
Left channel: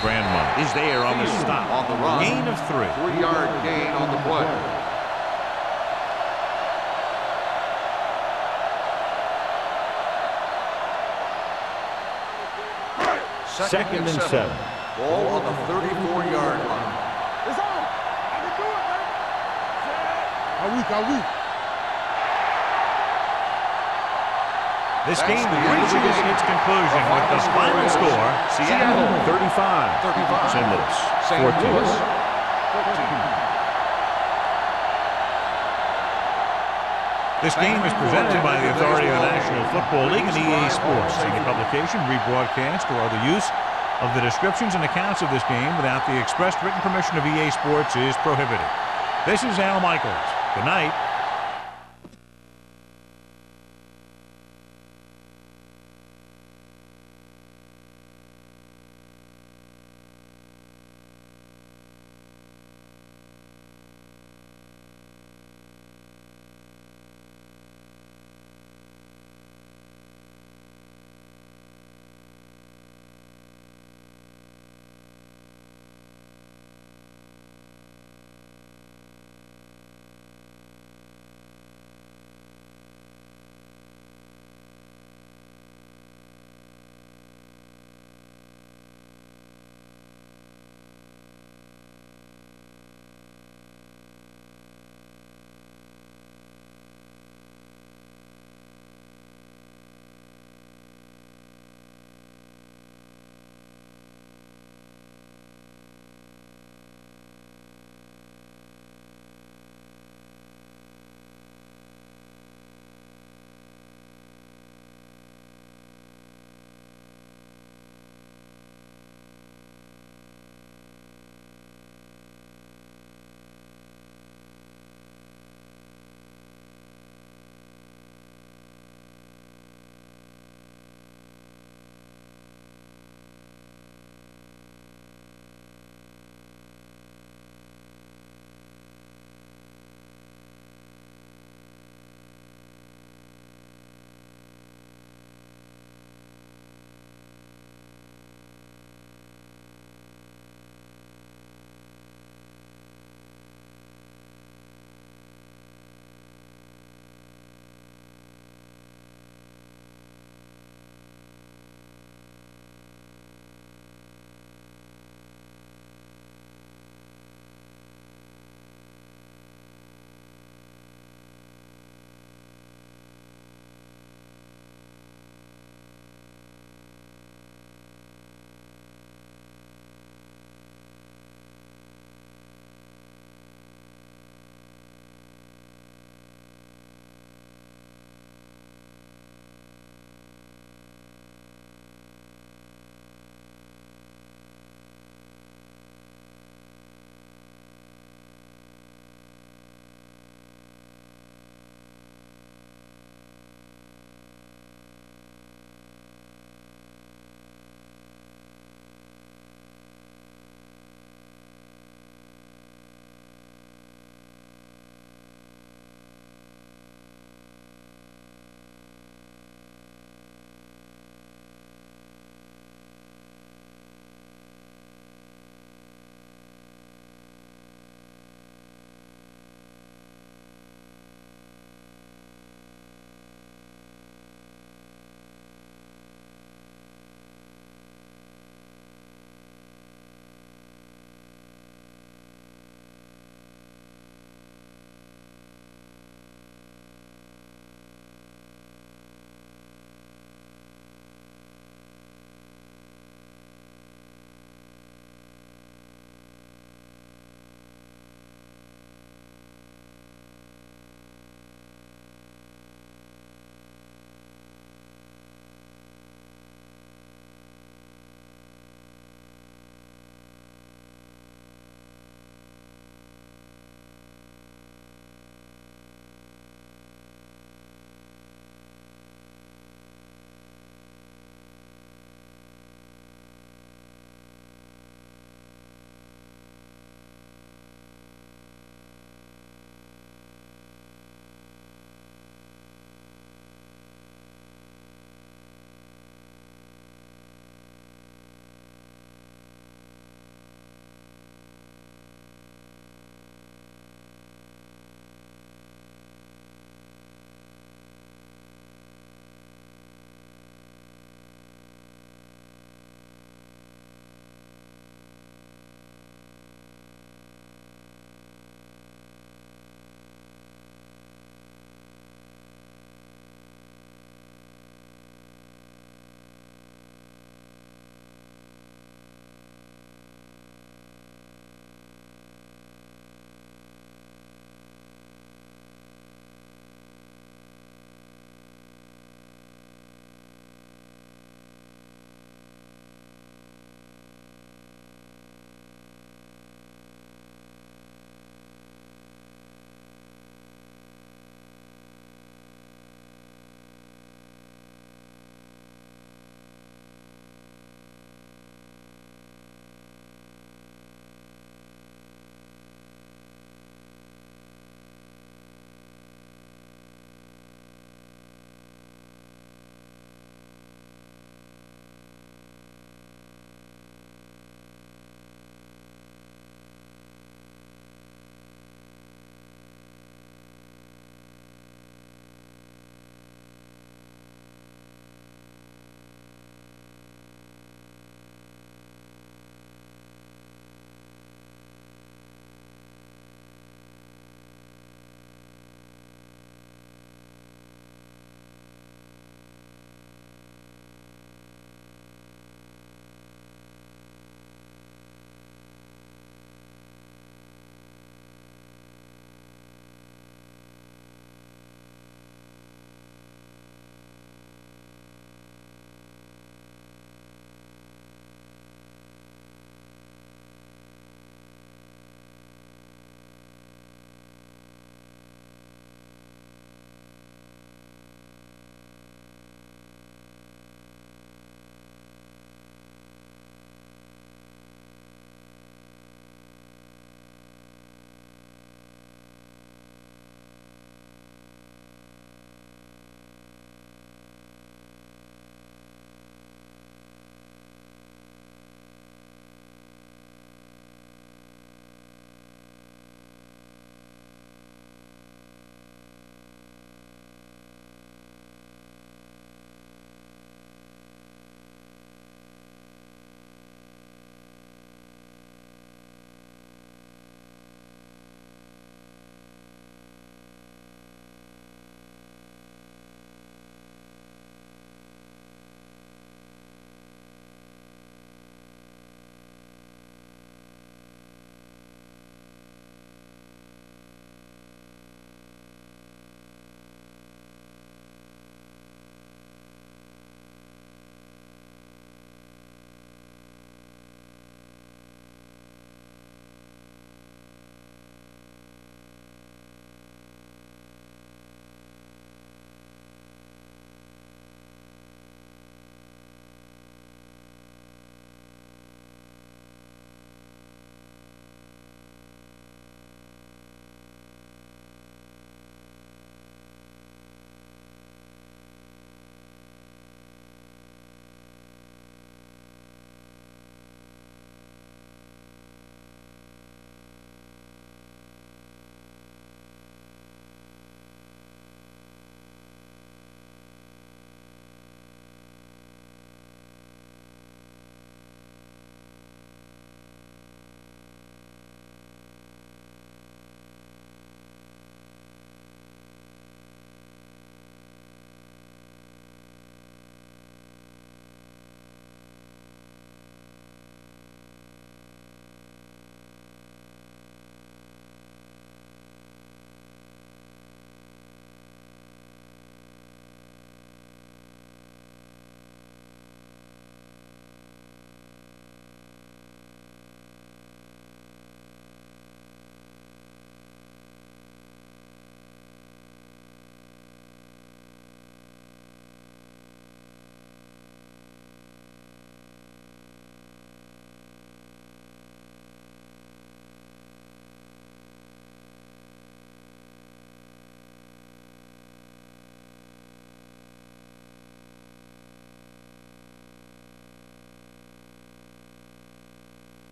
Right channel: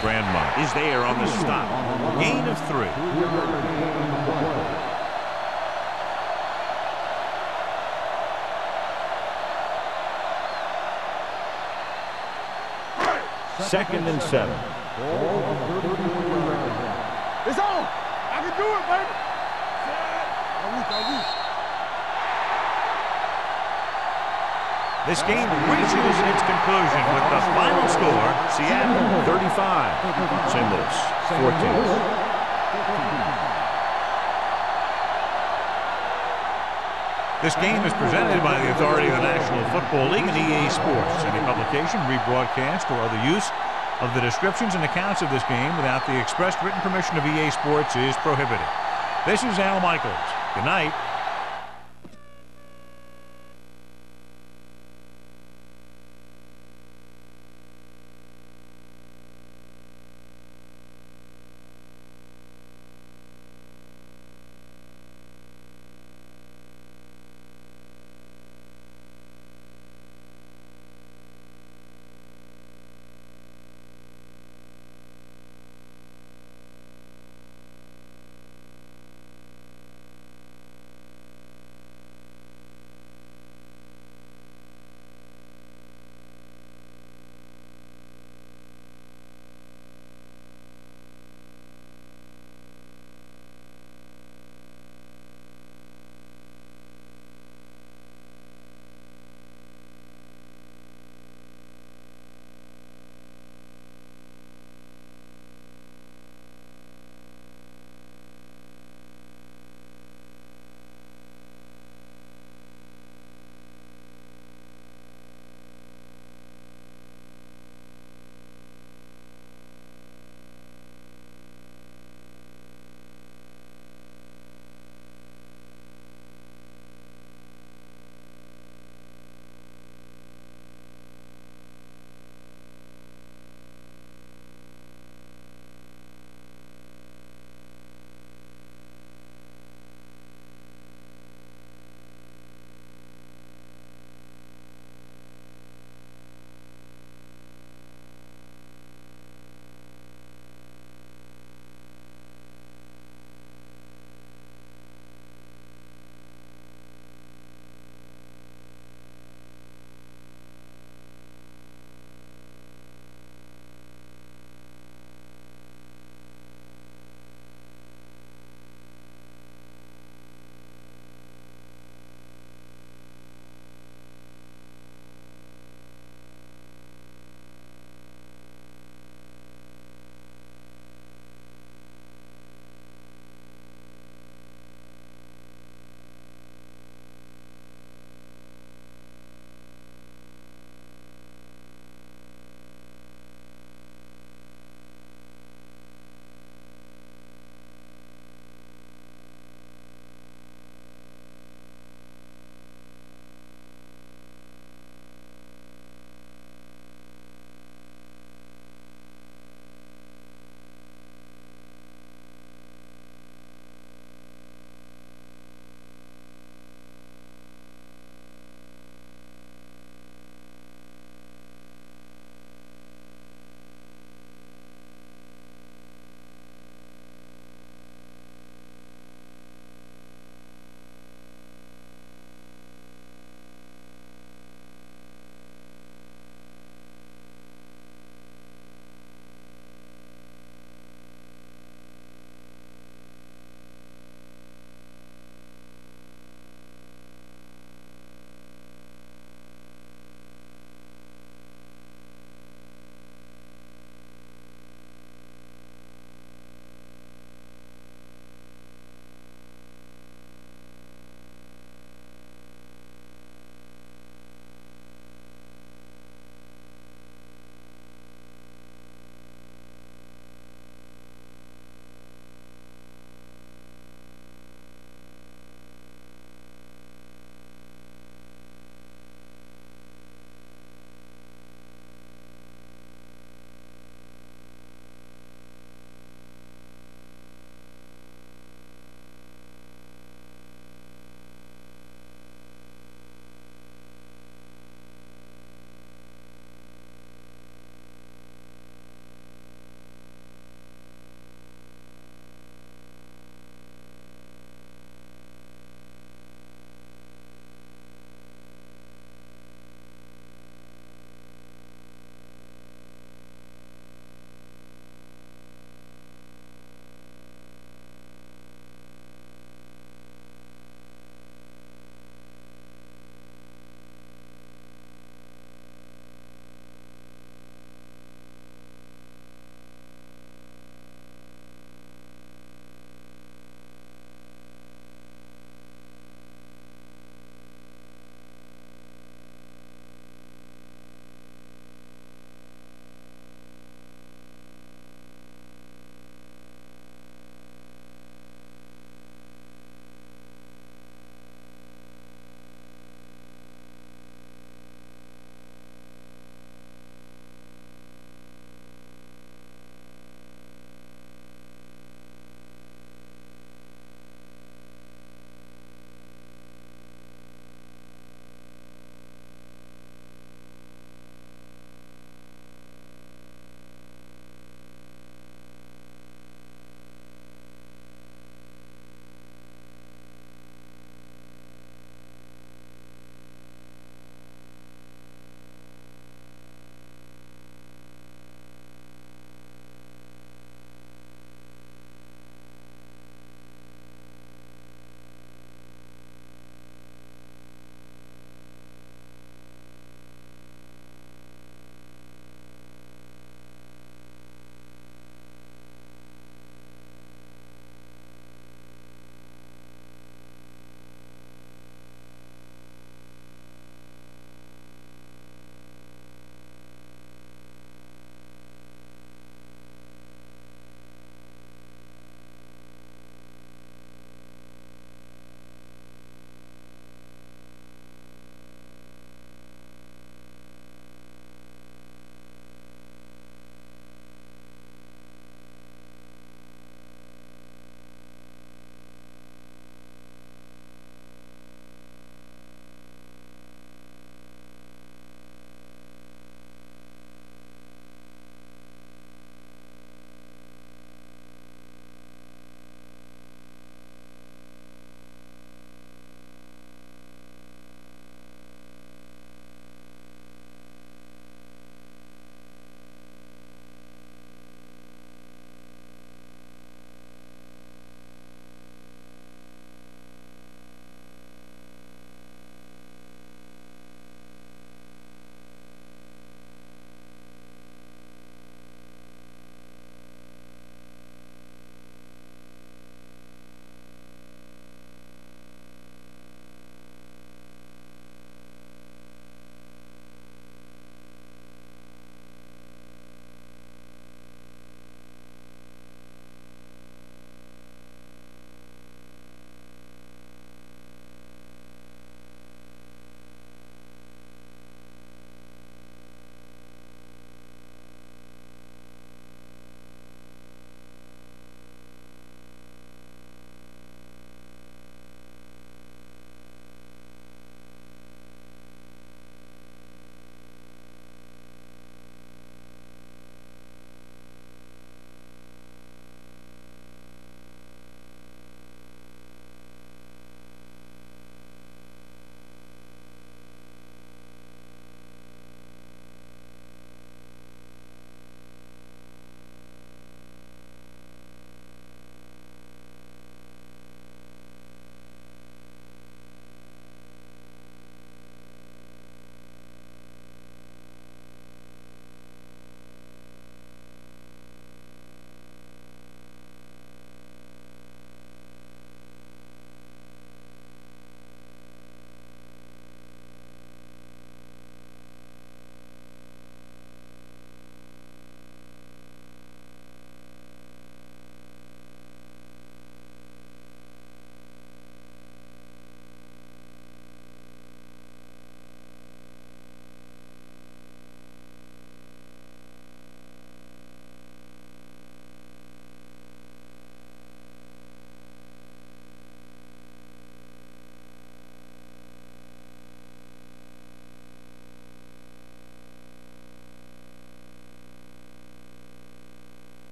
Grandma is there on the stop. On the run. Gain of 3. 3-yard gain on the play. Second and 7. Ball on the 34-yard line. It's on. I can do it, baby. Are we? This game reaches its conclusion with the final score, Seattle 35, St. Louis 14. This game is presented by the authority of the National Football League and EA Sports. Any publication, rebroadcast, or other use of the descriptions and accounts of this game without the expressed written permission of EA Sports is prohibited. This is Al Michaels. Good night.